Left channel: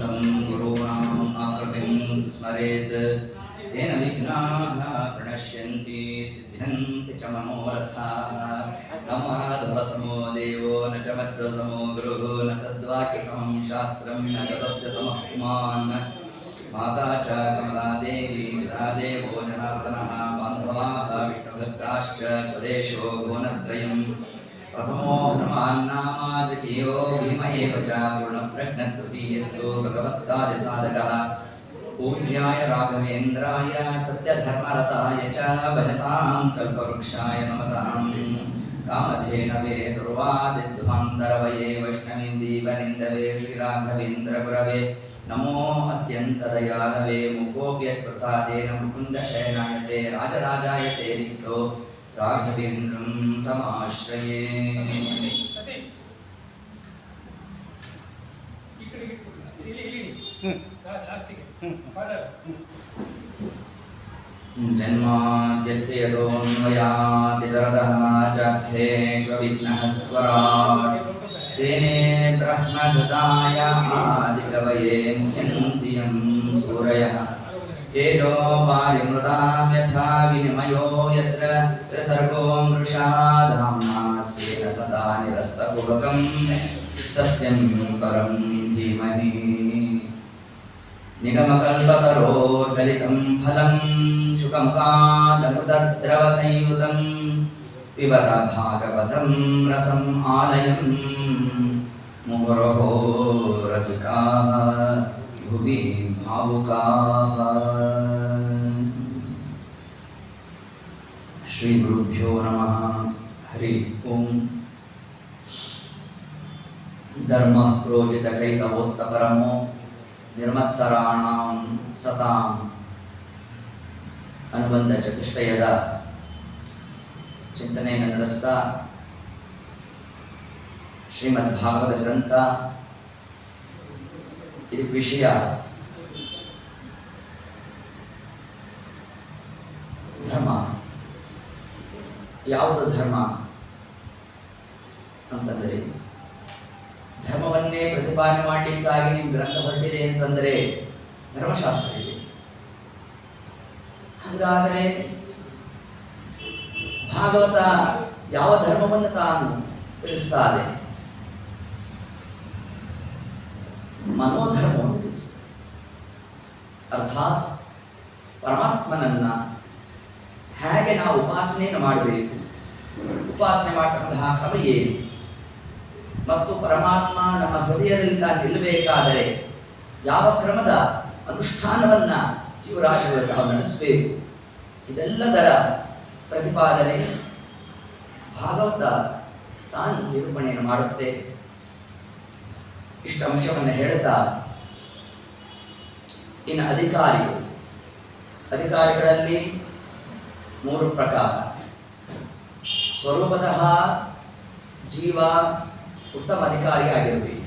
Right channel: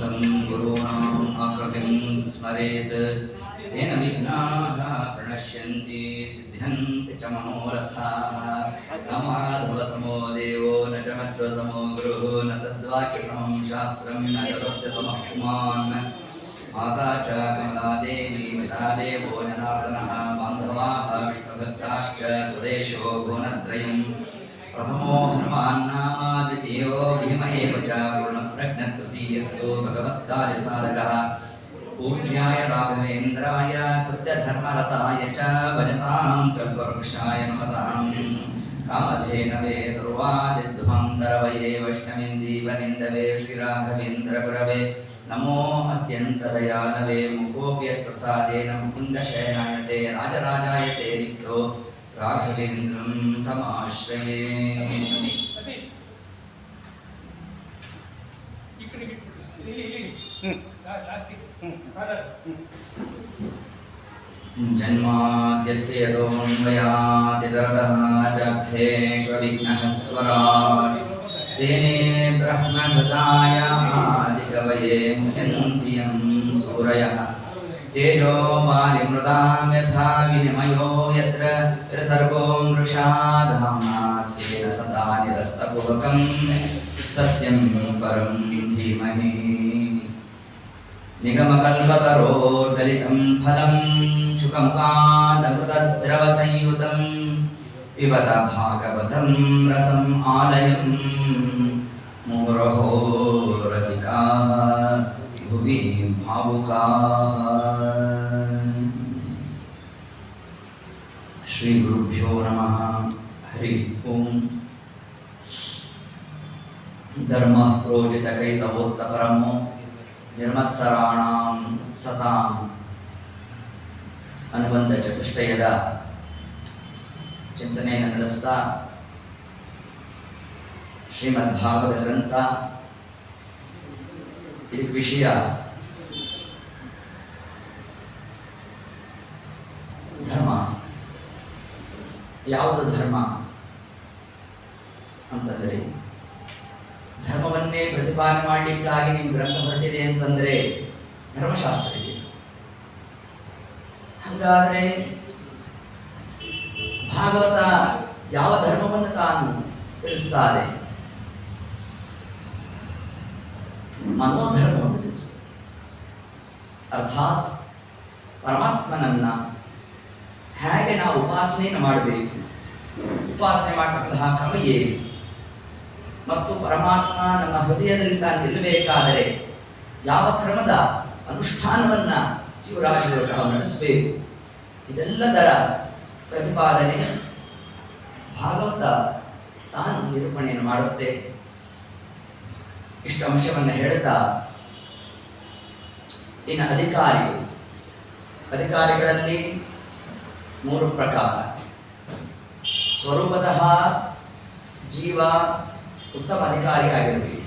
तं गुरूणाम् आकृतिं स्मरेत् तेन विघ्नाः प्रणश्यन्ति सिद्ध्यन्ति च मनोरथाः। न माधवसमो देवो न च मध्वसमो गुरुः न तद्वाक्यसमं शास्त्रं न च तस्य समः पुमान्। माता च कमला देवी पिता देवो जनार्दनः बान्धवाः विष्णुभक्ताश्च स्वदेशो भुवनत्रयम्। प्रथमो हनुमान् नाम द्वितीयो भीम एव च पूर्णप्रज्ञतृतीयस्तु भगवत्कार्यसाधकः। पूज्याय राघवेन्द्राय सत्यधर्मरताय च भजतां कल्पवृक्षाय नमताम्। कामधेनवे दुर्वादिध्वन्दरवये वैष्णवेन्दीवनिन्दवे श्रीराघवेन्द्रगुरवे नमो अत्यन्तदयालवे। मुकोऽपि यत्प्रसादेन मुकुन्दशयनायते राजराजायते रिक्तो राघवेन्द्रं तमाश्रये। जन्माद्यस्य यतोऽन्वयादितरतः जग्धेष्वविघ्नः स्वराट् तेने ब्रह्महृदाय आदिकवये मुह्यन्ति यं सूरयः। तेजो वारिमृदां यथा विनिमयो यत्र त्रिसर्गो मृषा धाम्ना स्वेन सदा निरस्तकुहकं सत्यं परं धीमहि। निगमकल्पतरोर्गलितं फलं शुकमुखादमृतद्रवसंयुतं पिबत भागवतं रसम् आलयं मुहुरहो रसिकाः भुवि भावुकाः। श्री गुरुभ्यो नमः। हरि ओं। धर्मः प्रोजितकैतवोत्तपरमो ನಿರ್ಮತ್ಸರಾಣಾಂ ಸತಾಂ ಅನುಬಂಧ ಚತುಷ್ಟಯದ ಚಿಂತನೆಯನ್ನು ನಡೆಸ್ತಾ ಶ್ರೀಮದ್ ಭಾಗವತ ಗ್ರಂಥ ಇದಕ್ಕೆ ವಿಷಯ ಧರ್ಮ. ಯಾವುದು ಧರ್ಮ ಅಂತಂದರೆ ಧರ್ಮವನ್ನೇ ಪ್ರತಿಪಾದನೆ ಮಾಡಲಿಕ್ಕಾಗಿ ನಿಮ್ಮ ಗ್ರಂಥ ಹೊರಟಿದೆ ಅಂತಂದರೆ ಧರ್ಮಶಾಸ್ತ್ರ ಇದೆ. ಹಾಗಾದರೆ ಭಾಗವತ ಯಾವ ಧರ್ಮವನ್ನು ತಾನು ತಿಳಿಸ್ತಾರೆ? ಮನೋಧರ್ಮವನ್ನು ತಿಳಿಸುತ್ತೆ. ಅರ್ಥಾತ್ ಪರಮಾತ್ಮನನ್ನ ಹೇಗೆ ನಾವು ಉಪಾಸನೆಯನ್ನು ಮಾಡಬೇಕು, ಉಪಾಸನೆ ಮಾಡತಕ್ಕಂತಹ ಕ್ರಮ ಏನು, ಮತ್ತು ಪರಮಾತ್ಮ ನಮ್ಮ ಹೃದಯದಲ್ಲಿ ತಾನು ನಿಲ್ಲಬೇಕಾದರೆ ಯಾವ ಕ್ರಮದ ಅನುಷ್ಠಾನವನ್ನ ಜೀವರಾಶಿಗಳು ನಾವು ನಡೆಸಬೇಕು, ಇದೆಲ್ಲದರ ಪ್ರತಿಪಾದನೆ ಭಾಗವತ ತಾನು ನಿರೂಪಣೆಯನ್ನು ಮಾಡುತ್ತೆ. ಇಷ್ಟು ಅಂಶವನ್ನು ಹೇಳ್ತಾ ಇನ್ನು ಅಧಿಕಾರಿಗಳಲ್ಲಿ 3 ಪ್ರಕಾರ. ಸ್ವರೂಪತಃ ಜೀವ ಉತ್ತಮ ಅಧಿಕಾರಿ ಆಗಿರಬೇಕು.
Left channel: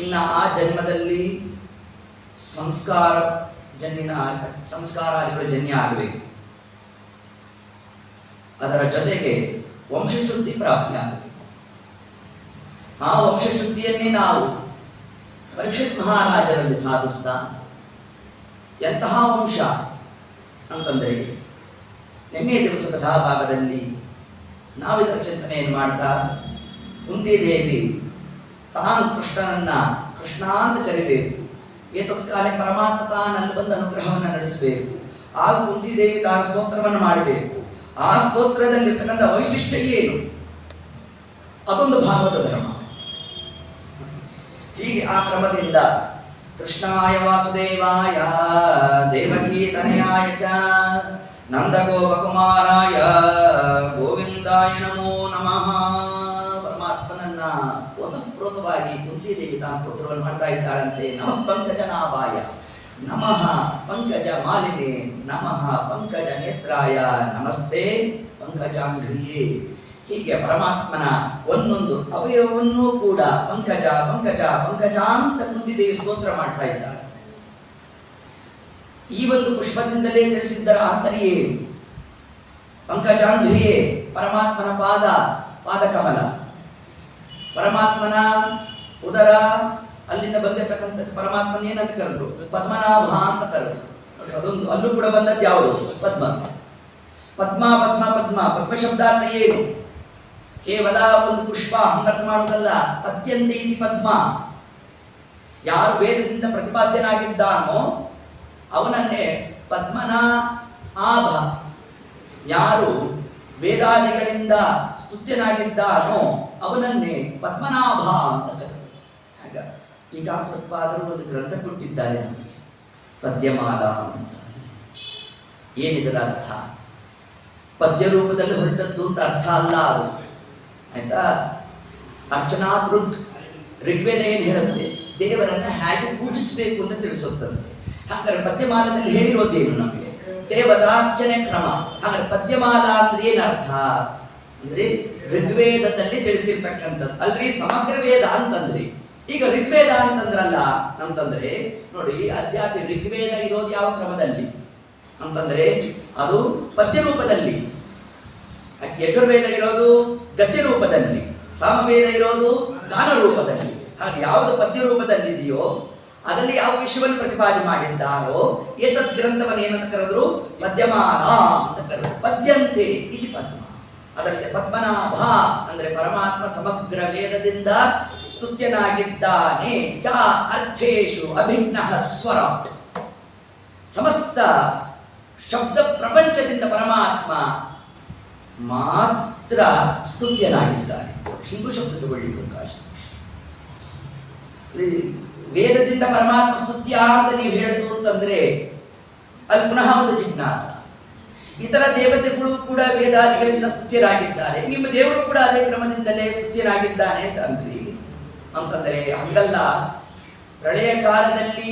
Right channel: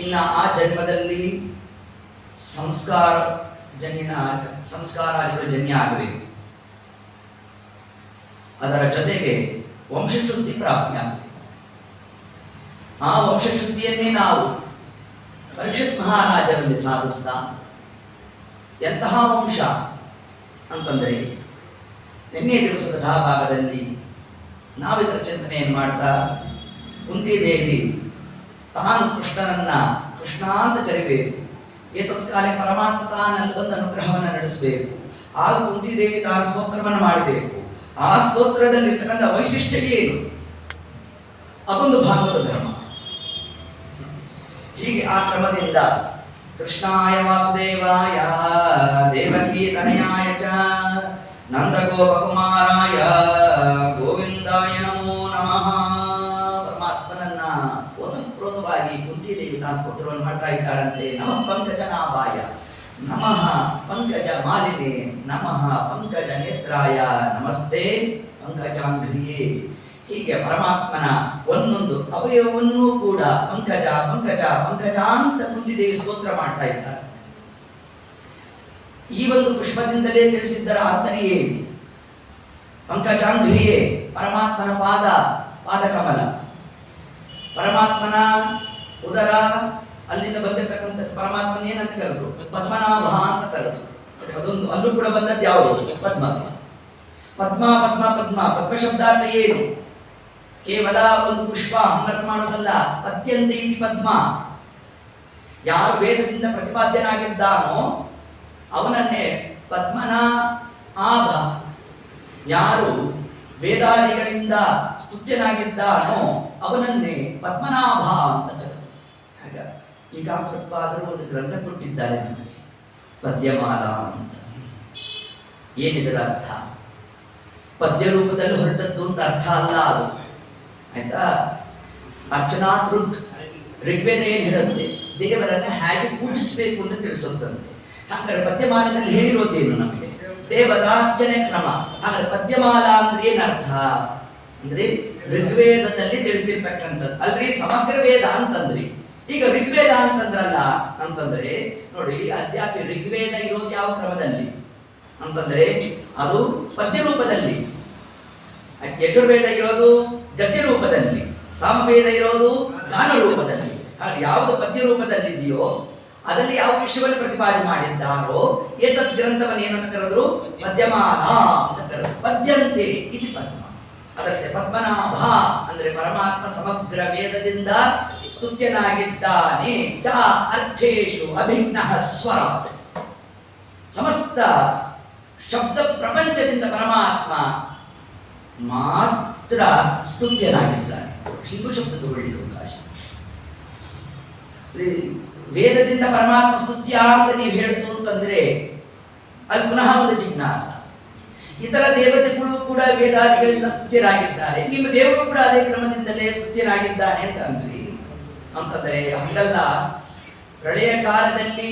ಇನ್ನು ಆ ಜನ್ಮದಲ್ಲಿ ಸಂಸ್ಕಾರಾದಿಗಳು ಜನ್ಯ ಆಗಬೇಕು. ಅದರ ಜೊತೆಗೆ ವಂಶಶುದ್ಧಿ ಪ್ರಾಪ್ತಿಯಾಗಬೇಕು. ಆ ವಂಶಶುದ್ಧಿಯನ್ನೇ ನಾವು ಪರೀಕ್ಷಿತ್ ಮಹಾರಾಜರಲ್ಲಿ ಸಾಧಿಸ್ತಾ, ಎಂತಹ ವಂಶ ಅಂತಂದರೆ ನಿನ್ನೆ ದಿವಸ ಕಥಾಭಾಗದಲ್ಲಿ ನಾವಿದರ ಚಿಂತನೆಯನ್ನು ಮಾಡ್ತಾ ಕುಂತಿದೇವಿ ತಾನು ಕೃಷ್ಣನನ್ನ ಕೃಷ್ಣ ಅಂತ ಕರಿಬೇಕು. ಏತತ್ಕಾಲೆ ಪರಮಾತ್ಮ ತಾನಲ್ಲಿ ಬಂದು ಅನುಗ್ರಹವನ್ನು ನಡೆಸಬೇಕು. ಆಗ ಕುಂತಿದೇವಿ ತಾನು ಸ್ತೋತ್ರವನ್ನು ಮಾಡಬೇಕು. ಆ ಸ್ತೋತ್ರದಲ್ಲಿರ್ತಕ್ಕಂಥ ವೈಶಿಷ್ಟ್ಯ ಏನು? ಅದೊಂದು ಭಾಗವತ ಧರ್ಮ. ಹೀಗೆ ಆ ಕ್ರಮದಿಂದ ಕೃಷ್ಣಾಯ ವಾಸುದೇವಾಯ ದೇವಕೀ ತನಯಾಯ ಚ ನಂದಗೋಪಕುಮಾರಾಯ ಗೋವಿಂದಾಯ ನಮೋ ನಮಃ. ಪರಮಾತ್ಮನನ್ನ ಓತಪ್ರೋತವಾಗಿ ಕುಂತಿದೇವಿ ತಾನು ಸ್ತೋತ್ರವನ್ನು ಮಾಡ್ತಾ ಇದ್ದಾಳಂತೆ. ನಮಃ ಪಂಕಜನಾಭಾಯ, ನಮಃ ಪಂಕಜ ಮಾಲಿನೇ, ನಮಃ ಪಂಕಜ ನೇತ್ರಾಯ, ನಮಸ್ತೆ ಪಂಕಜಾಂಘ್ರಿಯೇ. ಹೀಗೆ ಪರಮಾತ್ಮನ ಒಂದೊಂದು ಅವಯವನ್ನೂ ಕೂಡ ಪಂಕಜ ಪಂಕಜ ಪಂಕಜ ಅಂತ ಕುಂತಿದೇವಿ ಸ್ತೋತ್ರ ಮಾಡ್ತಾ ಇದ್ದಾಳೆ. ಈ ಒಂದು ಪುಷ್ಪದಿಂದಲೇ ತಿಳಿಸಿದ್ದರ ಆಂತರ್ಯೇ ಪಂಕಜಾಂಘ್ರಿಯೇ, ಪರಮಾತ್ಮನ ಪಾದಕಮಲ, ಪರಮಾತ್ಮನ ಉದರ, ಅಲ್ಲಿಂದ ಬಂದಿರತಕ್ಕಂಥ ಪರಮಾತ್ಮನ ಏನಂತ ಕರೆದ್ರು? ಪದ್ಮನಾಭ ಅಂತ ಕರೆದ್ರು. ಅದೊಂದು ಅಲ್ಲೂ ಕೂಡ ಬಂದದ್ದು ಯಾವುದು? ಪದ್ಮ. ಪದ್ಮ ಪದ್ಮ ಪದ್ಮ ಪದ್ಮ ಶಬ್ದಾರ್ಥ ಏನು? ಕೇವಲ ಒಂದು ಪುಷ್ಪ ಹಂಗರ್ಥ ಮಾಡೋದಲ್ಲ. ಪದ್ಯಂತೆ ಇತಿ ಪದ್ಮ. ಯಾರು ವೇದದಿಂದ ಪ್ರತಿಪಾದ್ಯನಾಗಿದ್ದಾನೋ ಅವನನ್ನೇ ಪದ್ಮನ ಆಭ. ಯಾರು ವೇದಾದಿಗಳಿಂದ ಸ್ತುತ್ಯನಾಗಿದ್ದಾನೋ ಅವನನ್ನೇ ಪದ್ಮನಾಭ ಅಂತ ಕರೆದು. ಹಾಗ ಈಗ ಪ್ರತಿಪಾದರು ಒಂದು ಗ್ರಂಥ ಕೊಟ್ಟಿದ್ದಾರೆ ನಮಗೆ, ಪದ್ಯಮಾಲ ಅಂತ. ಏನಿದರ ಅರ್ಥ? ಪದ್ಯ ರೂಪದಲ್ಲಿ ಹೊರಟದ್ದು ಅಂತ ಅರ್ಥ ಅಲ್ಲ ಅದು, ಆಯ್ತಾ? ಅರ್ಚನಾತ್ ಋಗ್, ಋಗ್ವೇದ ಏನು ಹೇಳುತ್ತೆ? ದೇವರನ್ನ ಹೇಗೆ ಪೂಜಿಸಬೇಕು ಅಂತ ತಿಳಿಸುತ್ತಂತೆ. ಹಾಗಾದ್ರೆ ಪದ್ಯಮಾಲದಲ್ಲಿ ಹೇಳಿರೋದೇನು ನಮಗೆ? ದೇವತಾರ್ಚನೆ ಕ್ರಮ. ಹಾಗಾದ್ರೆ ಪದ್ಯಮಾಲ ಅಂದ್ರೆ ಏನರ್ಥ ಅಂದ್ರೆ ಋಗ್ವೇದದಲ್ಲಿ ತಿಳಿಸಿರ್ತಕ್ಕಂಥದ್ದು ಅಲ್ರಿ. ಸಮಗ್ರ ವೇದ ಅಂತಂದ್ರಿ. ಈಗ ಋಗ್ವೇದ ಅಂತಂದ್ರಲ್ಲ ಅಂತಂದ್ರೆ ನೋಡಿ, ಅದ್ಯಾಪಿ ಋಗ್ವೇದ ಇರೋದು ಯಾವ ಕ್ರಮದಲ್ಲಿ ಅಂತಂದ್ರೆ ಅದು ಪದ್ಯ ರೂಪದಲ್ಲಿ, ಯಜುರ್ವೇದ ಇರೋದು ಗದ್ಯ ರೂಪದಲ್ಲಿ, ಸಾಮವೇದ ಇರೋದು ಗಾನ ರೂಪದಲ್ಲಿ. ಹಾಗೆ ಯಾವುದು ಪದ್ಯ ರೂಪದಲ್ಲಿದೆಯೋ ಅದರಲ್ಲಿ ಯಾವ ವಿಷಯವನ್ನು ಪ್ರತಿಪಾದನೆ ಮಾಡಿದ್ದಾರೋ ಏತದ್ ಗ್ರಂಥವನ್ನು ಏನಂತ ಕರೆದ್ರು? ಪದ್ಯಮಾಲ ಅಂತ ಕರೆದ್ರು. ಪದ್ಯಂತೆ ಇತಿ ಪದ್ಮ. ಅದಕ್ಕೆ ಪದ್ಮನಾಭ ಅಂದ್ರೆ ಪರಮಾತ್ಮ ಸಮಗ್ರ ವೇದದಿಂದ ಸ್ತುತ್ಯನಾಗಿದ್ದಾನೆ. ಚ ಅರ್ಥೇಶು ಅಭಿನ್ನಃ ಸ್ವರ. ಸಮಸ್ತ ಶಬ್ದ ಪ್ರಪಂಚದಿಂದ ಪರಮಾತ್ಮ ಮಾತ್ರ ಸ್ತುತ್ಯನಾಗಿದ್ದಾನೆ. ಹಿಂಗು ಶಬ್ದ ತಗೊಳ್ಳಿ ಅವಕಾಶ. ವೇದದಿಂದ ಪರಮಾತ್ಮ ಸ್ತುತ್ಯ ಅಂತ ನೀವು ಹೇಳಿತು ಅಂತಂದ್ರೆ ಅಲ್ಲಿ ಪುನಃ ಒಂದು ಜಿಜ್ಞಾಸ. ಇತರ ದೇವತೆಗಳು ಕೂಡ ವೇದಾದಿಗಳಿಂದ ಸ್ತುತ್ಯರಾಗಿದ್ದಾರೆ, ನಿಮ್ಮ ದೇವರು ಕೂಡ ಅದೇ ಕ್ರಮದಿಂದಲೇ ಸ್ತುತ್ಯನಾಗಿದ್ದಾನೆ ಅಂತ ಅಂದ್ರಿ ಅಂತಂದ್ರೆ ಹಂಗಲ್ಲ. ಪ್ರಳಯ ಕಾಲದಲ್ಲಿ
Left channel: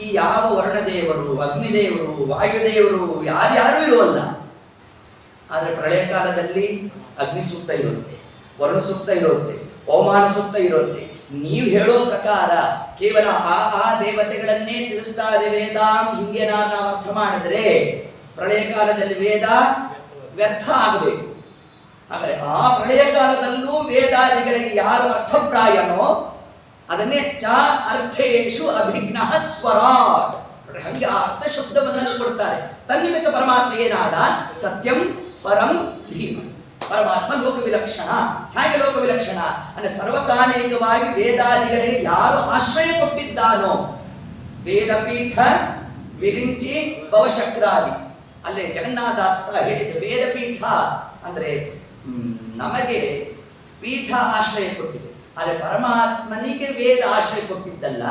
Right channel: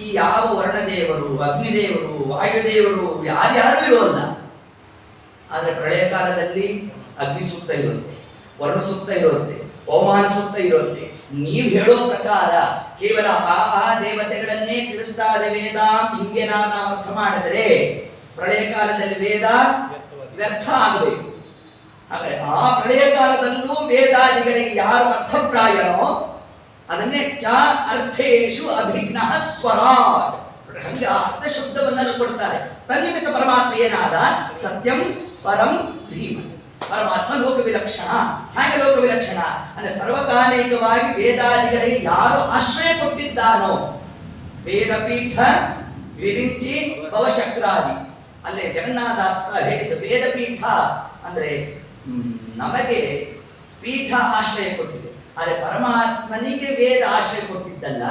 ಈ ಯಾವ ವರ್ಣದೇವರು, ಅಗ್ನಿದೇವರು, ವಾಯುದೇವರು ಯಾರ್ಯಾರೂ ಇರೋಲ್ಲ. ಆದರೆ ಪ್ರಳಯ ಕಾಲದಲ್ಲಿ ಅಗ್ನಿ ಸೂಕ್ತ ಇರುತ್ತೆ, ವರ್ಣ ಸೂಕ್ತ ಇರುತ್ತೆ, ಪವಮಾನ ಸೂಕ್ತ ಇರುತ್ತೆ. ನೀವು ಹೇಳೋ ಪ್ರಕಾರ ಕೇವಲ ಆ ದೇವತೆಗಳನ್ನೇ ತಿಳಿಸ್ತಾ ಇದೆ ವೇದ ಅಂತ ಹಿಂಗೆ ನಾವು ಅರ್ಥ ಮಾಡಿದ್ರೆ ಪ್ರಳಯ ಕಾಲದಲ್ಲಿ ವೇದ ವ್ಯರ್ಥ ಆಗಬೇಕು. ಹಾಗಾದ್ರೆ ಆ ಪ್ರಳಯ ಕಾಲದಲ್ಲೂ ವೇದಾದಿಗಳಿಗೆ ಯಾರು ಅರ್ಥಪ್ರಾಯನೋ ಅದನ್ನೇ ಚ ಅರ್ಥೇಶು ಅಭಿಜ್ಞಃ ಸ್ವರಾಟ್. ಹಂಗೆ ಅರ್ಥ ಶಬ್ದವನ್ನು ಕೊಡ್ತಾರೆ. ತನ್ನಿಮಿತ್ತ ಪರಮಾತ್ಮ ಏನಾದ? ಸತ್ಯಂ ಪರಂ ಧೀಮ. ಪರಮಾತ್ಮ ಲೋಕ ವಿಲಕ್ಷಣ. ಹಾಗೆ ಲೋಕ ವಿಲಕ್ಷಣ ಅಂದ್ರೆ ಸರ್ವಕಾಲಿಕವಾಗಿ ವೇದಾದಿಗಳಿಗೆ ಯಾರು ಆಶ್ರಯ ಕೊಟ್ಟಿದ್ದಾನೋ, ವೇದಪೀಠ ವಿರಿಂಚಿ ಭವಶಕ್ರಾದಿ, ಅಲ್ಲೇ ಜಗನ್ನಾಥದಾಸ ಹೇಳಿದ್ದು ವೇದಪೀಠ ಅಂದ್ರೆ ನಮಗೆ ಪೀಠ ಆಶ್ರಯ ಕೊಟ್ಟಿದೆ. ಆದರೆ ಪರಮಾತ್ಮನಿಗೆ ವೇದ ಆಶ್ರಯ ಕೊಟ್ಟಿದ್ದಲ್ಲ,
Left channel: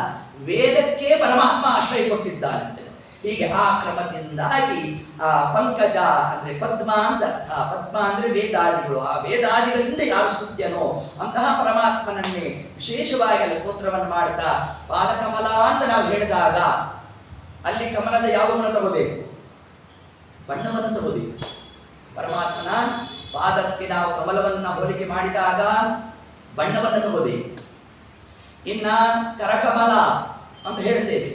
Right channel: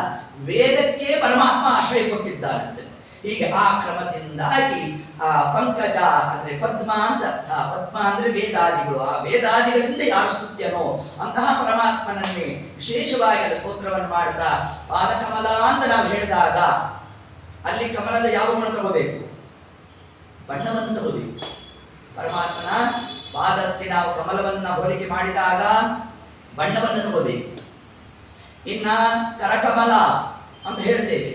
ವೇದಕ್ಕೆ ಪರಮಾತ್ಮ ಆಶ್ರಯ ಕೊಟ್ಟಿದ್ದಾರಂತೆ. ಹೀಗೆ ಆ ಕ್ರಮದಿಂದಾಗಿ ಆ ಪಂಕಜ ಅಂದ್ರೆ ಪದ್ಮ ಅಂತ ಅರ್ಥ. ಪದ್ಮ ಅಂದ್ರೆ ವೇದಾದಿಗಳು. ಆ ವೇದಾದಿಗಳಿಂದ ಯಾರು ಸ್ತುತ್ಯನೋ ಅಂತಹ ಪರಮಾತ್ಮನನ್ನೇ ವಿಶೇಷವಾಗಿ ಅಲ್ಲಿ ಸ್ತೋತ್ರವನ್ನು ಮಾಡ್ತಾ ಪಾದಕಮಲ ಅಂತ ನಾವು ಹೇಳಿದಾಗ ಅಲ್ಲಿ ಕಮಲದ ಯಾವ ಗುಣ ತಗೋಬೇಕು? ಬಣ್ಣವನ್ನು ತಗೋಬೇಕು. ಪರಮಾತ್ಮನ ಪಾದಕ್ಕೆ ನಾವು ಕಮಲವನ್ನ ಹೋಲಿಕೆ ಮಾಡಿದಾಗ ಬಣ್ಣವನ್ನು ತಗೋಬೇಕು. ಇನ್ನ ಕರಕಮಲ ಅಂತ ಹೇಳ್ತೇವೆ,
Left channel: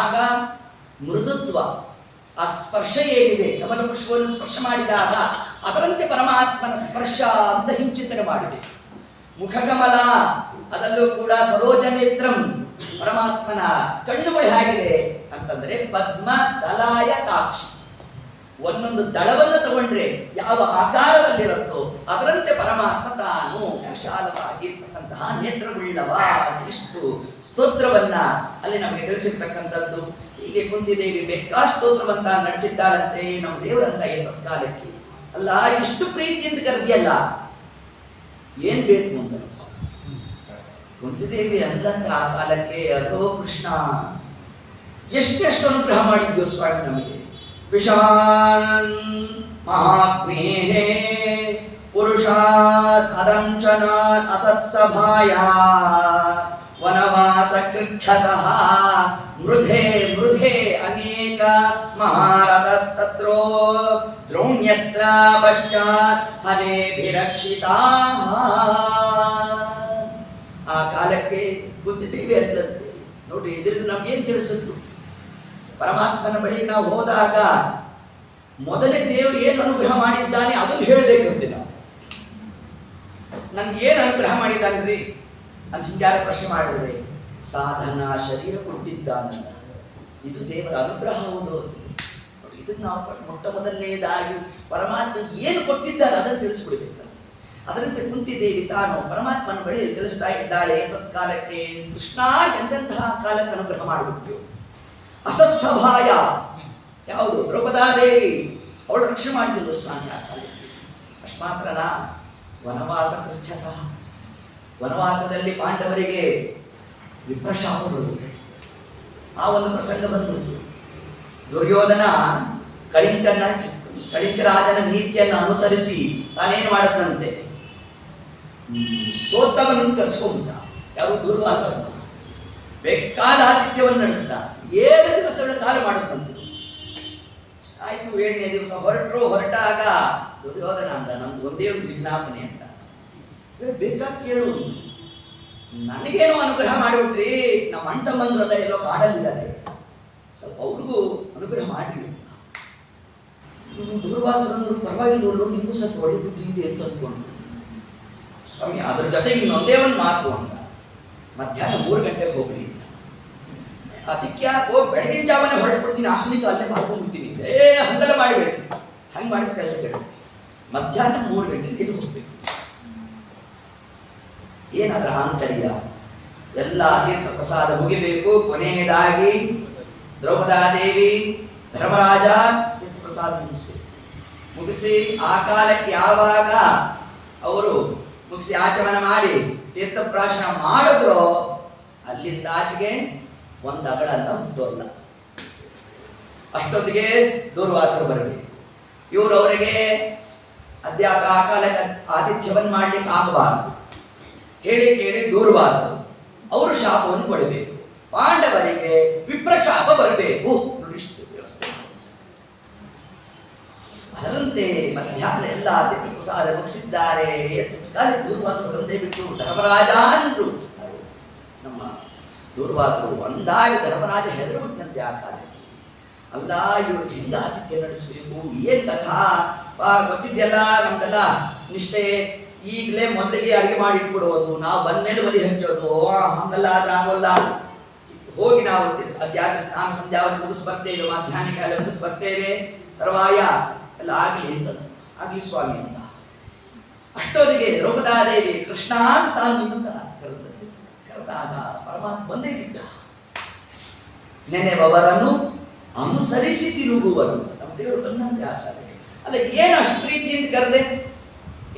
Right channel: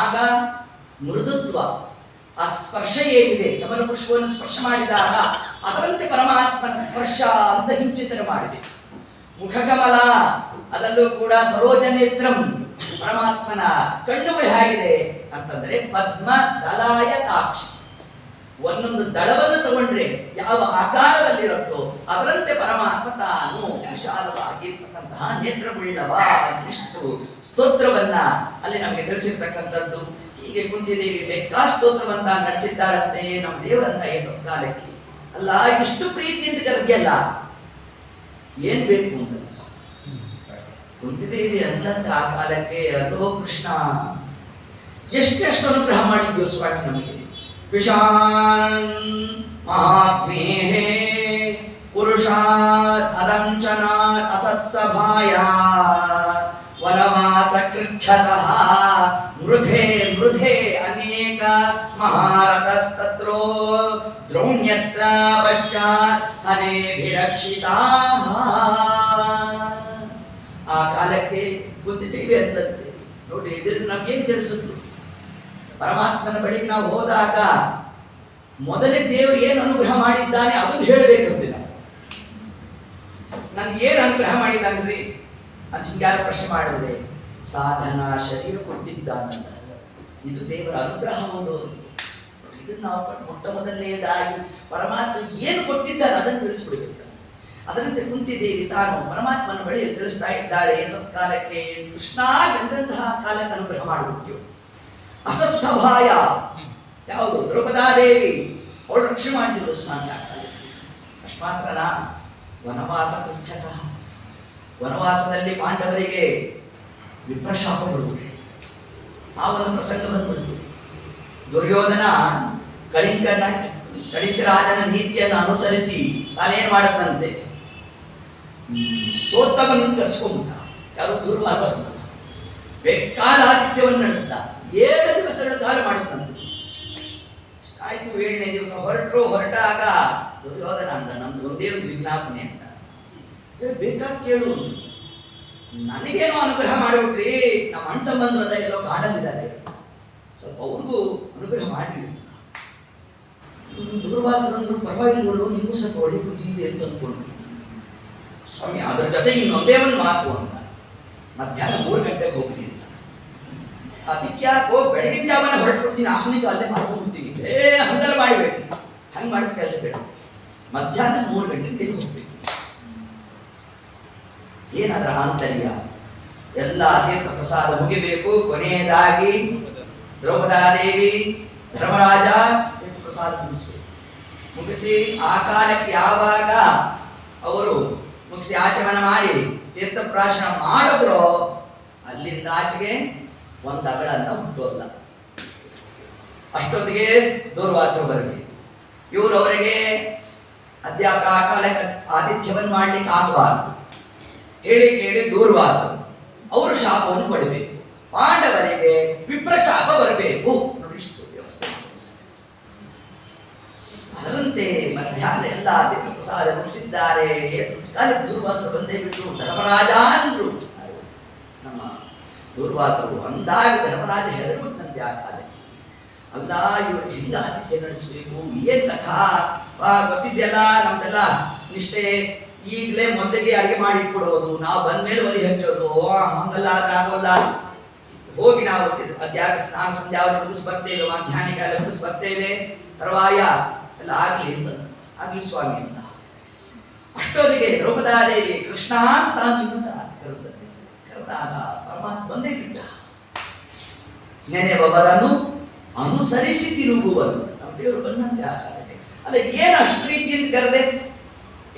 ಆಗ ಮೃದುತ್ವ, ಆ ಸ್ಪರ್ಶ ಏನಿದೆ, ಕಮಲ ಪುಷ್ಪವನ್ನು ಸ್ಪರ್ಶ ಮಾಡಿದಾಗ ಅದರಂತೆ ಪರಮಾತ್ಮನ ಸ್ಪರ್ಶ ಅಂತ ಹಿಂಚಿಂತನೆ ಮಾಡಿದೆ. ಮುಖಕಮಲ, ಅದಲ್ಲೂ ಕೂಡ ಸರೋಜನೇತ್ರಂ, ಪರಮಾತ್ಮನ ಕಣ್ಣುಗಳು ಹೇಗಿದೆ ಅಂತಂದ್ರೆ ಪದ್ಮ ದಲಾಯ ತಾಕ್ಷಿ. ಒಂದೊಂದು ದಳವನ್ನು ತಗೊಂಡ್ರೆ ಯಾವ ಆಕಾರದಲ್ಲಿರುತ್ತೋ ಅದರಂತೆ ಪರಮಾತ್ಮ ತಾನು ವಿಶಾಲವಾಗಿರ್ತಕ್ಕಂತಹ ನೇತ್ರವುಳ್ಳವ. ಇಷ್ಟು ಸ್ತೋತ್ರವನ್ನ ಅಲ್ಲಿ ನಮಗೆ ತಿಳಿಸಿರ್ತಕ್ಕಂಥದ್ದು. ಹೀಗೆ ಕುಂತಿದೇವಿ ಬೇಕಾ ಸ್ತೋತ್ರವಂತ ನಡೆಸಿದ್ದಾಳಂತೆ ನಮ್ಮ ದೇವರಂತ ಏನು ಕಾಲಕ್ಕೆ ಅಲ್ಲ. ಇಷ್ಟು ಪ್ರೀತಿಯಿಂದ ಕರೆದಿಯಲ್ಲ, ಏನ್ ಬೇಕು ಅಂತ ಕುಂತಿದೇವಿ ಅಲ್ಲಂತ ಆ ಕಾಲಕ್ಕೆ. ಅಲ್ಲೋ ಕೃಷ್ಣ, ಎಷ್ಟೆಷ್ಟು ಅನುಗ್ರಹ ಮಾಡಿದ್ಯೋ ಸ್ವಾಮಿ ನಮಗೆ. ವಿಷಾನ್ ಮಹಾಗ್ನೇಹೇ ಪುರುಷಾತ್ ಅದಂಶನಾತ್ ಅಸತ್ಸಭಾಯ ವನವಾಸ ಕೃಚ್ಛತಃ ಮೃಧೆ ಮೃಧೆ ಅನೇಕ ಮಹಾರಥಸ್ತತ್ರೋ ದ್ರೋಣ್ಯಸ್ತ್ರ ಪಶ್ಚಾತ್ ಹರೇಭಿರಕ್ಷಿತಾಃ. ಆ ಕಾಲಕ್ಕೆ ಗೊತ್ತಿದ್ದೇವೆ ಅಂತಂತೆ. ನೋಡ್ರಿ, ಇದರಿಂದ ನಮ್ಗೇನು ತಿಳಿಸಿದ್ರು? ಪರಮಾತ್ಮನ ಬಳಿ ನಾವು ಹೋದಾಗ ಮೊದಲೇ ದೇವರು ಏನು ಅನುಗ್ರಹ ಮಾಡಿದ್ದಾನೆ ಅದನ್ನು ಹೇಳಬೇಕಂತಿಲ್ಲ. ನನ್ಗೆ ಏನು ಅನುಗ್ರಹ ಮಾಡಿದ್ದಾನ್ರಿ ಅದು ಹಿಂಗ್ಯಾರು ಪ್ರಶ್ನೆ ಮಾಡಿದ್ರೆ ಸಾಧನ ಶರೀರ ಕೊಟ್ಟಿದ್ದಾನಲ್ಲ, ಇದು ದೇವರ ಅನುಗ್ರಹ ಹೌದು. ಇದನ್ನು ನಾವು ಮೊಟ್ಟ ಮೊದಲನೇದಾಗಿ ಪರಮಾತ್ಮ ಏನು ಕೊಟ್ಟಿದ್ದಾನೆ ಅದನ್ನು ತಿಳಿಸ್ಬಿಡ್ಬೇಕಂತ. ಅದರಂತೆ ಕುಂತಿದೇವಿ ತಾನು ಪರಮಾತ್ಮನ ಬಳಿಯಲ್ಲಿ ತಿಳಿಸ್ತಾ ಇದ್ದಾಳೆ. ತತ್ಕಾಲಕ್ಕೆ ಕೃಷ್ಣ ಎಂತಹ ಕಾಲಕ್ಕೆ ಅನುಗ್ರಹ ಮಾಡಿಬಿಟ್ಟು ಅಸತ್ಸಭಾಯ ಯಾವುದು ದ್ರೌಪದಾದೇವಿ ಅವಳು ರಕ್ಷಣೆ ಮಾಡಿದ್ರು ಸ್ನಾನ ಆ ಕಾಲಕ್ಕೆ. ಅಷ್ಟು ಮಾತ್ರನಾ ವನವಾಸ ಪೃಚ್ಛಕ, ವನವಾಸದಲ್ಲಿ ಪಾಂಡವರಿಗೆ ವಿಪ್ರಶಾಪಗಳು, ಆ ಒಂದು ಪ್ರಸಂಗ ಬಂದ್ಬಿಡ್ತು. ದುರ್ಯೋಧನ ಕಳಿಂಗ ರಾಜನ ನೀತಿಯನ್ನು ಅನುಸರಿಸಿ ತಾನೇನು ಮಾಡದಂತೆ ಸೋತ್ತವನನ್ನು ಕರೆಸ್ಕೊಂಡ್ಬಿಟ್ಟ. ಯಾರು ದುರ್ವಾಸ ಬೇಕಾದ ಆತಿಥ್ಯವನ್ನು ನಡೆಸಿದ. 7 ದಿವಸಗಳ ಕಾಲ ಮಾಡುತ್ತಂತೆ. ಆಯ್ತು 7ನೇ ದಿವಸ ಹೊರಟಾಗ ದುರ್ಯೋಧನ ಅಂದ, ನಮ್ದು ಒಂದೇ ಒಂದು ವಿಜ್ಞಾಪನೆ ಅಂತ, ಬೇಕಾದ ಕೇಳು, ನನಗೇನೋ ಅನುಗ್ರಹ ಮಾಡಿಬಿಟ್ರಿ, ನಮ್ಮ ಅಣ್ಣ ತಮ್ಮಂದ್ರ ಎಲ್ಲೋ ಕಾಡಲ್ಲಿದ್ದಾರೆ, ಸ್ವಲ್ಪ ಅವ್ರಿಗೂ ಅನುಗ್ರಹ ಮಾಡಿ. ದೂರ್ವಾಸರಂದ್ರು ಪರವಾಗಿಲ್ಲ, ನಿಮಗೂ ಸ್ವಲ್ಪ ಒಳ್ಳೆ ಬುದ್ಧಿ ಇದೆ ಅಂತ ಅಂದ್ಕೊಂಡು ಸ್ವಾಮಿ ಅದ್ರ ಜೊತೆಗೆ ಇನ್ನೊಂದೇ ಒಂದು ಮಾತು ಅಂತ, ಮಧ್ಯಾಹ್ನ 3 ಗಂಟೆಗೆ ಹೋಗ್ತೀನಿ ಅಂತ. ಅದಕ್ಕೆ ಯಾಕೋ ಬೆಳಗಿನ ಜಾವನೇ ಹೊರಟ್ಬಿಡ್ತೀನಿ, ಆಹ್ನಿಕ ಅಲ್ಲೇ ಮಾಡ್ಕೊಂಡ್ಬಿಡ್ತೀನಿ. ಹಂಗೆಲ್ಲ ಮಾಡಿಬಿಡ್ರಿ, ಹಂಗೆ ಮಾಡಿದ ಕೆಲಸ ಬೇಡ. ಮಧ್ಯಾಹ್ನ 3 ಗಂಟೆಗೆ ಹೋಗ್ಬೇಕು. ಏನಾದ್ರ ಆಂತರ್ಯ ಎಲ್ಲ ತೀರ್ಥ ಪ್ರಸಾದ ಮುಗಿಬೇಕು. ಕೊನೆಯದಾಗಿ ದ್ರೌಪದಾದೇವಿ ಧರ್ಮರಾಜ ತೀರ್ಥ ಪ್ರಸಾದ ಮುಗಿಸ್ಬೇಕು. ಮುಗಿಸಿ ಆ ಕಾಲಕ್ಕೆ ಯಾವಾಗ ಅವರು ಮುಗಿಸಿ ಆಚಮನ ಮಾಡಿ ತೀರ್ಥಪ್ರಾಶನ ಮಾಡಿದ್ರೋ ಅಲ್ಲಿಂದ ಆಚೆಗೆ ಒಂದು ಅಗಳನ್ನ ಹುಟ್ಟೋಲ್ಲ. ಅಷ್ಟೊತ್ತಿಗೆ ದೂರ್ವಾಸರು ಬರಬೇಕು. ಇವರು ಅವರಿಗೆ ಅಧ್ಯಾಪಕ ಆ ಕಾಲಕ್ಕೆ ಆತಿಥ್ಯವನ್ನು ಮಾಡ್ಲಿಕ್ಕೆ ಆಗಬಾರದು ಹೇಳಿ ಕೇಳಿ ದೂರ್ವಾಸರು ಅವರು ಶಾಪವನ್ನು ಕೊಡಬೇಕು. ಪಾಂಡವರಿಗೆ ವಿಪ್ರಶಾಪ ಬರಬೇಕು. ನೋಡಿಷ್ಟು ವ್ಯವಸ್ಥೆ. ಅದರಂತೆ ಮಧ್ಯಾಹ್ನ ಎಲ್ಲ ಅತಿಥಿ ಪ್ರಸಾದ ಮುಗಿಸಿದ್ದಾರೆ. ದೂರ್ವಾಸರು ಬಂದೇ ಬಿಟ್ಟು ಧರ್ಮರಾಜ ಅಂದ್ರು. ನಮ್ಮ ದೂರ್ವಾಸರು ಅಂದಾಗ ಧರ್ಮರಾಜ ಹೆದರ್ಬಿಟ್ಟಂತೆ ಆ ಕಾಲಕ್ಕೆ. ಅಲ್ಲ ಇವ್ರಿಗೆ ಹೆಂಗ ಆತಿಥ್ಯ ನಡೆಸಬೇಕು, ಏನ್ ಕಥಾ ಗೊತ್ತಿದೆಯಲ್ಲ, ನಮ್ದೆಲ್ಲ ನಿಷ್ಠೆ. ಈಗಲೇ ಮೊದಲಿಗೆ ಅಡುಗೆ ಮಾಡಿ ಇಟ್ಬಿಡೋದು, ನಾವು ಬಂದ್ಮೇಲೆ ಒಲಿ ಹಚ್ಚೋದು, ಹಂಗಲ್ಲ ಆಗೋಲ್ಲ. ಹೋಗಿ ನಾವು ಅದ್ಯಾಕೆ ಸ್ನಾನ ಸಂಧ್ಯಾವನ್ನು ಮುಗಿಸ್ ಬರ್ತೇವೆ, ಮಧ್ಯಾಹ್ನ ಕಾಲ ಮುಗಿಸ್ ಬರ್ತೇವೆ, ತರುವಾಯ ಎಲ್ಲ ಆಗಲಿ ಅಂತ ಆಗ್ಲಿ ಸ್ವಾಮಿ ಅಂತ. ಅಷ್ಟೊತ್ತಿಗೆ ದ್ರೌಪದಾದೇವಿ ಕೃಷ್ಣ ಅಂತ ತಾನು ನಿಮ್ಮಂತ ಕರೆದಾಗ ಪರಮಾತ್ಮ ಬಂದೇ ಬಿಟ್ಟ. ನೆನೆಬವರನ್ನು ಅನುಸರಿಸಿ ತಿರುಗುವರು. ನಮ್ಮ ದೇವರು ಬಂದಂತೆ ಆ ಕಾಲಕ್ಕೆ. ಅಲ್ಲ ಏನು ಅಷ್ಟು ಪ್ರೀತಿಯಿಂದ ಕರೆದೆ,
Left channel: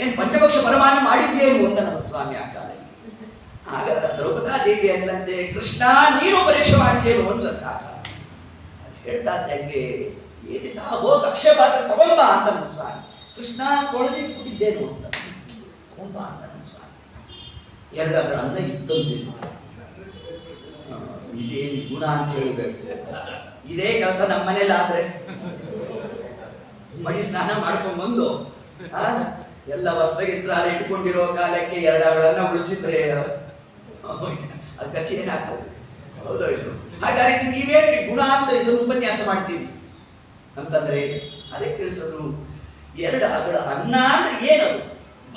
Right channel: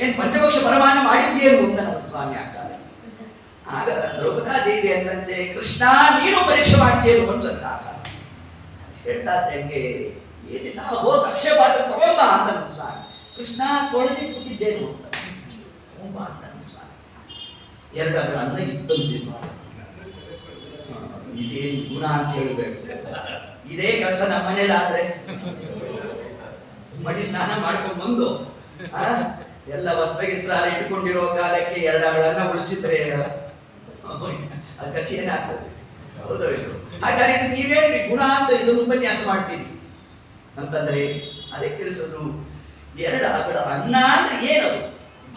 ಏನು ಪಂಚಪಕ್ಷ ಪರಮಾನ ಮಾಡಿದ್ದೇನು ಅಂತ ನಮ್ಮ ಸ್ವಾಮಿ ಆ ಕಾಲ. ಆಗ ದ್ರೌಪದಾದೇವಿ ಅನ್ನಂತೆ ಕೃಷ್ಣ ನೀನು ಪರೀಕ್ಷೆ ಮಾಡ್ತೇನು ಅಂದ್ಲಂತ ಆ ಕಾಲ. ಹೇಳ್ತಾ ಹೆಂಗೆ ಏನಿಲ್ಲ, ಹೋಗಿ ಅಕ್ಷಯ ಪಾತ್ರ ತಗೊಂಬ ಅಂತ ನಮ್ಮ ಸ್ವಾಮಿ. ಕೃಷ್ಣ ತೊಳೆದು ಕೊಟ್ಟಿದ್ದೇನು ಅಂತ ತಗೊಂಬ ಅಂತ ನಮ್ಮ ಸ್ವಾಮಿ. 2 ಅಂಗಳ ಅನ್ನ ಇತ್ತಂತಿಲ್ಲ. ಇದೇನು ಗುಣ ಅಂತ ಹೇಳಬೇಕು. ಇದೇ ಕೆಲಸ ನಮ್ಮ ಮನೇಲಿ ಆದ್ರೆ ಮಡಿ ಸ್ನಾನ ಮಾಡ್ಕೊಂಡು ಬಂದು ಎಲ್ಲ ವಸ್ತ್ರಗಿಸ್ತ್ರ ಅಲ್ಲಿ ಇಟ್ಕೊಂಡಿರೋ ಕಾಲಕ್ಕೆ 2 ಅಂಗಳನ್ನ ಉಳಿಸಿದ್ರೆ ಅದ್ ಕಥೆ ಏನಾಗ್ತದೆ? ಹೌದೋ ಇದು. ಹಾಗಾದ್ರೆ ಇದು ನೀವೇನ್ರಿ ಗುಣ ಅಂತ ಇದನ್ನು ಉಪನ್ಯಾಸ ಮಾಡ್ತೀವಿ ಅಂತಂದ್ರೆ ಅದೇ ತಿಳಿಸೋದು. 2 ಅಂಗಳ ಅನ್ನ ಅಂದ್ರೆ ಏನದು?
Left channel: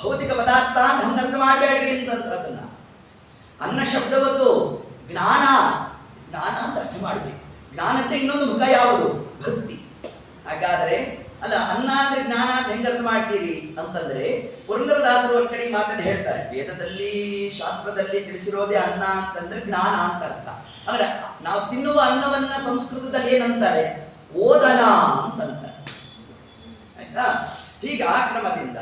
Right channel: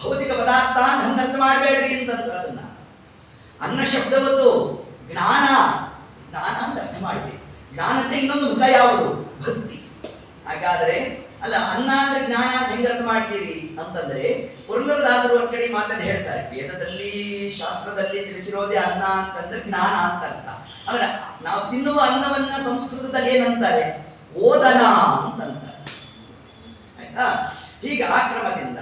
ಭೌತಿಕ ಪದಾರ್ಥ ಅಂತ ಹಂಗರ್ಥ ಮಾಡಬೇಡ್ರಿ ಅಂತಂದ್ರೆ ಅದನ್ನ ಅನ್ನ ಶಬ್ದವತ್ತು ಜ್ಞಾನ, ಜ್ಞಾನ ಅಂತ ಅರ್ಥ ಮಾಡಬೇಕು. ಜ್ಞಾನಕ್ಕೆ ಇನ್ನೊಂದು ಮುಖ ಯಾವುದು? ಭಕ್ತಿ. ಹಾಗಾದ್ರೆ ಅಲ್ಲ ಅನ್ನ ಅಂದ್ರೆ ಜ್ಞಾನ ಅಂತ ಹೆಂಗೆ ಅರ್ಥ ಮಾಡ್ತೀರಿ ಅಂತಂದ್ರೆ ಪುರಂದರದಾಸರು ಒಂದ್ ಕಡೆ ಮಾತನ್ನು ಹೇಳ್ತಾರೆ. ವೇದದಲ್ಲಿ ಶಾಸ್ತ್ರದಲ್ಲಿ ತಿಳಿಸಿರೋದೇ ಅನ್ನ ಅಂತಂದ್ರೆ ಜ್ಞಾನ ಅಂತ ಅರ್ಥ. ಅಂದ್ರೆ ನಾವು ತಿನ್ನುವ ಅನ್ನವನ್ನ ಸಂಸ್ಕೃತದಲ್ಲಿ ಏನಂತಾರೆ? ಓದನ ಅಂತಂತಾರೆ. ಆಯ್ತಾ? ಹೀಗೆ ಆ ಕ್ರಮದಿಂದ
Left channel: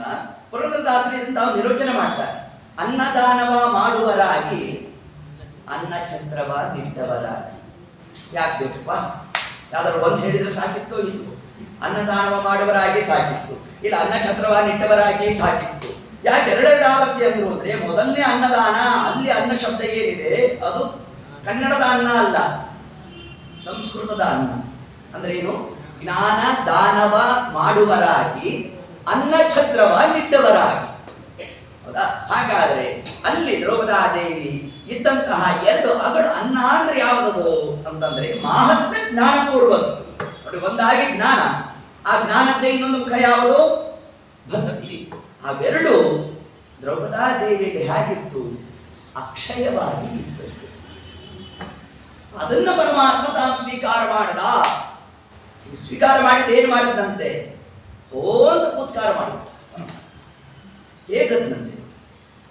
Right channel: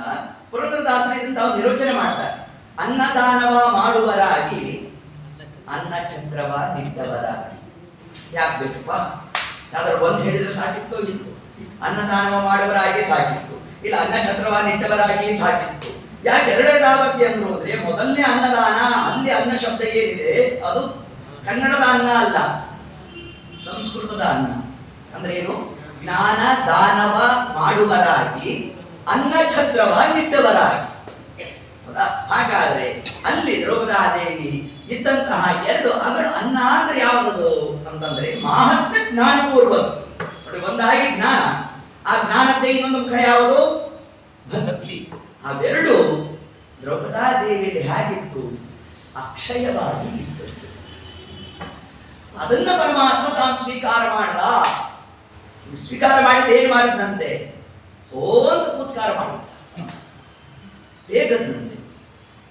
ಪುರಂದರದಾಸರು ಇದನ್ನು ತಾವು ನಿರೋಚನೆ ಮಾಡ್ತಾರೆ. ಅನ್ನದಾನವ ಮಾಡುವರಾಗಿ ಅನ್ನ ಛತ್ರವ ನಿಟ್ಟವರಾಗಿ. ಯಾಕೆ ಬೇಕಪ್ಪ? ಯಾವ್ದಾದ್ರು ಒಂದು ಹೇಳಿದ್ರೆ ಸಾಕಿತ್ತೋ ಇಲ್ವೋ? ಅನ್ನದಾನವ ಮಾಡುವರಾಗಿ ಸಾಕಿತ್ತು, ಇಲ್ಲ ಅನ್ನ ಛತ್ರವ ನಿಟ್ಟವರಾಗಿ ಸಾಕಿತ್ತು. ಯಾಕೆ 2 ಆವರ್ತಿ ಅಂದ್ರು ಅಂದ್ರೆ ಮೊದಲನೇ ಅನ್ನದಾನ, ಅಲ್ಲಿ ಅನ್ನ ಶಬ್ದ ಏನಿದೆ ಅದು ಕನ್ನಡದ ಅನ್ನ ಅಲ್ಲ, ಸಂಸ್ಕೃತದ ಅನ್ನ. ಅಂದ್ರೆ ಏನು? ಜ್ಞಾನ ದಾನವ ಮಾಡುವರಾಗಿ ಅನ್ನ ಛತ್ರವ ನಿಟ್ಟವರಾಗಿ. ಹೌದಾ? ಹಾಗಾದ್ರೆ ಅಲ್ಲಿ ದ್ರೌಪದಾದೇವಿ ಇದ್ದಂತಹ 2 ಅಗಳು ಅನ್ನ ಅಂದ್ರೆ ಯಾವುದದು ಅಂತಂದ್ರೆ ಮಾಹಾತ್ಮ್ಯ ಜ್ಞಾನಪೂರ್ವಸ್ತು. ನೋಡಿ, ಒಂದಾಗಿ ಜ್ಞಾನ, ಆ ಜ್ಞಾನದ್ದೇ ಇನ್ನೊಂದು ಮುಖ ಯಾವುದು? ಭಕ್ತಿ. ಅವೆರಡು ದ್ರೌಪದಾದೇವಿಯಲ್ಲಿ ಹೇಗಿತ್ತು ಅಕ್ಷಯವಾಗಿ ಇದ್ದದ್ದು. ಅದನ್ನ ಪರಮಾತ್ಮ ತಾನು ಸ್ವೀಕಾರ ಮಾಡದ. ಸ್ವೀಕಾರ ಮಾಡಿದ ಏನು ಮಾಡಿದಂತೆ, ಅಂತ ಕೂತ್ಕಾರ ಮಾಡಿದ ಹೇಗದಂತೆ.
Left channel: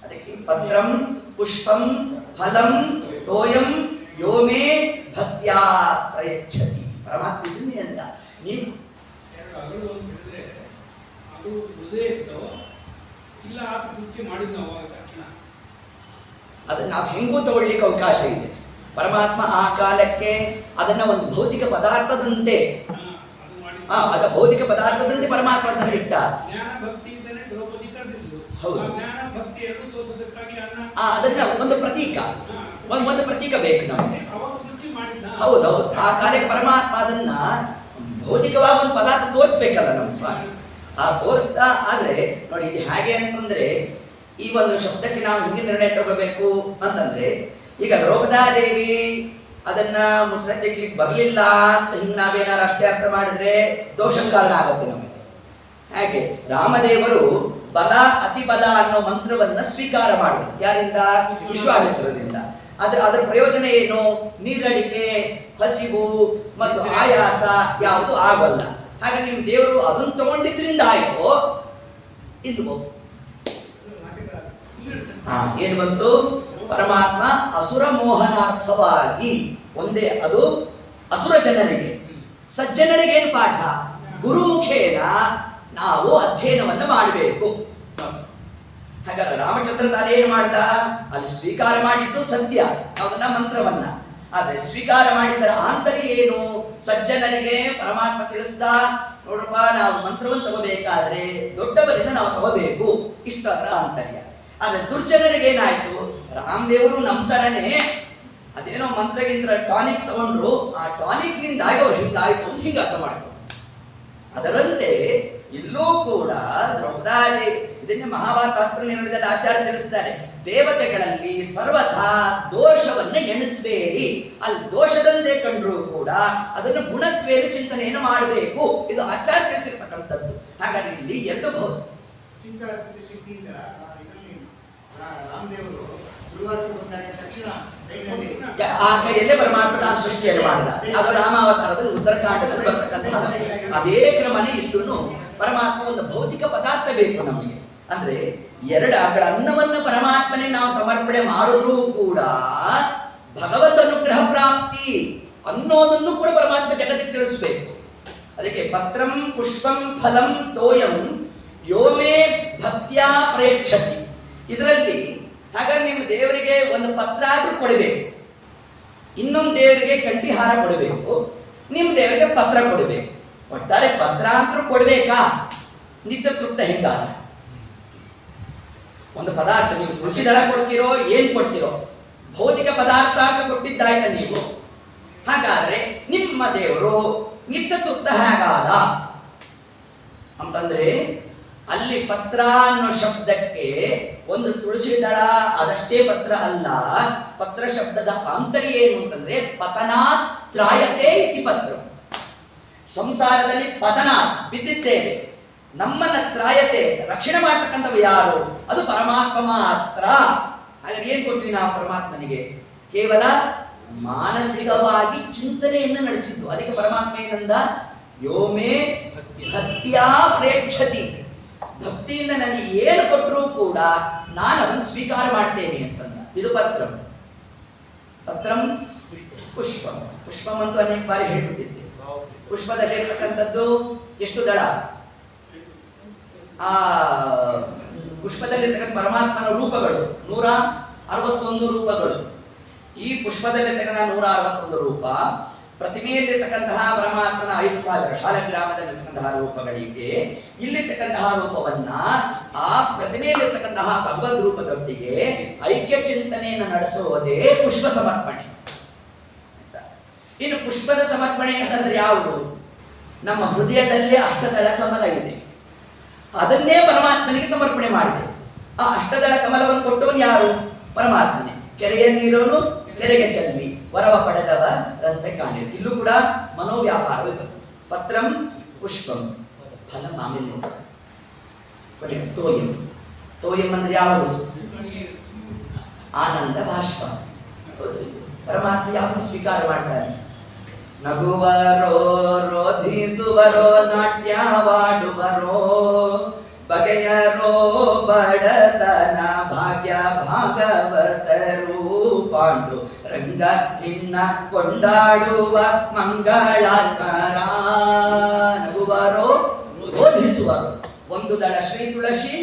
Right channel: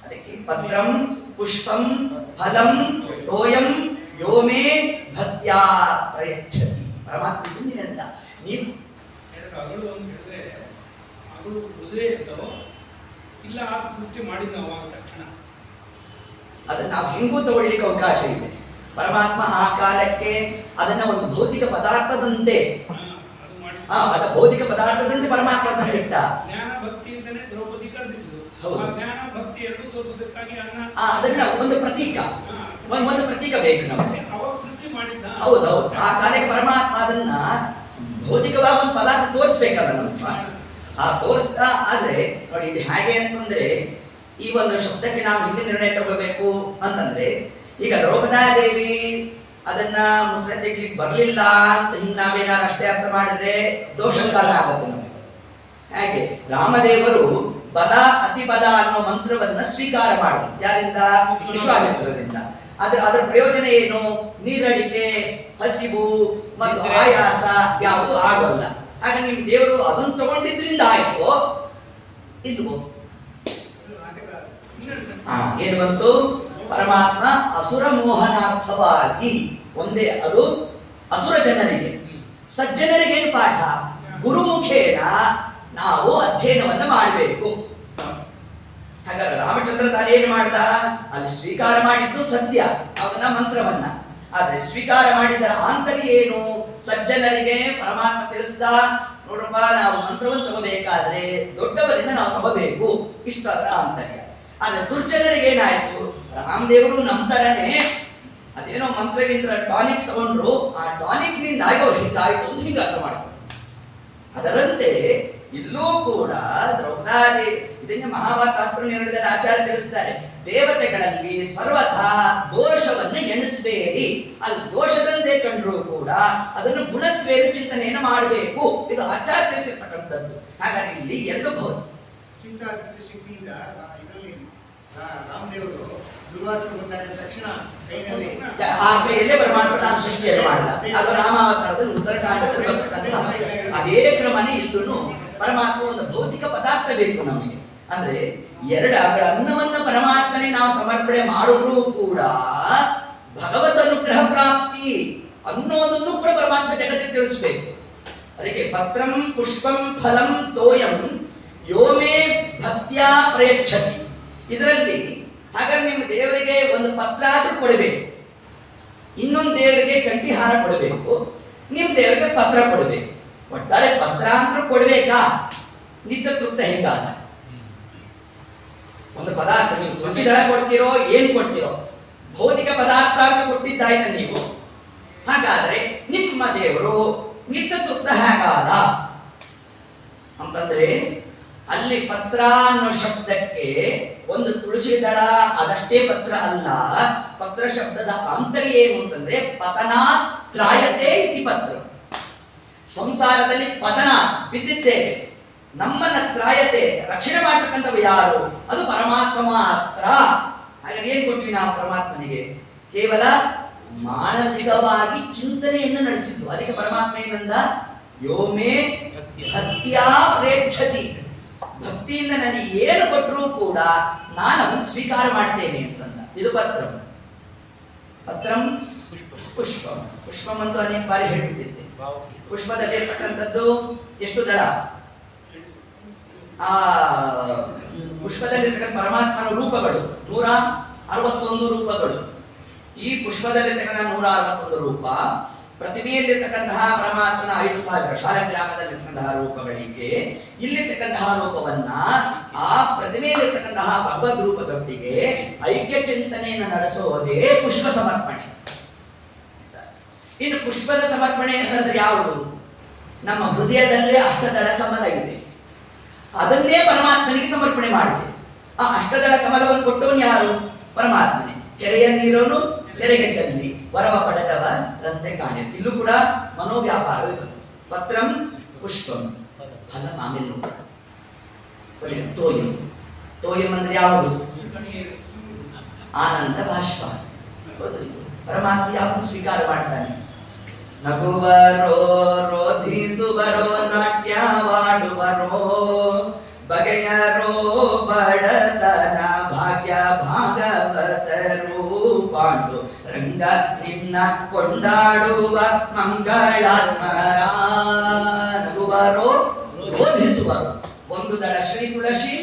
ಅದಕ್ಕೆ ಪತ್ರಂ ಪುಷ್ಪಂ ಫಲಂ ತೋಯಂ ಯೋಮೇ ಭಕ್ತ್ಯಾ ಪ್ರಯಚ್ಛತಿ. ಪರಮಾತ್ಮ ಇದನ್ನೇ ಅಂತ. ನೀವು ಅಗಳು ಅಂತ ಹೇಳಿದ್ರೆ ಅಗಳು ಹೃದಯ ಇರ್ತಾವೋ ಇಲ್ಲ ಆತ ಸೃಷ್ಟಿ ಮಾಡಿದ್ದ ಅವಾಗ ತಕ್ಷಣ ಅದನ್ನ ನಾವು ಹೆಂಗೂ ತಗೊಳ್ಳಿಕ್ಕೆ ಅವಕಾಶ ಇದೆ. ಪರಮಾತ್ಮ ಆ ಕಾಲಕ್ಕೆ ಅದನ್ನ ಒಂದು ಭೌತಿಕ ಪದಾರ್ಥದಂತೆ ಅದ ಭೌತಿಕ ಪದಾರ್ಥದಂತೆ ಪರಮಾತ್ಮ ಅದನ್ನ ಇಟ್ಟ. ಜ್ಞಾನ ಭಕ್ತಿಯಿಂದನೇ ದ್ರೌಪದಿ ಕರೆದಿದ್ದು. ಹೌದು. ಜ್ಞಾನ ಭಕ್ತಿ ಎರಡು ತೋರಿಸೋದಕ್ಕಾಗಿ ಅದನ್ನ ಒಂದು ಪ್ರತೀಕ, ಒಂದು ಪ್ರತೀಕ ಬೇಕು ನಮಗೆ. ಅವಾಗ ಸೃಷ್ಟಿ ಮಾಡಿದ್ದ. ಹೌದೌದು. ಆ ಕಾಲಕ್ಕೆ ಪರಮಾತ್ಮ ಅದನ್ನ ಭೌತಿಕವಾಗಿ ಒಂದು ಪದಾರ್ಥ ತೋರಿಸ್ಬೇಕಲ್ಲ ನಮ್ಮ ಸ್ವಾಮಿ. ತೋರಿಸ್ತಾ ಆದ್ರೆ ನೋಡಿ ಇದು ಹೇಗೆ ಅಂತಂದ್ರೆ, ಈ ಒಂದು ಶಬ್ದಕ್ಕೆ ನಾವು ಹಿಂದೆ ನಿರ್ಣಯ ತಗೋಬೇಕು ಅಂತಂದ್ರೆ, ಈಗ ದ್ರೌಪದಾದೇವಿ ಅದನ್ನ ಮುಸ್ರೆ ತೆಗ್ಲಿಕ್ಕೆ ಬರಲಿಲ್ಲ ಅಂತ ಹಿಂಗೆ ನಾವೇನಾರು ಅಷ್ಟೇ ಅರ್ಥ ಮಾಡಿದ್ರೆ ದೋಷದ ಕಾರಣ ಆಗುತ್ತೆ ನಮಗೆ. ಹಾಗೆ ರಾಮದೇವರು ಬಲ ಅತಿ ಬಲ ಅನ್ನೋ ಮಂತ್ರವನ್ನ ಸ್ವೀಕಾರ ಮಾಡಿದ್ರು. ಯಾರಿಂದ? ವಿಶ್ವಾಮಿತ್ರರಿಂದ. ಅದರ ಪ್ರಯೋಜನ ಏನು? ನೀರಡಿಕೆ, ಹಸಿವು ಮತ್ತು ಆಯಾಸ ಯಾವುದು ಆಗೋಲ್ಲ. ಹಾಗೆ ನಿಮ್ಮ ದೇವರು ಅದನ್ನು ತಗೊಂಡಿದ್ರಿಂದ ಆಯ್ತು. ಇದು ಏನು ಬಂತು? ಪರಮಾತ್ಮ ಅಸುರ ಮೋಹನಾರ್ಥವಾಗಿ ಒಂದೇ, ಅದು ಅಸುರ ಜನರಿಗೆ. ಸಜ್ಜನರಿಗೆ ಏನು ಪಾಠ? ಗುರುಮುಖೇನ ನಾವು ಅಧ್ಯಯನವನ್ನು ಮಾಡಬೇಕು. ಹಾಗಾದ್ರೆ ರಾಮಚಂದ್ರ ತಾನೇನು ಮಾಡ್ದ? ಅಲ್ಲಿ ಸ್ವೀಕಾರ ಮಾಡಿದ್ದು ಸತ್ಯ, ಅದನ್ನ ಮಂತ್ರವನ್ನ. ಆದ್ರೆ ಸ್ವೀಕಾರ ಮಾಡಿದ್ದರ ಆಂತರ್ಯ ಏನು? ಸಜ್ಜನರಿಗೆ ಪರಮಾತ್ಮ ತಿಳಿಸ್ದ, ನೋಡಪ್ಪ ನಾವು ಮಂತ್ರವನ್ನು ತಗೋಬೇಕಾದ್ರೆ ದೊಡ್ಡವರಿಂದ ನಾವು ತಗೋಬೇಕು, ಇಷ್ಟು ಅದರ ಆಂತರ್ಯ. ಆದ್ರೆ ದುರ್ಜನರಿಗೆ ಏನಾಯ್ತು? ರಾಮದೇವರು ನಮ್ಮ ತರನೇ ಅದೇನೋ ಮಂತ್ರಗಿಂತ ಟಾನಿಕ್ ತಗೊಂಡ್ರು, ಆ ಟಾನಿಕ್ ನಿಂದಾಗಿ ಅವ್ರು ಹಿಂಗಾಯ್ತು ಅಂತ ಹಿಂಗೆ ಅರ್ಥ ಮಾಡ್ಕೊಂಡು. ಅದರಂತೆ ಇಲ್ಲೂ ಕೂಡ ದ್ರೌಪದಿ ಇದನ್ನೇ ಮಹಾಭಾರತ ನಿರ್ಣಯದಲ್ಲಿ ಆಚಾರ್ಯ ತಿಳಿಸ್ತಾರೆ. ದೇವತೆಗಳಲ್ಲಿ ಸರ್ವಥಾ ದೋಷವನ್ನ ಎಣಿಸಬೇಡಿ. ಅಲ್ಲಿ ದೋಷದಂತೆ ಕಂಡ್ರೂ ಕೂಡ ಅದನ್ನು ಗುಣತ್ವೇನು ಚಿಂತನೆಯನ್ನು ಮಾಡಬೇಕು. ಇದು ಆಚಾರ್ಯ ತಿಳಿಸಿರ್ತಕ್ಕಂಥದ್ದು. ಹಾಗಾಗಿ ಇಲ್ಲಿ ಎರಡು ಭೌತ ಚಿಂತಾ ಶಕ್ತಿಯಿಂದ ಇದರಲ್ಲಿ ರಾಮದೇವರು ದುರ್ವಾಸನ ಬಂದಾಗ ತಕ್ಷಣ ಕೈಯಲ್ಲಿ ಆ ಕೈಯಲ್ಲೇ ಪರಮಾತ್ಮ ತಾನು ಸೃಷ್ಟಿಯನ್ನು ಮಾಡಿದ. ಅದು ರಾಮಾವತಾರದಲ್ಲಿ ಉತ್ತರಕಾಂಡದಲ್ಲಿ ಬರ್ತಕ್ಕಂಥ ಅದೇ ಕ್ರಮನೇ ಇಲ್ಲೂ ಪರಮಾತ್ಮ ಒಂದು ಭೌತಿಕ ಪದಾರ್ಥ ಬೇಕು ನಮಗೆ. ಅಂದ್ರೆ ಎರಡು ಅಗಳ ಅನ್ನವನ್ನು ಪರಮಾತ್ಮನೇ ನಾವು ಸಮರ್ಪಣೆ ಮಾಡಿದ್ರೂ ಕೂಡ ಭಗವದ್ ಅನುಗ್ರಹ ಪ್ರಾಪ್ತಿ ಅನ್ನೋದನ್ನು ಕೂಡ ಪರಮಾತ್ಮ ಜಗತ್ತಿಗೆ ತಿಳಿಸ್ಬೇಕು. ಅದಕ್ಕೆ ಪತ್ರಂ ಪುಷ್ಪಂ ಫಲಂ ತೋಯಂ ಯೋಮೇ ಭಕ್ತ್ಯಾ ಪ್ರಯಚ್ಛತಿ. ಇದರಲ್ಲಿ ಹಾಗಾಗಿ ನಿಮ್ಮ ದೇವರಿಗೆ ಒಂದು ಪತ್ರ ಆದ್ರೂ ಕೊಡಬೇಕು, ಇನ್ನೊಂದು ದೇವರಿಗೆ ಕಂಠಿಹಾರ ಕೊಡಬೇಕು, ನಿಮ್ಮ ದೇವರಿಗೆ ಪತ್ರ ಕೊಡಬೇಕು. ಒಟ್ಟಾರೆ ಪತ್ರ ಅಂತೂ ಕೊಡ್ಬೇಕಾ? ನಿತ್ಯ ತೃಪ್ತ ಹೆಂಗಾದ? ಒಂದು ಪದಾರ್ಥ ನೀವು ತುಳಸಿ ದಳ ಕೊಡ್ತೀರೋ ಏನ್ ಕೊಡ್ತೀರೋ, ಭೌತಿಕ ಪದಾರ್ಥ ಅಂತ ಕೊಟ್ಟಿದ್ದಾಯ್ತ ನೀವು. ಹಾಗಾದ್ರೆ ನಿಮ್ಮ ದೇವರು ನಿತ್ಯ ತೃಪ್ತ ಹೇಗಾದ ಅಂತಂದ್ರೆ, ಅಲ್ಲಿ ಪತ್ರ ಅನ್ನೋ ಶಬ್ದಕ್ಕೆ ಒಂದು ತುಳಸಿ ದಳ ಅದಷ್ಟೇ ಪತ್ರ ಅಲ್ಲ. ಪತ್ರ ಶಬ್ದದ ಆಂತರ್ಯ ಏನು ಅಂತಂದ್ರೆ ಪತನಾತ್ ತ್ರಾಯತೆ ಇತಿ ಪತ್ರ. ಸಂಸಾರದಲ್ಲಿ ಪತನ ಬಿದ್ದಿದ್ದೇವೆ, ನಮ್ಮನ್ನ ತ್ರಾಯತೆ ರಕ್ಷಣೆ ಮಾಡ್ತಕ್ಕಂಥವು ಯಾರು? ಅದು ಪರಮಾತ್ಮ ಮಾತ್ರ. ಹಾಗಾಗಿ ಏನ್ ಕೊಟ್ವಿ ನಾವು ಪರಮಾತ್ಮನಿಗೆ? ಕೇವಲ ಮಾನಸಿಕವಾಗಿ ಚಿಂತನೆಯನ್ನು ನಡೆಸಿದ್ದು. ಅದಕ್ಕೆ ಪರಮಾತ್ಮ ಏನಂದ? ಯೋಮೇ ಭಕ್ತಿಯಾ ಪ್ರೇಕ್ಷತಿ. ಭಕ್ತಿಯಿಂದ ನನಗೆ ಏನು ಕೊಟ್ಟರೂ ಕೂಡ ನಾನು ಅದನ್ನು ಸ್ವೀಕಾರ ಮಾಡ್ತೇನೆ ಅಂತಂದ. ಇದು ಪತ್ರಂ. ಪತ್ರಂ ಪುಷ್ಪಂ. ಪುಷ್ಪಂ ಅಂತೂ ಅನೇಕ ಬಾರಿ ಹೇಳ್ಬಿಟ್ಟಿದ್ದೆ. ಪುಷ್ಪದಲ್ಲಿರ್ತಕ್ಕಂಥದ್ದು ಎಷ್ಟು ದಳ? ಆ ಪುಷ್ಪದಲ್ಲಿರ್ತಕ್ಕಂಥ ಪರಮಾತ್ಮನ ರೂಪಗಳು 161 ರೂಪಗಳು. ಈ ಪುಷ್ಪದಲ್ಲಿರ್ತಕ್ಕಂಥ 161 ರೂಪ, ಪ್ರತಿಮೆಯಲ್ಲಿರ್ತಕ್ಕಂತಹ ಪರಮಾತ್ಮನ 5000 ಶಾಲಗ್ರಾಮದಲ್ಲಿರ್ತಕ್ಕಂತಹ ರೂಪಗಳಿಗೆ ಇಲ್ಲಿರ್ತಕ್ಕಂತಹ ರೂಪವನ್ನ ಆ ಪ್ರತಿಮೆಯಲ್ಲಿರ್ತಕ್ಕಂತಹ ಭಗವದ್ ರೂಪದೊಟ್ಟಿಗೆ ಐಕ್ಯ ಚಿಂತನೆಯನ್ನು ನಡೆಸೋದೇ ಪುಷ್ಪ ಸಮರ್ಪಣೆ. ಇನ್ನು ಪುಷ್ಪದ ಸಮರ್ಪಣೆ ಅಂತಂದ್ರೆ ಯಾವುದು? ನಮ್ಮ ಹೃದಯದಲ್ಲೇ ಅಷ್ಟದಳ ಕಮಲ ಇದೆ, ಅದನ್ನೇ ಪರಮಾತ್ಮನಿಗೆ ಸಮರ್ಪಣೆ ಮಾಡಬೇಕು. ಆ ಅಷ್ಟದಳ ಕಮಲವನ್ನು ಕೊಟ್ಟವನು ಯಾರು? ಪರಮಾತ್ಮನೇ. ಕೆರೆಯ ನೀರನ್ನು ಕೆರೆಗೆ ಚೆಲ್ಲಿ ವರವ ಪಡೆದವ ರಂತೆ ಕಾಣಿರು. ಇಲ್ಲೂ ಕೂಡ ಮನೋವ್ಯಾಪಾರವೇ ಬರುತ್ತೆ. ಪತ್ರಂ ಪುಷ್ಪಂ ಫಲಂ ಆಮೇಲೆ ನೋಡ. ತೋಯಂ. ತೋಯಂ ಅಂದ್ರೆ ಯಾವುದು? ಆನಂದ ಬಾಷ್ಪ. ಹೌದು, ಪರಮಾತ್ಮ ಯಾವುದು ಸ್ವೀಕಾರ ಮಾಡ್ತಾನೆ? ನಗುವರೋ, ರೋಧಿಸುವರೋ, ನಾಟ್ಯವಾಡುವರೋ, ಬಗೆಯರೋ ಬಡತನ ಭಾಗ್ಯ ಭಾಗವತರು, ಪಾಂಡು ರಂಗ ನಿನ್ನ ಕೊಂಡಾಡುವ ಮಂಗಳಾತ್ಮರ. ನಗುವರೋ, ರೋಧಿಸುವರು. ಒಂದು ದಳ ಶ್ರೀ ತುಳಸಿ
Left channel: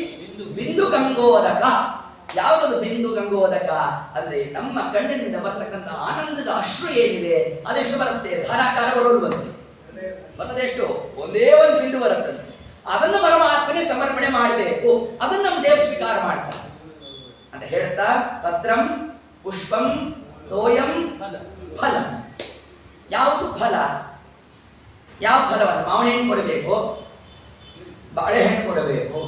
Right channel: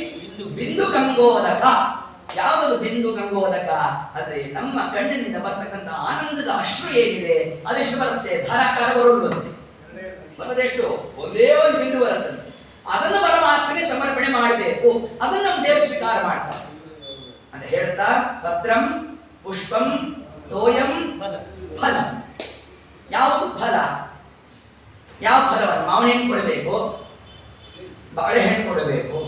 ಬಿಂದು ಗಂಗೋದಕ. ಯಾವುದದು ಬಿಂದು ಗಂಗೋದಕ ಅಂದ್ರೆ ನಮ್ಮ ಕಣ್ಣಿನಿಂದ ಬರ್ತಕ್ಕಂಥ ಆನಂದದ ಅಶ್ರು ಏನಿದೆ ಅದೆಷ್ಟು ಬರುತ್ತೆ? ಧಾರಾಕಾರ ಬರೋದು ಬರೋದೆಷ್ಟು? ಒಂದೇ ಒಂದು ಬಿಂದು ಬರುತ್ತಂತೆ. ಅದನ್ನು ಪರಮಾತ್ಮನೇ ಸಮರ್ಪಣೆ ಮಾಡಬೇಕು. ಅದನ್ನು ನಮ್ಮ ದೇವರು ಸ್ವೀಕಾರ ಮಾಡ್ತಾರೆ ಅಂತ ಹೇಳ್ತಾ, ಪತ್ರಂ ಪುಷ್ಪಂ ತೋಯಂ ಫಲಂ. ಯಾವುದು ಫಲ? ಯಾವ ಫಲವನ್ನು? ಮಾವಿನ ಹಣ್ಣು ಕೊಡಬೇಕು, ಬಾಳೆಹಣ್ಣು ಕೊಡಬೇಕು,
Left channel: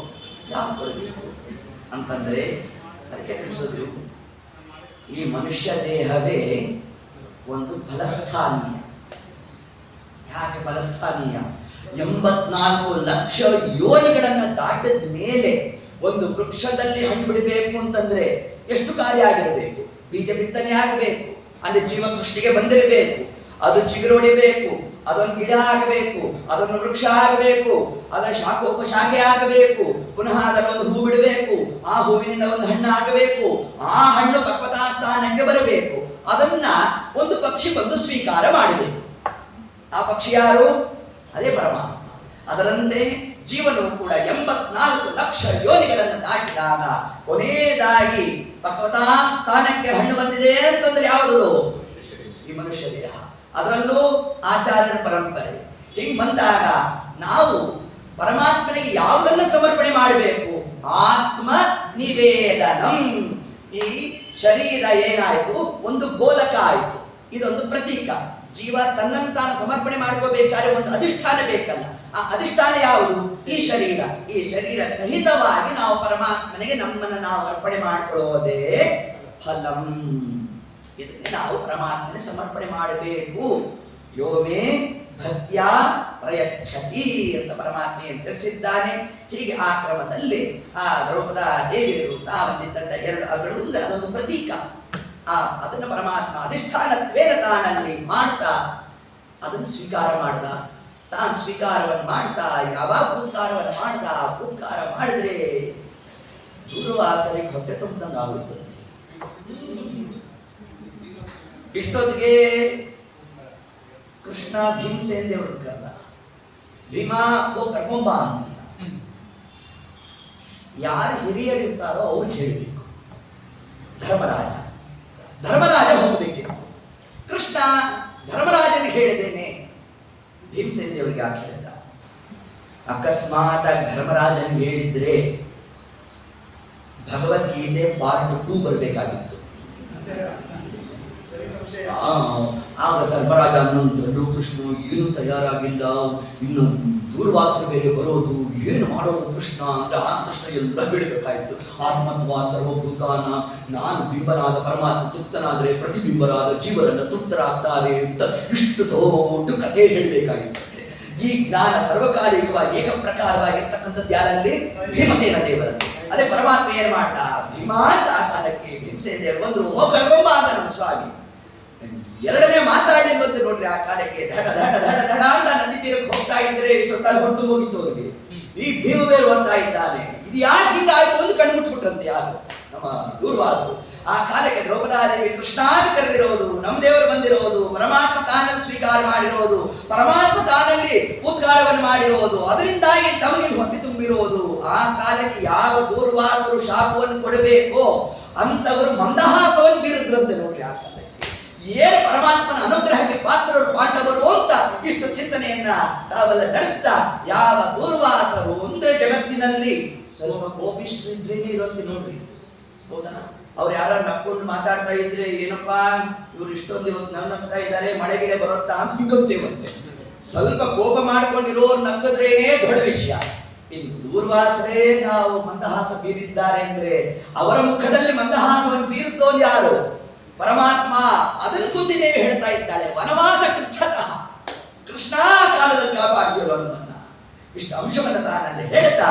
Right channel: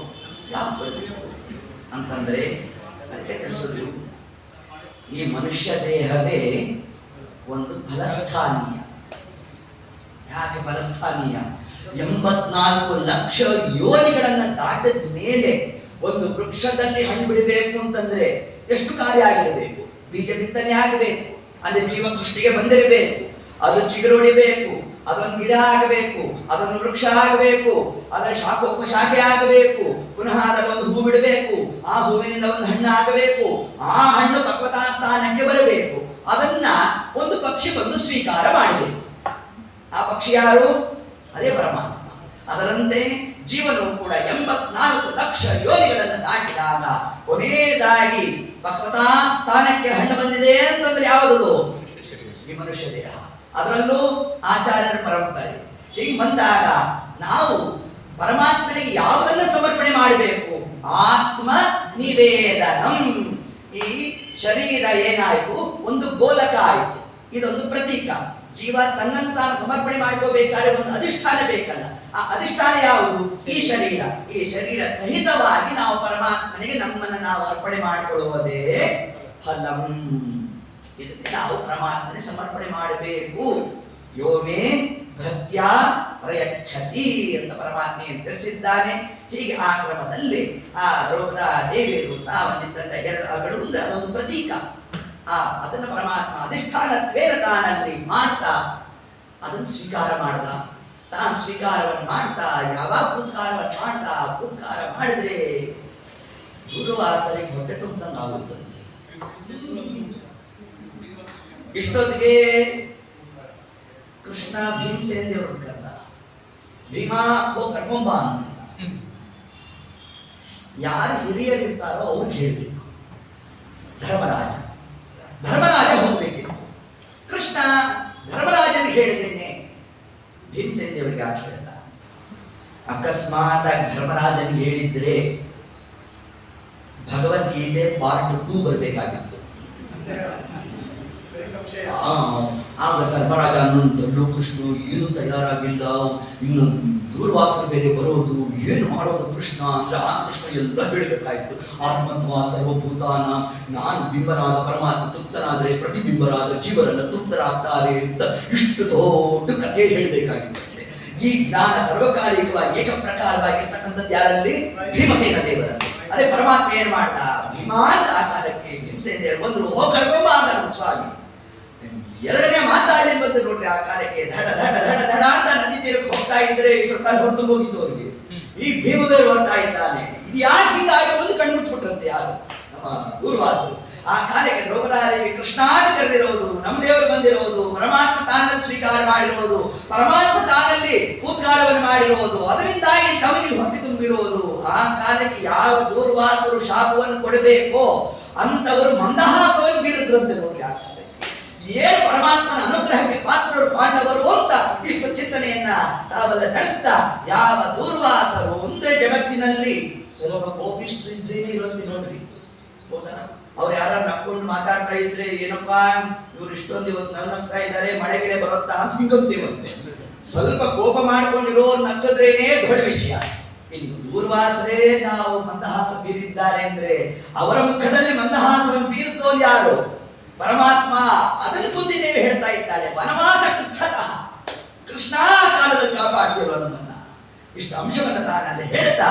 ಯಾವ್ದು ಕೊಡಬೇಕು ಅಂತಂದ್ರೆ ಅದಕ್ಕೆ ತಿಳಿಸೋದು, ಈ ಮನುಷ್ಯ ದೇಹವೇ ಒಂದು ಫಲಸ್ಥಾನೀಯ. ಯಾಕೆ ಫಲಸ್ಥಾನೀಯ? 84 ಲಕ್ಷ ಯೋನಿಗಳನ್ನು ದಾಟಿದ ಮೇಲೆ ಒಂದು ವೃಕ್ಷದಲ್ಲಿ ಹಣ್ಣು ಬಿಡಬೇಕು ಅಂತಂದ್ರೆ ಎಷ್ಟು ಕಾರ್ಯ ಆಗಿರಬೇಕು? ಬೀಜ ಬಿತ್ತನೆ ಆಗಬೇಕು, ಅಲ್ಲಿ ಜೀವ ಸೃಷ್ಟಿಗೆ ಬಂದಿರಬೇಕು, ಅದು ಚಿಗುರೊಡಿಬೇಕು, ಅದೊಂದು ಗಿಡ ಆಗಬೇಕು, ಅದೊಂದು ವೃಕ್ಷ ಆಗಬೇಕು, ಅದರ ಶಾಖೋಪಶಾಖೆ ಆಗಬೇಕು, ಪುನಃ ಅದರೊಂದು ಹೂ ಬಿಡಬೇಕು, ಆ ಹೂವಿನಿಂದ ಒಂದು ಹಣ್ಣು ಆಗಬೇಕು, ಆ ಹಣ್ಣು ಪಕ್ವತಾ ಸ್ಥಾನಕ್ಕೆ ಬರಬೇಕು, ಅದನ್ನ ಒಂದು ಪಕ್ಷಿ ಬಂದು ಸ್ವೀಕಾರ ಮಾಡಬೇಕು. ಆ ಪಕ್ಷಿ ಯಾರು? ಅದೇ ಪರಮಾತ್ಮ. ಅದರಂತೆ ಜೀವನವು ಕೂಡ 84 ಲಕ್ಷ ಯೋನಿಗಳನ್ನು ದಾಟಿದಾಗ ಕೊನೆಯದಾಗಿ ಪಕ್ವತಾ ಸ್ಥಾನಕ್ಕೆ ಹಣ್ಣು ಬಂದಿದೆ ಅಂತಂದ್ರೆ ಯಾವುದದು? ಈ ಮನುಷ್ಯ ದೇಹ. ಅದರಲ್ಲೂ ಆಚಾರ್ಯರ ಪರಂಪರೆ ಹಿಂಗ್ ಬಂದಾಗ ನಾವು ಪರಮಾತ್ಮನಿಗೆ ಯಾವುದನ್ನ ಸಮರ್ಪಣೆ ಮಾಡಬೇಕು? ಆತ್ಮ ನಿವೇದನಂ. ಈ ಶರೀರ ಏನಾಯಿತು? ಒಂದು ಗೋಲಕ ಆಯಿತು, ಇದೊಂದು ಪ್ರತೀಕ. ಜೀವ ತನ್ನನ್ನು ತಾನು ಸಮರ್ಪಣೆ ಮಾಡ್ಕೋಬೇಕಾದ್ರೆ ಒಂದು ಅಧಿಷ್ಠಾನ ಬೇಕಲ್ಲ. ಆ ಅಧಿಷ್ಠಾನ ಯಾವುದು? ಈ ಶರೀರ. ಈ ಶರೀರ ಸಹಿತವಾಗಿ ನಾವು ಪರಮಾತ್ಮನಿಗೆ ನಮ್ಮನ್ನು ನಾವು ಅರ್ಪಣೆ ಮಾಡಿಕೊಳ್ಳುವುದೇ ಫಲಂ. ಇದಕ್ಕೆ ನಾವು ಪರಮಾತ್ಮನೆ ಸಮರ್ಪಣೆ ಮಾಡಬೇಕು. ಯೋಮೇ ಭಕ್ತ್ಯಾ ಪ್ರಯಚ್ಛತಿ ಅಂತ ಪರಮಾತ್ಮ ಏನು ತಿಳಿಸಿದ್ದಾನೆ. ಹೀಗೆ ಆ ಕ್ರಮದಲ್ಲಿ ಆ ದ್ರೌಪದ ದೇವಿಯರು ತಾವಂದಿದ್ದಂಥ 2 ಅಗಳು ಅಂದ್ರೆ ಅದೊಂದು ಪ್ರತೀಕ. ಅದನ್ನು ಪರಮಾತ್ಮ ಅಧಿಷ್ಠಾನತ್ವೇನ ತಾನಲ್ಲಿ ಮಾಡ್ತಾ ಅದನ್ನು ಸ್ವೀಕಾರ ಮಾಡ್ದ. ತಾನು ಸ್ವೀಕಾರವನ್ನು ಮಾಡ್ತಾ ಯಾವಾಗ ಭೂತ್ಕಾರವನ್ನು ಮಾಡ್ದ, ಭೂತ್ಕಾರ ಮಾಡಿದ್ರೆ ದೂರ್ವಾಸರಿಗೆ ಹೊಟ್ಟೆ ತುಂಬಿದಂಗೆ ಆಗುತ್ತದೆ. ಇಷ್ಟೊತ್ತಿಗೆ ಕೃಷ್ಣ ಭೀಮಸೇನ ದೇವರು ಕರೆದ. ಭೀಮಾ ಓ ಕರ್ಕೊಂಬ ಅಂತ. ಯಾರು ಹಿರಿಯರಿರ್ತಾರೋ ಅವ್ರು ಹೇಳಬೇಕು. ಧರ್ಮರಾಜ ಹೋಗ್ಬೇಕಿತ್ತು. ಕೃಷ್ಣ ಧರ್ಮರಾಜನಿಗೆ ಹೇಳಿದ್ದೇನೆ, ಭೀಮಸೇನ ದೇವರಿಗೆ ಯಾಕೆ ಹೇಳಿದ? ಅಕಸ್ಮಾತ್ ಧರ್ಮರಾಜನಿಗೆ ಹೇಳಿದ್ರೆ ಭಗವದ್ಗೀತೆ ಪಾರ್ಟ್ 2 ಬರಬೇಕಾಗಿತ್ತು. ಆಗ ಧರ್ಮರಾಜ ಅನ್ನೊಂದು ಕೃಷ್ಣ ಏನು ತಯಾರಾಗಿಲ್ಲ, ಇನ್ನು ದೂರ್ವಾಸರು ಬೇರೆ ಬರೋದು, ಏನು ಮಾಡೋದು ಕೃಷ್ಣ ಅಂದ್ರೆ ಆ ಕೃಷ್ಣ ಎಲ್ಲ ಹೇಳಬೇಕಾಯ್ತು. ಆತ್ಮತ್ವ ಸರ್ವಭೂತಾನ, ನಾನು ಬಿಂಬನಾದ ಪರಮಾತ್ಮ ತೃಪ್ತನಾದರೆ ಪ್ರತಿಬಿಂಬರಾದ ಜೀವರನ್ನು ತೃಪ್ತರಾಗ್ತಾರೆ ಅಂತ ಇಷ್ಟು ದೊಡ್ಡ ಕಥೆ ಹೇಳಬೇಕಾಗಿತ್ತಂತೆ. ಈ ಜ್ಞಾನ ಸರ್ವಕಾಲಿಕವಾಗಿ ಏಕಪ್ರಕಾರವಾಗಿರ್ತಕ್ಕಂಥದ್ದು ಯಾರಲ್ಲಿ? ಭೀಮಸೇನ ದೇವರಲ್ಲಿ. ಅದೇ ಪರಮಾತ್ಮ ಏನ್ ಮಾಡ್ದ? ಭೀಮಾಂತ ಆ ಕಾಲಕ್ಕೆ ಭೀಮಸೇನ ದೇವರು ಬಂದ್ರು. ಹೋಗಿ ಕರ್ಕೊಂಬ ಅಂತ ನಮ್ಮ ಸ್ವಾಮಿ. ಎರಡನೇ ಮಾತಾಡಲಿ ಬಂದು ನೋಡ್ರಿ. ಆ ಕಾಲಕ್ಕೆ ಧಡ ಧಡ ಧಡ ಧಡ ಅಂತ ನದಿ ತೀರಕ್ಕೆ ಹೋಗ್ತಾ ಇದ್ರೆ ಇಷ್ಟು ಕಾಲ ಹೊರಟು ಹೋಗಿತ್ತು ಅವರಿಗೆ. ಈ ಭೀಮವೇರು ಬರ್ತಾ ಇದ್ದಾನೆ. ಇದು ಯಾಕೆ ಹೀಗಾಯ್ತು ಒಂದು ಕಣ್ಣು ಮುಚ್ಚಿಬಿಟ್ರಂತೆ ಯಾರು? ನಮ್ಮ ದೂರ್ವಾಸರು. ಆ ಕಾಲಕ್ಕೆ ದ್ರೌಪದಾದೇವಿ ಕೃಷ್ಣಾನ ಕರೆದಿರೋದು, ನಮ್ಮ ದೇವರು ಬಂದಿರೋದು, ಪರಮಾತ್ಮ ತಾನಲ್ಲಿ ಸ್ವೀಕಾರ ಮಾಡಿರೋದು, ಪರಮಾತ್ಮ ತಾನಲ್ಲಿ ಪೂತ್ಕಾರವನ್ನು ಮಾಡಿರೋದು, ಅದರಿಂದಾಗಿ ತಮಗೆ ಹೊಟ್ಟೆ ತುಂಬಿರೋದು. ಆ ಕಾಲಕ್ಕೆ ಯಾವ ದೂರ್ವಾಸರು ಶಾಪವನ್ನು ಕೊಡಬೇಕೋ ಅಂತವರು ಮಂದಹಾಸವನ್ನು ಬೀರಿದ್ರಂತೆ ನೋಡಿ. ಆ ಕಾಲಕ್ಕೆ ಏನು ಪರಮಾತ್ಮನ ಅನುಗ್ರಹಕ್ಕೆ ಪಾತ್ರರು ಪಾಂಡವರು ಅಂತ ಇಷ್ಟು ಚಿಂತನೆಯನ್ನ ತಾವೆಲ್ಲ ನಡೆಸ್ತಾ, ಯಾವ ದೂರ್ವಾಸರು ಅಂದ್ರೆ ಜಗತ್ತಿನಲ್ಲಿ ಸ್ವಲ್ಪ ಕೋಪಿಷ್ಟ್ರಿದ್ರೇನೆ ಇರೋಂತೆ ನೋಡ್ರಿ. ಹೌದಾ? ಅವ್ರು ಯಾರು ನಕ್ಕೊಂಡು ಮಾತಾಡ್ತಾ ಇದ್ರೆ ಏನಪ್ಪಾ ಇವ್ರು ಇಷ್ಟೊಂದು ಇವತ್ತು ನಗ್ತಾ ಇದ್ದಾರೆ, ಮಳೆಗಿಳೆ ಬರುತ್ತಾ ಅಂತ ಹಿಂಗಂತೇವಂತೆ. ಸ್ವಲ್ಪ ಕೋಪ ಮಾಡ್ಕೊಂಡಿರೋರು ನಕ್ಕದ್ರೇನೆ ದೊಡ್ಡ ವಿಷಯ. ಇನ್ನು ದೂರ್ವಾಸರೇ ನಾವು ಮಂದಹಾಸ ಬೀರಿದ್ದಾರೆ ಅಂದ್ರೆ ಅವರ ಮುಖದಲ್ಲಿ ಮಂದಹಾಸವನ್ನು ಬೀರಿಸಿದವನು ಯಾರು? ಪರಮಾತ್ಮ. ಅದನ್ನು ಕುಂತಿದ್ದೇವೆ ಹೇಳ್ತಾ ಇದ್ದಾಳೆ, ವನವಾಸ ಕೃಚ್ಛತಃ ಕೃಷ್ಣ ಕಾಲದಲ್ಲಿ ಕಾಪಾಡಿದವರು ನಮ್ಮನ್ನ. ಇಷ್ಟು ಅಂಶವನ್ನು ತಾನಲ್ಲಿ ಹೇಳ್ತಾ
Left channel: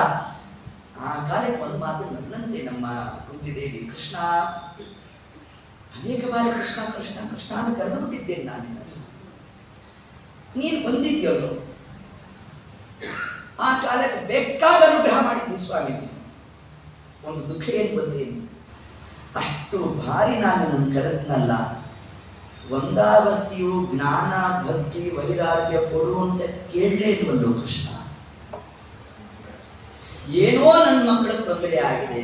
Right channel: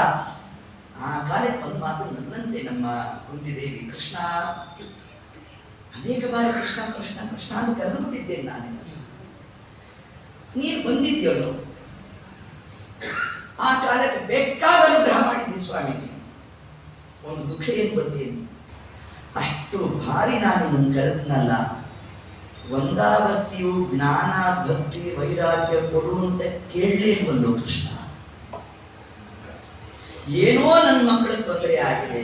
ಆ ಕಾಲಕ್ಕೆ ಒಂದು ಮಾತು ನನ್ನಂತೆ ನಮ್ಮ ಕುಂತಿದೇವಿ ಕೃಷ್ಣ ಅನೇಕ ಬಾರಿ ಕೃಷ್ಣ ಕೃಷ್ಣ ಕೃಷ್ಣ ಅಂತ ಕರೆದು ಬಿಟ್ಟಿದ್ದೇನೆ ನಾನು. ನೀನು ಬಂದಿದ್ಯಲ್ಲೋ, ಆ ಕಾಲಕ್ಕೆ ಬೇಕಾದ ಅನುಗ್ರಹ ಮಾಡಿದ್ದಿ ಸ್ವಾಮಿ. ನೀನು ಒಂದು ದುಃಖ ಏನು ಬಂದೇನು, ಅಷ್ಟು ಭಾರಿ ನಾನು ನನ್ನ ಕರೆದ್ನಲ್ಲ, ಒಂದಾವರ್ತಿಯು ಜ್ಞಾನ ಭಕ್ತಿ ವೈರಾಗ್ಯ ಕೊಡುವಂತ ಕೇಳಲೇ ಇಲ್ವಲ್ಲೋ ಕೃಷ್ಣ. ಏನೋ ನನ್ನ ಮಕ್ಕಳಿಗೆ ತೊಂದರೆ ಆಗಿದೆ,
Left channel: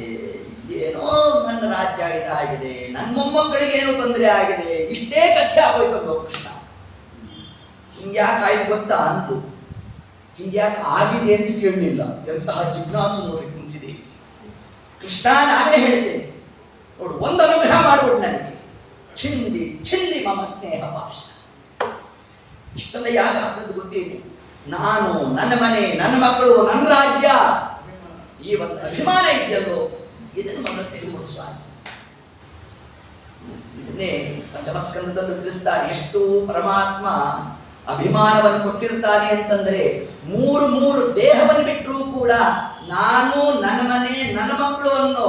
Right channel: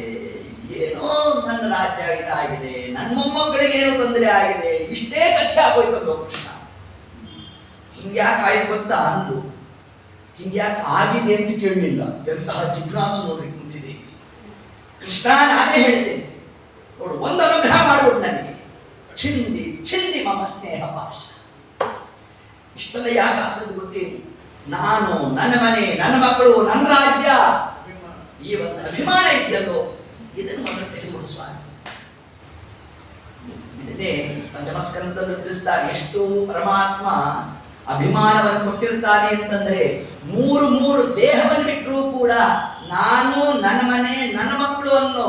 ಏನೋ ನನ್ನ ರಾಜ್ಯ ಇದಾಗಿದೆ, ನನ್ನ ಮೊಮ್ಮಕ್ಕಳಿಗೆ ಏನೋ ತೊಂದರೆ ಆಗಿದೆ, ಇಷ್ಟೇ ಕಥೆ ಆಗೋಯ್ತಲ್ಲೋ ಕೃಷ್ಣ. ಹಿಂಗ್ಯಾಕೆ ಆಯ್ತು ಗೊತ್ತಾ ಅಂದು, ಹಿಂಗ್ಯಾಕೆ ಆಗಿದೆ ಅಂತ ಕೇಳಲಿಲ್ಲ. ಎಂತಹ ಜಿಜ್ಞಾಸು ನೋಡಿ ಕುಂತಿದೆ ಕೃಷ್ಣ. ನಾನೇ ಹೇಳ್ತೇನೆ ನೋಡು, ಒಂದು ಅನುಗ್ರಹ ಮಾಡ್ಬಿಟ್ಟು ನನಗೆ, ಚಿಂದಿ ಚಿಂದಿ ಮಮ ಸ್ನೇಹ ಪಾಶ. ಇಷ್ಟೆಲ್ಲ ಯಾಕೆ ಆಗ್ತದೆ ಗೊತ್ತೇನು, ನಾನು, ನನ್ನ ಮನೆ, ನನ್ನ ಮಕ್ಕಳು, ನನ್ನ ರಾಜ್ಯ, ಈ ಒಂದು ಅಭಿಮಾನ ಇದೆಯಲ್ಲೋ, ಇದನ್ನು ಮೊದಲು ತೆಗೆದುಕೊಂಡು ಸ್ವಾಮಿ. ಇದನ್ನೇ ಪಂಚಮಸ್ಕಂದದಲ್ಲೂ ತಿಳಿಸ್ತಾರೆ. ಎಷ್ಟು ಪರಮಾತ್ಮ ಅಭಿಮಾನವನ್ನು ಕೊಟ್ಟಿರ್ತಾನೆ ಅಂತಂದ್ರೆ, ಮೂರು ದೇಹವನ್ನು ಬಿಟ್ಟರೂ ಕೂಡ ನಾನು, ನನ್ನ ಮನೆ, ನನ್ನ ಮಕ್ಕಳು ಅನ್ನೋ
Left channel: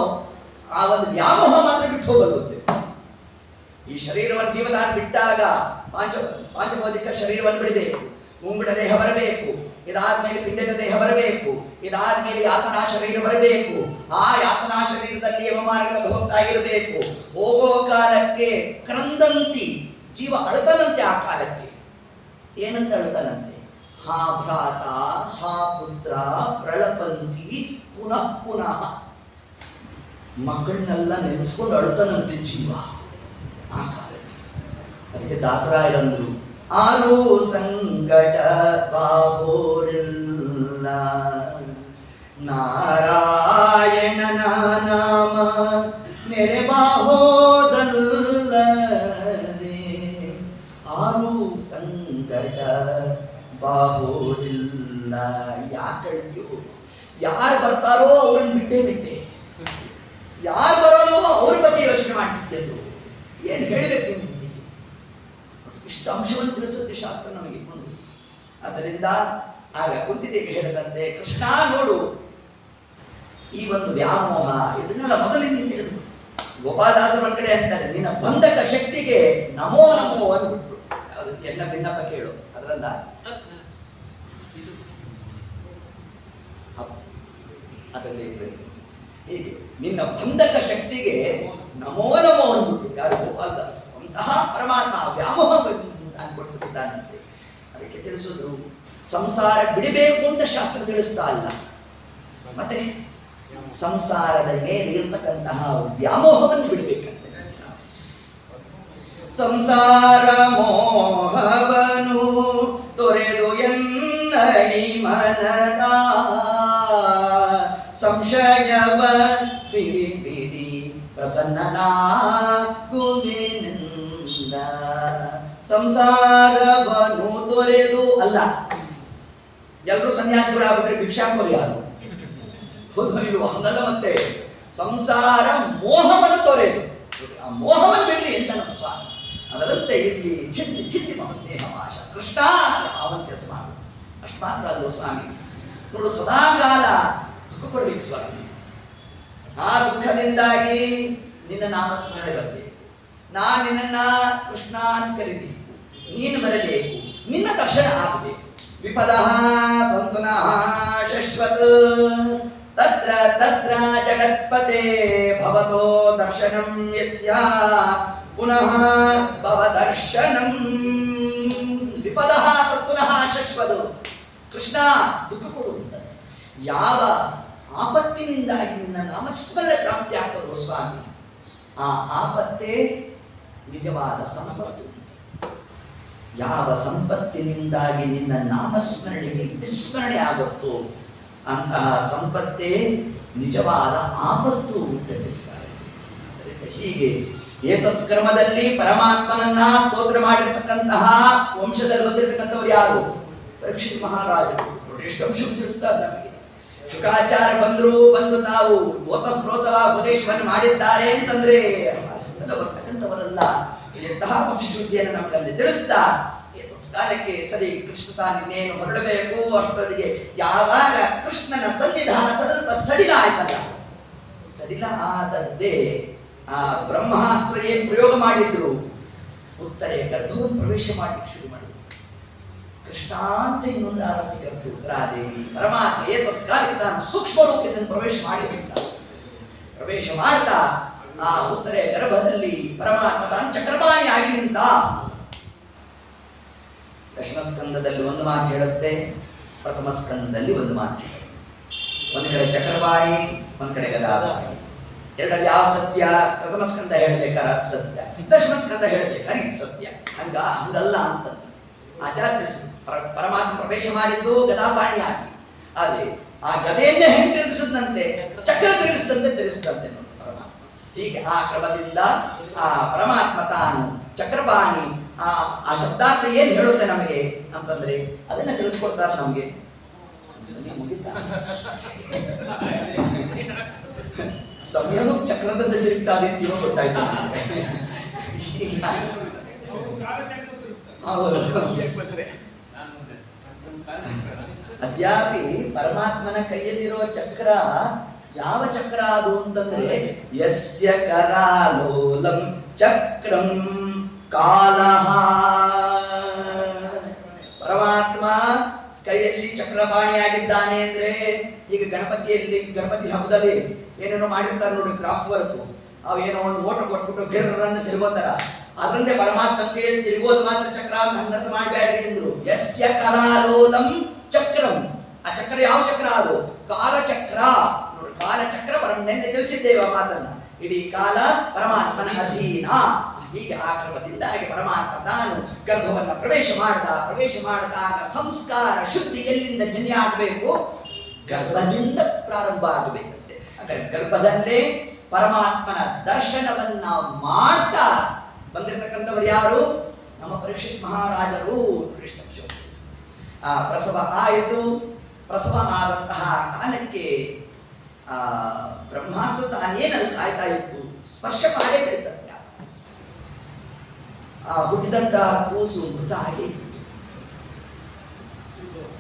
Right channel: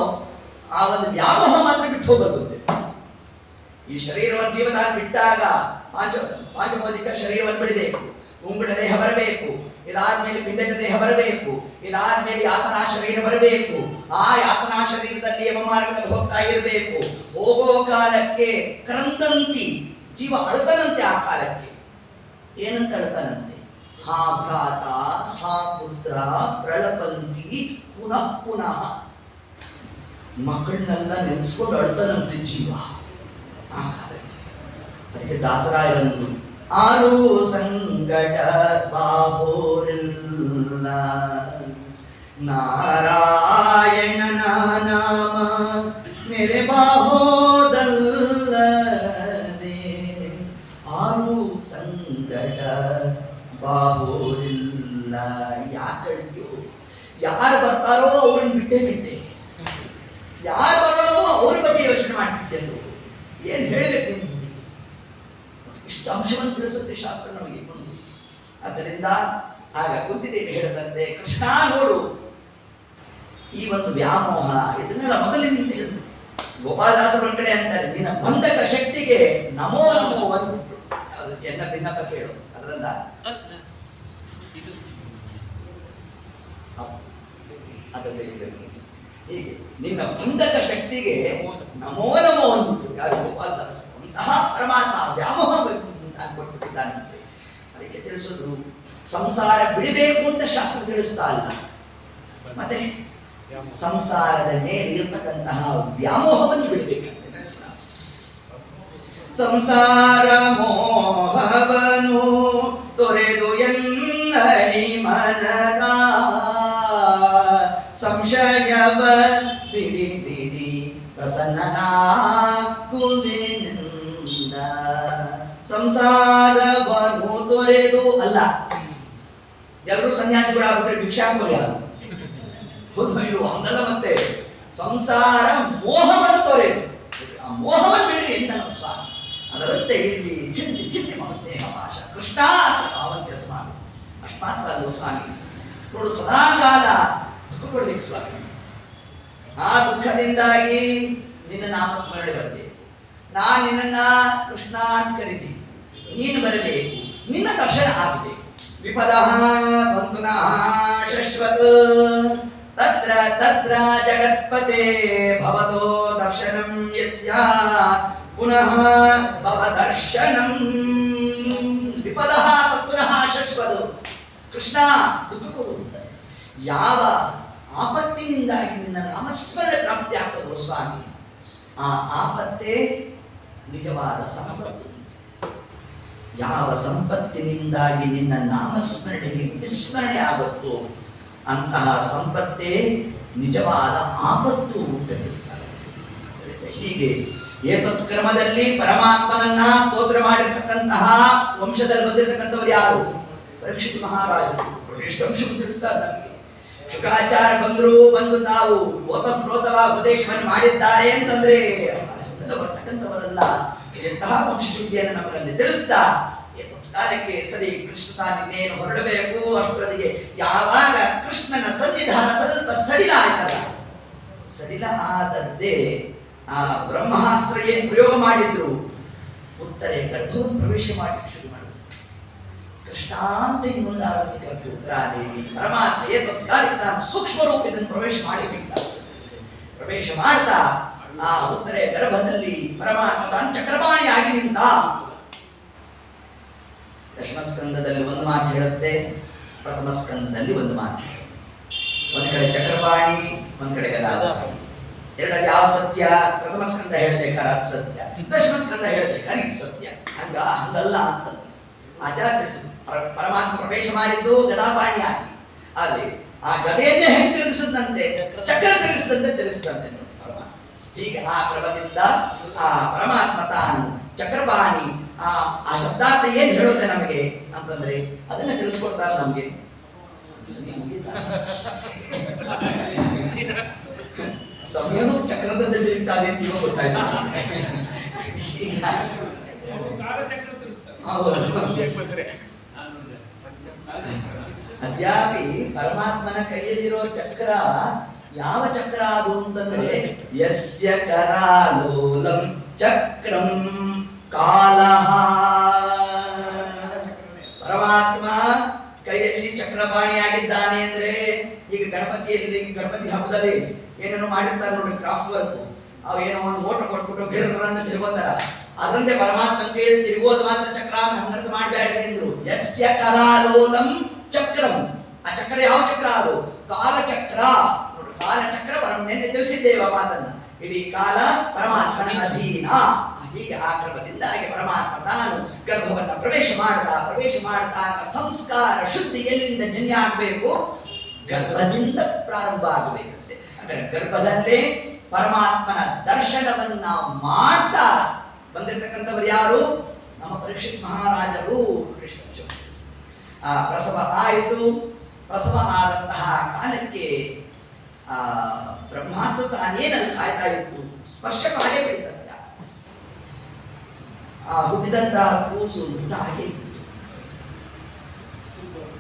ಆ ಒಂದು ವ್ಯಾಮೋಹ ಮಾತ್ರ ಬಿಟ್ಟು ಹೋಗಲ್ವಂತೆ. ಈ ಶರೀರವನ್ನು ಜೀವದಾನ ಬಿಟ್ಟಾಗ ಪಾಂಚಭೌತಿಕ ಶರೀರವನ್ನು ಬಿಡಬೇಕು, ಉಂಗುಡ ದೇಹ ಬರಬೇಕು, ಇದಾದ್ಮೇಲೆ ಪಿಂಡದ ದೇಹ ಬರಬೇಕು, ಇದಾದ್ಮೇಲೆ ಯಾತನಾ ಶರೀರ ಬರಬೇಕು. ಆ ಯಾತನಾ ಶರೀರದಲ್ಲಿ ಯಮಮಾರ್ಗದಲ್ಲಿ ಹೋಗ್ತಾ ಇರಬೇಕು. ಹೋಗೋ ಕಾಲಕ್ಕೆ ಕ್ರಂದಂತಿ ಜೀವ ಅಳತನಂತೆ. ಆ ಕಾಲಕ್ಕೆ ಏನಂತ ಅಳತನಂತೆ, ಹಾ ಭ್ರಾತ ಹಾ ಪುತ್ರ ಪ್ರಳಪಂತಿ ಪುನಃ ಪುನಃ. ಮಕ್ಕಳನ್ನೆಲ್ಲ ನೆನೆಸ್ಕೊಂಡು ಅಳತನಂತೆ ಜೀವ ಆ ಕಾಲಕ್ಕೆ. ಅದಕ್ಕೆ ದಾಸರಾಯರಂದ್ರು, ಆರು ಸಂಕಟ ಬಾಬೋರಿಲ್ಲ, ನಾರಾಯಣನ ನಾಮ ನೆರೆಬಾಹೋದಲ್ಲದೆ. ಆರು ಸಂಕಟ ಬಾಬೋರಿಲ್ಲ. ಯಾಕೆ ಹೇಳ್ತೀಯೋ, ಯಾರು ಬರ್ತಾರೋ ಅವ್ರನ್ನ ಬಿಟ್ಟೆ, ಯಾರು ಬರೋಲ್ವೋ ಅವ್ರ ಬಗ್ಗೆ ಯೋಚನೆ ಮಾಡ್ತಿದ್ದೆವು. ಏನು ಹೇಳಬೇಕು ನಿಮ್ಗೆ, ಇಷ್ಟು ಅಂಶವನ್ನು ತಿಳಿಸುತ್ತೆ ಶಾಸ್ತ್ರ ನಮಗೆ ಒಂದು. ಆದ್ದರಿಂದ ಆಗ ಕುಂತಿದೇವಿ ಹೇಳಿದಂತೆ, ಕೃಷ್ಣ ನೋಡು, ಈ ಒಂದು ವ್ಯಾಮೋಹ ಇದನ್ನೆಲ್ಲ ಮೊದಲಿನ ತೆಗೆದುಬಿಟ್ಟು. ಗೋಪಾಲದಾಸರು ಒಂದ್ ಕಡೆ ಅಂತಾರೆ, ನಿನ್ನ ಬಂಧಕ ಶಕ್ತಿಗೆ ನಮೋ ನಮೋ ಅಂದ್ಬಿಟ್ರು. ಅದು ಎನ್ನ ಭಿನ್ನಪ ಕೇಳು, ಅದರಿಂದ ಅದರಲ್ಲಿ ಹೀಗೆ ನಿನ್ನ ಬಂಧಕ ಶಕ್ತಿಗೆ ನಮೋ ನಮೋ ಅಂದ್ಬಿಟ್ಟು. ಯಾರು? ಗೋಪಾಲದಾಸರು. ಅಂತಹ ಪರಮಾತ್ಮ ವ್ಯಾಮೋಹ ಅನ್ಕೊಡ್ತಿದ್ದಾನಂತೆ. ಅದಕ್ಕೆ ತಿಳಿಸಿದ್ರು, ಸಂಸಾರ ಬಿಡಬೇಕು ಅಂತ ಶಾಸ್ತ್ರ ತಿಳಿಸ್ತಾ ಇಲ್ಲ, ಮತ್ತೆ ಸಂಸಾರದ ಮೇಲೆ ಇರತಕ್ಕಂತಹ ವ್ಯಾಮೋಹವನ್ನು ಬಿಡಬೇಕಂತೆ. ಸಂಸಾರ ಮೋಹವನು ತೊರೆದು ಎನ್ನಡಿ ಮನದ, ಸಂಶಯವ ಬಿಡಿ ಬಿಡಿ ಪ್ರಸನ್ನನಾಗುವೆನೆಂದ. ಸಂಸಾರವನ್ನು ತೊರೆದು ಅಲ್ಲ, ಎಲ್ಲರೂ ಸನ್ಯಾಸಿಗಳು ಆಗ್ಬಿಟ್ರೆ ಭಿಕ್ಷಾಕೋರಿ ಯಾರು? ಹೌದು ಇಲ್ವೋ? ಹಂಗಲ್ಲ. ಮತ್ತೆ ಸಂಸಾರ ಮೋಹವನ್ನು ತೊರೆದು, ಆ ಮೋಹವನ್ನು ಬಿಡ್ರಿ ಎಂತ ನಮ್ಮ ಸ್ವಾಮಿ. ಅದರಂತೆ ಇಲ್ಲಿ ಚಿಂತಿ ಚಿಂತಿ ಮಮ ಸ್ನೇಹ ಪಾಶ. ಕೃಷ್ಣ ಅವನ ಕೆಲಸ ಮಾಡು. ಅಷ್ಟು ಮಾತ್ರ ಅಲ್ಲೋ ಸ್ವಾಮಿ. ನೋಡು, ಸದಾಕಾಲ ದುಃಖ ಕೊಡ್ಬೇಕು ಸ್ವಾಮಿ. ಆ ದುಃಖದಿಂದಾಗಿ ನಿನ್ನ ನಾಮಸ್ಮರಣೆ ಬರಬೇಕು. ನಾನು ನಿನ್ನನ್ನ ಕೃಷ್ಣ ಅಂತ ಕರಿಬೇಕು, ನೀನು ಬರಬೇಕು, ನಿನ್ನ ದರ್ಶನ ಆಗಬೇಕು. ವಿಪದ ಸಂತುನಃ ಶಶ್ವತ್ ತತ್ರ ತತ್ರ ಜಗತ್ಪತೆ ಭವತೋ ದರ್ಶನಂ ಯಸ್ಯ ಪುನಃ ಭವ ದರ್ಶನಂ. ವಿಪದ ಸಂತುನಃ ಶಶ್ವತ್. ಕೃಷ್ಣ ದುಃಖ ಕೊಡುತ್ತಾರೆ. ಯಾವ ಆಪತ್ತಿನಿಂದಾಗಿ ನಿನ್ನ ನಾಮಸ್ಮರಣೆ ಪ್ರಾಪ್ತಿ ಆಗ್ತದೋ ಸ್ವಾಮಿ, ಆ ಆಪತ್ತೇ ನಿಜವಾದ ಸಂಪತ್ತು. ಯಾವ ಸಂಪತ್ತಿನಿಂದಾಗಿ ನಿನ್ನ ನಾಮಸ್ಮರಣೆಗೆ ವಿಸ್ಮರಣೆ ಆಗುತ್ತೋ ಅಂತಹ ಸಂಪತ್ತೇ ನಿಜವಾದ ಆಪತ್ತು ಅಂತ ತಿಳಿಸ್ತಾರೆ. ಹೀಗೆ ಏತತ್ ಕ್ರಮದಲ್ಲಿ ಪರಮಾತ್ಮನನ್ನ ಸ್ತೋತ್ರ ಮಾಡಿರ್ತಕ್ಕಂತಹ ವಂಶದಲ್ಲಿ ಬಂದಿರತಕ್ಕಂಥವ್ರು ಯಾರು? ಪರೀಕ್ಷಿತ್ ಮಹಾರಾಜರು. ಎಷ್ಟು ಅಂಶವನ್ನು ತಿಳಿಸ್ತಾರೆ ನಮಗೆ. ಶುಕಾಚಾರ್ಯ ಬಂದು ತಾವು ಓತಪ್ರೋತವಾಗಿ ಉಪದೇಶವನ್ನು ಮಾಡಿದ್ದಾರೆ ಅಂತಂದ್ರೆ ಎಲ್ಲ ಬರ್ತಕ್ಕಂಥವರೆಲ್ಲ ಎಂತಹ ವಂಶಶುದ್ಧಿಯನ್ನು ನಮಗಲ್ಲಿ ತಿಳಿಸ್ತಾ ಕಾಲಕ್ಕೆ ಸರಿ ಕೃಷ್ಣ ತಾನಿನ್ನೇನು ಹೊರಡಬೇಕು ಅಷ್ಟೊತ್ತಿಗೆ ಯಾವಾಗ ಕೃಷ್ಣನ ಸನ್ನಿಧಾನ ಸ್ವಲ್ಪ ಸಡಿಲ ಆಯ್ತಲ್ಲ, ಸಡಿಲ ಆದದ್ದೇ ಆ ಬ್ರಹ್ಮಾಸ್ತ್ರ ಏನು ಪ್ರಯೋಗ ಮಾಡಿದ್ರು ಉತ್ತರೆ ಗರ್ಭವನ್ನು ಪ್ರವೇಶ ಮಾಡಲಿಕ್ಕೆ ಶುರು ಮಾಡಿದ್ರು. ಕೃಷ್ಣ ಅಂತ ಇನ್ನೊಂದು ಆರಂಭಿಕ ಉತ್ತರಾದೇವಿ ಪರಮಾತ್ಮ ಏತತ್ಕಾಲಿಕ ತಾನು ಸೂಕ್ಷ್ಮ ರೂಪದಿಂದ ಪ್ರವೇಶ ಮಾಡಿಬಿಟ್ಟ. ಪ್ರವೇಶ ಮಾಡ್ತಾ ಆ ಉತ್ತರೆ ಗರ್ಭದಲ್ಲಿ ಪರಮಾತ್ಮ ತಾನು ಚಕ್ರಪಾಣಿಯಾಗಿ ನಿಂತ. ದಶಮ ಸ್ಕಂದದಲ್ಲಿ ಒಂದು ಮಾತು ಹೇಳುತ್ತೆ, ಪ್ರಥಮ ಸ್ಕಂದದಲ್ಲಿ ಒಂದು ಮಾತು ಹೇಳುತ್ತೆ. ಒಂದು ಕಡೆ ಚಕ್ರಪಾಣಿ, ಒಂದು ಕಡೆ ಗದಾಪಾಣಿ. ಎರಡಲ್ಲಿ ಯಾವ ಸತ್ಯ? ಪ್ರಥಮ ಸ್ಕಂದ ಹೇಳ್ಬೇಕಾದ್ರೆ ಅದು ಸತ್ಯ, ದಶಮ ಸ್ಕಂದ ಹೇಳ್ಬೇಕಾದ್ರೆ ಇದು ಸತ್ಯ. ಹಂಗಲ್ಲ ಅಂತ ಆಚಾರ್ಯ ತಿಳಿಸಿದ್ರು. ಪರಮಾತ್ಮ ಪ್ರವೇಶ ಮಾಡಿದ್ದು ಗದಾಪಾಣಿಯಾಗಿ, ಅಲ್ಲಿ ಆ ಗದೆಯನ್ನೇ ಹೆಂಗೆ ತಿರುಗಿಸಿದಂತೆ ಚಕ್ರ ತಿರುಗಿಸಿದಂತೆ ತಿರುಗಿಸಿದಂತೆ ನೋಡಿ ಪರಮಾತ್ಮ. ಹೀಗೆ ಆ ಕ್ರಮದಿಂದ ಆ ಪರಮಾತ್ಮ ತಾನು ಚಕ್ರಪಾಣಿ ಆ ಶಬ್ದಾರ್ಥ ಏನು ಹೇಳುತ್ತೆ ನಮಗೆ ಅಂತಂದ್ರೆ ಅದನ್ನ ತಿಳಿಸ್ಕೊಡ್ತಾರೆ ನಮಗೆ. ಸಮಯನು ಚಕ್ರದಿಂದ ತಿರುಗ್ತಾದೆ ಅಂತ ಇವಾಗ ಗೊತ್ತಾಯ್ತು. ಅದ್ಯಾಪಿ ಪರಮಾತ್ಮನ ಕೈಯಲ್ಲಿರುವ ಚಕ್ರ ಯಾವ ಚಕ್ರ ಅದು ಅಂತಂದ್ರೆ ಯಸ್ಯ ಕರಾಲೋಲಂ ಚಕ್ರಂ ಕಾಲಃ. ಪರಮಾತ್ಮ ಕೈಯಲ್ಲಿ ಚಕ್ರಪಾಣಿಯಾಗಿದ್ದಾನೆ ಅಂದ್ರೆ ಈಗ ಗಣಪತಿ ಹಬ್ಬದಲ್ಲಿ ಏನೇನೋ ಮಾಡಿರ್ತಾರೆ ನೋಡಿ ಕ್ರಾಫ್ಟ್ ವರ್ಕ್, ಅವು ಏನೋ ಒಂದು ಓಟ ಕೊಟ್ಬಿಟ್ಟು ಗಿರ್ರನ್ನು ತಿರುಗೋತಾರ, ಅದರಂತೆ ಪರಮಾತ್ಮ ಕೈಯಲ್ಲಿ ತಿರುಗೋದು ಮಾತ್ರ ಚಕ್ರ ಅಂತ ಹಂಗರ್ಥ ಮಾಡಬೇಡ್ರಿ ಅಂದ್ರು. ಯಸ್ಯ ಕರಾಲೋಲಂ ಚಕ್ರಂ. ಆ ಚಕ್ರ ಯಾವ ಚಕ್ರ ಅದು? ಕಾಲಚಕ್ರ. ನೋಡಿ ಕಾಲಚಕ್ರ ನಿನ್ನೆ ತಿಳಿಸಿದ್ದೇವೆ ಆ ಮಾತನ್ನ. ಇಡೀ ಕಾಲ ಪರಮಾತ್ಮನ ಅಧೀನ. ಹೀಗೆ ಆ ಕ್ರಮದಿಂದಾಗಿ ಪರಮಾತ್ಮ ತಾನು ಗರ್ಭವನ್ನ ಪ್ರವೇಶ ಮಾಡಿದಾಗ ಸಂಸ್ಕಾರ ಶುದ್ಧಿ ಎಲ್ಲಿಂದ ಜನ್ಯ ಆಗಬೇಕು? ಗರ್ಭದಿಂದ ಪ್ರಾರಂಭ ಆಗಬೇಕಂತೆ. ಅಂದ್ರೆ ಗರ್ಭದಲ್ಲೇ ಪರಮಾತ್ಮನ ದರ್ಶನವನ್ನ ಮಾಡ್ತಾ ಬಂದಿರತಕ್ಕಂಥವ್ರು ಯಾರು? ನಮ್ಮ ಪರೀಕ್ಷಿತ್ ಮಹಾರಾಜರು. ಪ್ರಸವ ಆಯಿತು. ಪ್ರಸವ ಆದಂತಹ ಕಾಲಕ್ಕೆ ಬ್ರಹ್ಮಾಸ್ತ್ರ ತಾನೇನಲ್ಲಿ ಕಾಯ್ತಾ ಇತ್ತು, ಸ್ಪರ್ಶ ಮಾಡೇ ಬಿಡ್ತಂತೆ. ಆ ಹುಟ್ಟಿದಂತಹ ಕೂಸು ಮೃತ ಆಗಿ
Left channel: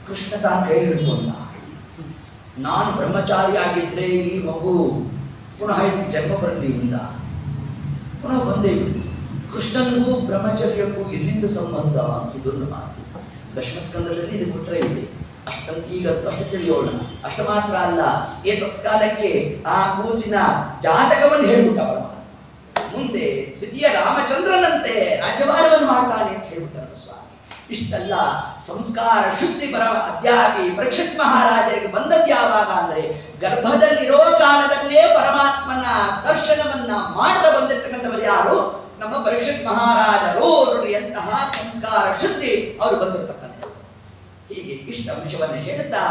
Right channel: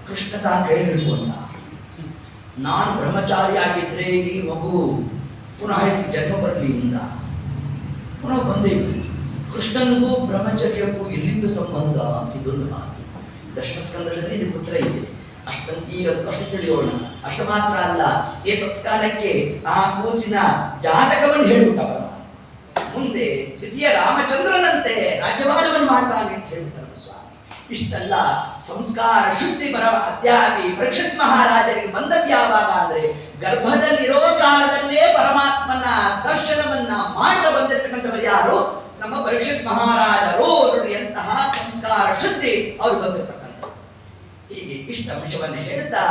ಕೃಷ್ಣ ತಾನು ಕೈ ಹಿಡ್ಕೊಂಡ. ನಾನು ಬ್ರಹ್ಮಚಾರಿ ಆಗಿದ್ರೆ ಈ ಮಗು ಪುನಃ ಜನ್ಮ ಬರಲಿ ಇಂದ ಪುನಃ ಬಂದೇ ಬಿಡಿ. ಕೃಷ್ಣನಿಗೂ ಬ್ರಹ್ಮಚರ್ಯಕ್ಕೂ ಎಲ್ಲಿಂದ ಸಂಬಂಧ ಅಂತ ಇದೊಂದು ಮಾತು. ದಶಮಸ್ಕಂದದಲ್ಲಿ ಇದು ಉತ್ತರ ಇದೆ. ಅಷ್ಟಂತ ಈಗ ಅಷ್ಟು ತಿಳಿಯೋಣ. ಅಷ್ಟು ಮಾತ್ರ ಅಲ್ಲ, ಈ ತತ್ಕಾಲಕ್ಕೆ ಆ ಕೂಸಿನ ಜಾತಕವನ್ನು ಹೇಳ್ಬಿಟ್ಟ ಪರಮಾತ್ಮ. ಮುಂದೆ ದ್ವಿತೀಯ ರಾಮಚಂದ್ರನಂತೆ ರಾಜ್ಯಭಾರವನ್ನು ಮಾಡ್ತಾನೆ ಅಂತ ಹೇಳ್ಬಿಟ್ಟಾರ ಸ್ವಾಮಿ. ಇಷ್ಟೆಲ್ಲ ಸಂಸ್ಕಾರ ಶುದ್ಧಿ ಅದ್ಯಾಪಿ ಪರೀಕ್ಷಿತ್ ಮಹಾರಾಜರಿಗೆ ಬಂದದ್ದು ಯಾವಾಗ ಅಂದ್ರೆ ಗರ್ಭದಲ್ಲಿರೋ ಕಾಲದಲ್ಲೇ ಪರಮಾತ್ಮನ ದರ್ಶನವನ್ನ ಮಾಡದ ಬಂದಿರ್ತಕ್ಕಂಥವರು ಯಾರು? ನಮ್ಮ ಪರೀಕ್ಷಿತ್ ಮಹಾರಾಜರು. ನೋಡಿ ಎಂತಹ ಸಂಸ್ಕಾರ ಶುದ್ಧಿ ಅವರು ಬಂದಿರ್ತಕ್ಕಂಥ. ಹೀಗೆ ಇಷ್ಟ ಅಂಶವನ್ನು ಹೇಳ್ತಾ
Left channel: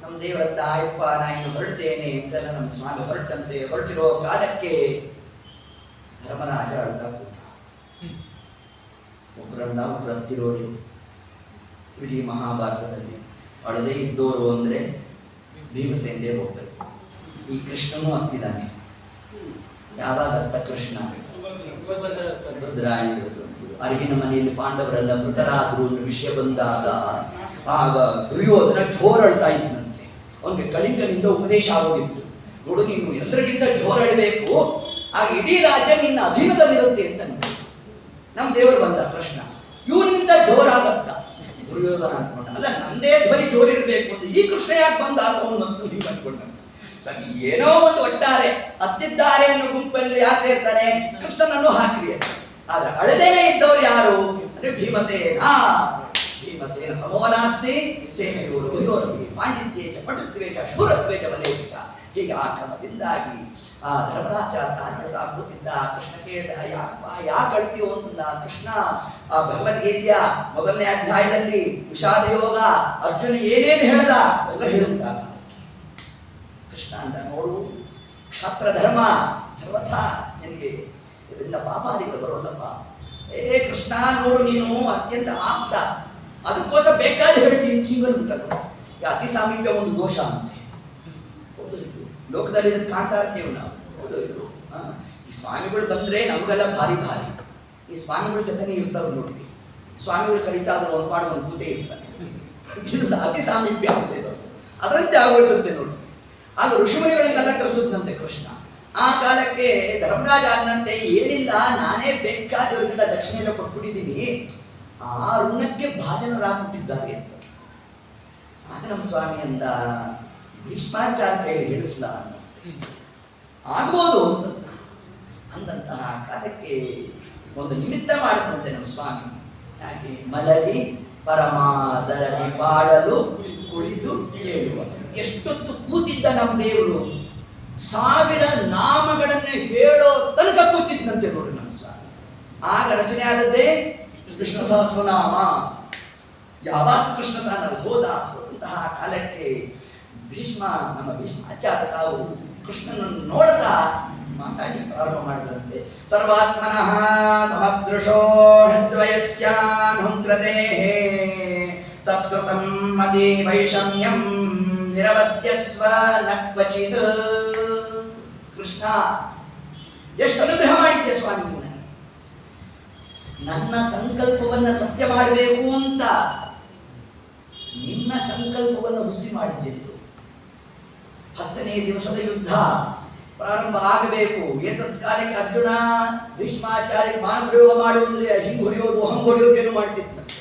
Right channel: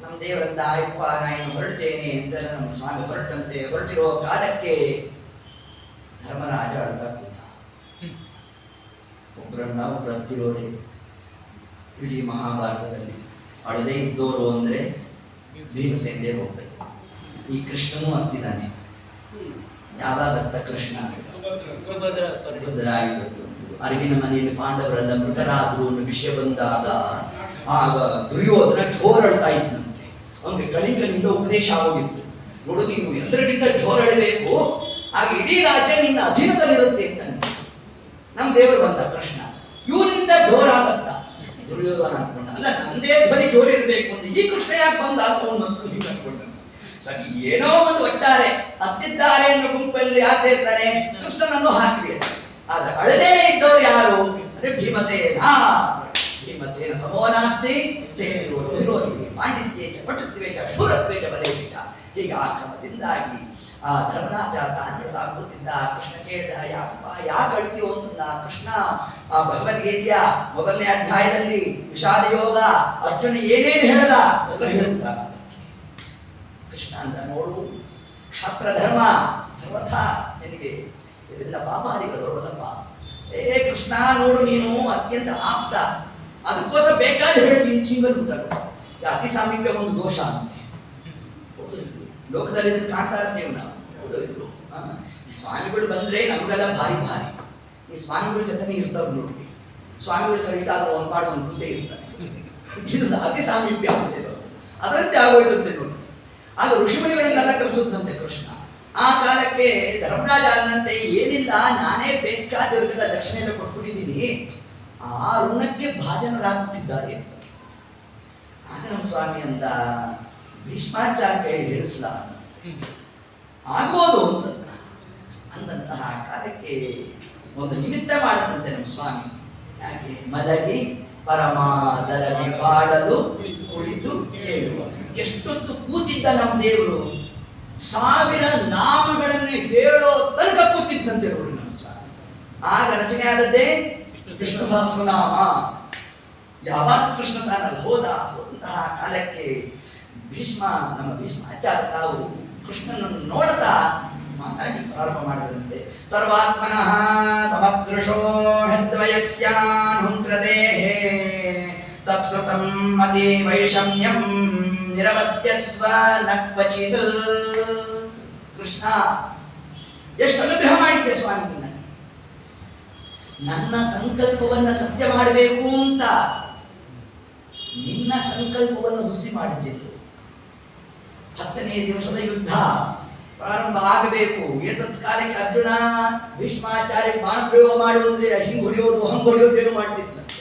ನಮ್ಮ ದೇವರಂತ ಆಯ್ತಪ್ಪ ನಾ ಇನ್ನು ಹೊರಡ್ತೇನೆ ಅಂತೆಲ್ಲ ನಮ್ಮ ಸ್ವಾಮಿ ಹೊರಟಂತೆ. ಹೊರಟಿರೋ ಕಾಲಕ್ಕೆ ಧರ್ಮರಾಜ ಅಳ್ತಾ ಕೂತ. ಒಬ್ಬರನ್ನ ಒಬ್ಬರು ಹತ್ತಿರೋರೆ ಇಡೀ ಮಹಾಭಾರತದಲ್ಲಿ ಅಳದೇ ಇದ್ದೋರು ಅಂದ್ರೆ ಭೀಮಸೇನ ಹೋಗ್ಬೇಕು. ಈ ಕೃಷ್ಣನೂ ಹತ್ತಿದ್ದಾನೆ. ಯಾವಾಗ ಅರ್ಥ ಕೃಷ್ಣ ಸುಭದ್ರ ಅರಗಿನ ಮನೆಯಲ್ಲಿ ಪಾಂಡವರೆಲ್ಲ ಮೃತರಾದ್ರು ಅನ್ನೋ ವಿಷಯ ಬಂದಾಗ ಆಗ ದುರ್ಯೋಧನ ಜೋರಳ್ತಾ ಇದ್ದಂತೆ. ಅವನಿಗೆ ಕಳಿಂಗನಿಂದ ಉಪದೇಶ ಆಗೋಗಿತ್ತು. ನೋಡು ನೀನು ಎಲ್ಲರಿಗಿಂತ ಜೋರಳಬೇಕು, ಆಗ ಇಡೀ ರಾಜ್ಯ ನಿನ್ನ ಅಧೀನದಲ್ಲಿರುತ್ತೆ ಅಂತಂತೆ. ನಮ್ಮ ದೇವರು ಬಂದ ಕೃಷ್ಣ, ಇವನಿಗಿಂತ ಜೋರಾಗತ್ತ ದುರ್ಯೋಧನ ಅನ್ಕೊಂಡ. ಅಲ್ಲ ನಂದೇ ಧ್ವನಿ ಜೋರಿರ್ಬೇಕು ಅಂತ ಈ ಕೃಷ್ಣ ಯಾಕೆ ಬಂದ ಅಂತ ಹೀಗೆ ಅನ್ಕೊಂಡ. ಸರಿ ಏನೋ ಒಂದು ಒಟ್ಟಾರೆ ಹತ್ತಿದ್ದಾರೆ ಅನ್ನೋ ಗುಂಪಲ್ಲಿ ಯಾರು ಸೇರ್ತಾನೆ? ಕೃಷ್ಣನನ್ನು ಹಾಕಿರಿ. ಆದ್ರೆ ಅಳದೇನೆ ಇದ್ದವ್ರು ಯಾರು ಅಂದ್ರೆ ಭೀಮಸೇನ. ಭೀಮಸೇನ ಸಮೋನಾಸ್ತಿ ಸೇನೆಯೋರು ಪಾಂಡಿತ್ಯೇಚ ಪಟುತ್ವೇಚ ಶೂರತ್ವೇಚ ಬಲೇಚ. ಹೀಗೆ ಆ ಕ್ರಮದಿಂದಾಗಿ ಆ ಧರ್ಮರಾಜ ತಾನ್ಯತಾ ಕೂತಿದ್ದ. ಕೃಷ್ಣ ಕೇಳಿದ ಯಾಕೆ ಅಳ್ತೀವೋ ಅಂತಂದ. ಕೃಷ್ಣ ಆ ಭಗವದ್ಗೀತೆಯ ಮೊದಲನೇ ಅಧ್ಯಾಯದಲ್ಲಿ ವಿಷಾದ ಯೋಗ ಅರ್ಜುನ ಏನೇನು ಹೇಳ್ದ ಎಲ್ಲ ಹೇಳ್ತಾ ಕೃಷ್ಣ ಅಂತ. ನೋಡು ಕ್ಷಾತ್ರ ಧರ್ಮ ಸರ್ವಥಾ ನಿನಗೆ ಇದೆಲ್ಲ ಪಾಪಾದಿಗಳು ಬರೋಲ್ಲಪ್ಪ. ಕೃಷ್ಣ ನೋಡು ನೀನು ಅತ್ಯಂತ ಆಪ್ತ, ಅದಕ್ಕೋಸ್ಕರ ಬೇಕಾದ್ರೆ ಹೇಳ್ತೀನಿ ಹಿಂಗನ್ಬಿಟ್ಟ. ಅತಿ ಸಾಮೀಪ್ಯ ಒಂದು ದೋಷ ಅಂತೆ. ಲೋಕದಲ್ಲಿ ಇದನ್ನು ಕಾಣ್ತಾ ಇರ್ತೇವೆ ನಾವು. ಹೌದು ಇದು ಈ ಸ್ವಾಮಿಗಳು ಬಂದ್ರೆ ನಮಗೆಲ್ಲ ಭಾರಿ ಭಾರಿ. ಈ ಸ್ವಾಮಿಗಳ ಜೊತೆನೇ ಇರ್ತಾವ್ರು ನೋಡಿ. ಸ್ವಾಮಿಗಳು ಕರೀತಾದ್ರು ಒಂದು ಪಾಡು ಒಂದು ಕೂತೆ ಇರ್ತಾರೆ. ಇದು ಅತಿ ಸಾಮೀಪ್ಯ ಅಂತ ಅದರಂತೆ ಆಗೋಯ್ತಂತೆ ನೋಡಿ. ಆಗ ಋಷಿಮುನಿಗಳನ್ನೆಲ್ಲ ಕರೆಸುತ್ತಂತೆ ಕೃಷ್ಣ. ಆ ಕಾಲಕ್ಕೆ ಧರ್ಮರಾಜ ಅನ್ನಂತೆ ಏನಿಲ್ಲ, ನಾನೇ ಬೇಕಾದವರಿಗೆಲ್ಲ ದಕ್ಷಿಣೆ ಎಲ್ಲ ಕೊಟ್ಬಿಟ್ಟಿದ್ದೀನಿ, ಆ ಋಣಕ್ಕೆ ಭಾಜನರಾಗುತ್ತಿದ್ದಾರೆ ಅಂತ. ಆಗ ನಮ್ಮ ಸ್ವಾಮಿ ಅಂದ, ಭೀಷ್ಮಾಚಾರ್ಯ ಕೈಯಲ್ಲಿ ಹೇಳಿಸ್ಲ ಆಗ್ಬೋದು ಅಂತ ಅಂದಂತಹ ಕಾಲಕ್ಕೆ ಒಂದು ನಿಮಿತ್ತ ಮಾಡುತ್ತಂತೆ ನಮ್ಮ ಸ್ವಾಮಿ. ಯಾಕೆ? ಮಲಗಿ ಪರಮಾದರದಿ ಪಾಡಲು ಕುಳಿತು ಹೇಳುವ. ಎಷ್ಟೊತ್ತು ಕೂತಿದ್ದ ನಮ್ಮ ದೇವರು, 1000 ನಾಮಗಳನ್ನು ಹೇಳೋ ತನಕ ಕೂತಿದ್ದಂತೆ ನೋಡಿ ನಮ್ಮ ಸ್ವಾಮಿ. ಆಗ ರಚನೆ ಆದದ್ದೇ ವಿಷ್ಣು ಸಹಸ್ರನಾಮ. ಯಾವಾಗ ಕೃಷ್ಣ ತಾನಲ್ಲಿ ಹೋದಂತಹ ಕಾಲಕ್ಕೆ ನಮ್ಮ ಭೀಷ್ಮಾಚಾರ್ಯ ತಾವು ಕೃಷ್ಣನನ್ನು ನೋಡ್ತಾ ಮಾತಾಡಿ ಪ್ರಾರಂಭ ಮಾಡಿದಂತೆ. ಸರ್ವಾತ್ಮನಃ ಸಮದೃಶೋ ಹೃದ್ವಯಸ್ಯಾನುಕೃತೆ ತತ್ಕೃತಂ ಮತಿ ವೈಷಮ್ಯಂ ನಿರವದ್ಯಸ್ವ ನ ಕ್ವಚಿತ್. ಕೃಷ್ಣ, ಎಷ್ಟು ಅನುಗ್ರಹ ಮಾಡಿದ್ದೆ ಸ್ವಾಮಿ ನಿನ್ನ. ನನ್ನ ಸಂಕಲ್ಪವನ್ನು ಸತ್ಯ ಮಾಡಬೇಕು ಅಂತ ನಿನ್ನ ಸಂಕಲ್ಪವನ್ನು ಹುಸಿ ಮಾಡಿದ್ದೆವು. 10ನೇ ದಿವಸದ ಯುದ್ಧ ಪ್ರಾರಂಭ ಆಗಬೇಕು. ಏತತ್ ಕಾಲಕ್ಕೆ ಅರ್ಜುನ ಭೀಷ್ಮಾಚಾರ್ಯ ಬಾಣ ಪ್ರಯೋಗ ಮಾಡುವುದ್ರೆ ಹಿಂಗ್ ಹೊಡೆಯೋದು ಹಂಗ್ ಹೊಡೆಯೋದು ಏನು ಮಾಡ್ತಿದ್ದಂತೆ.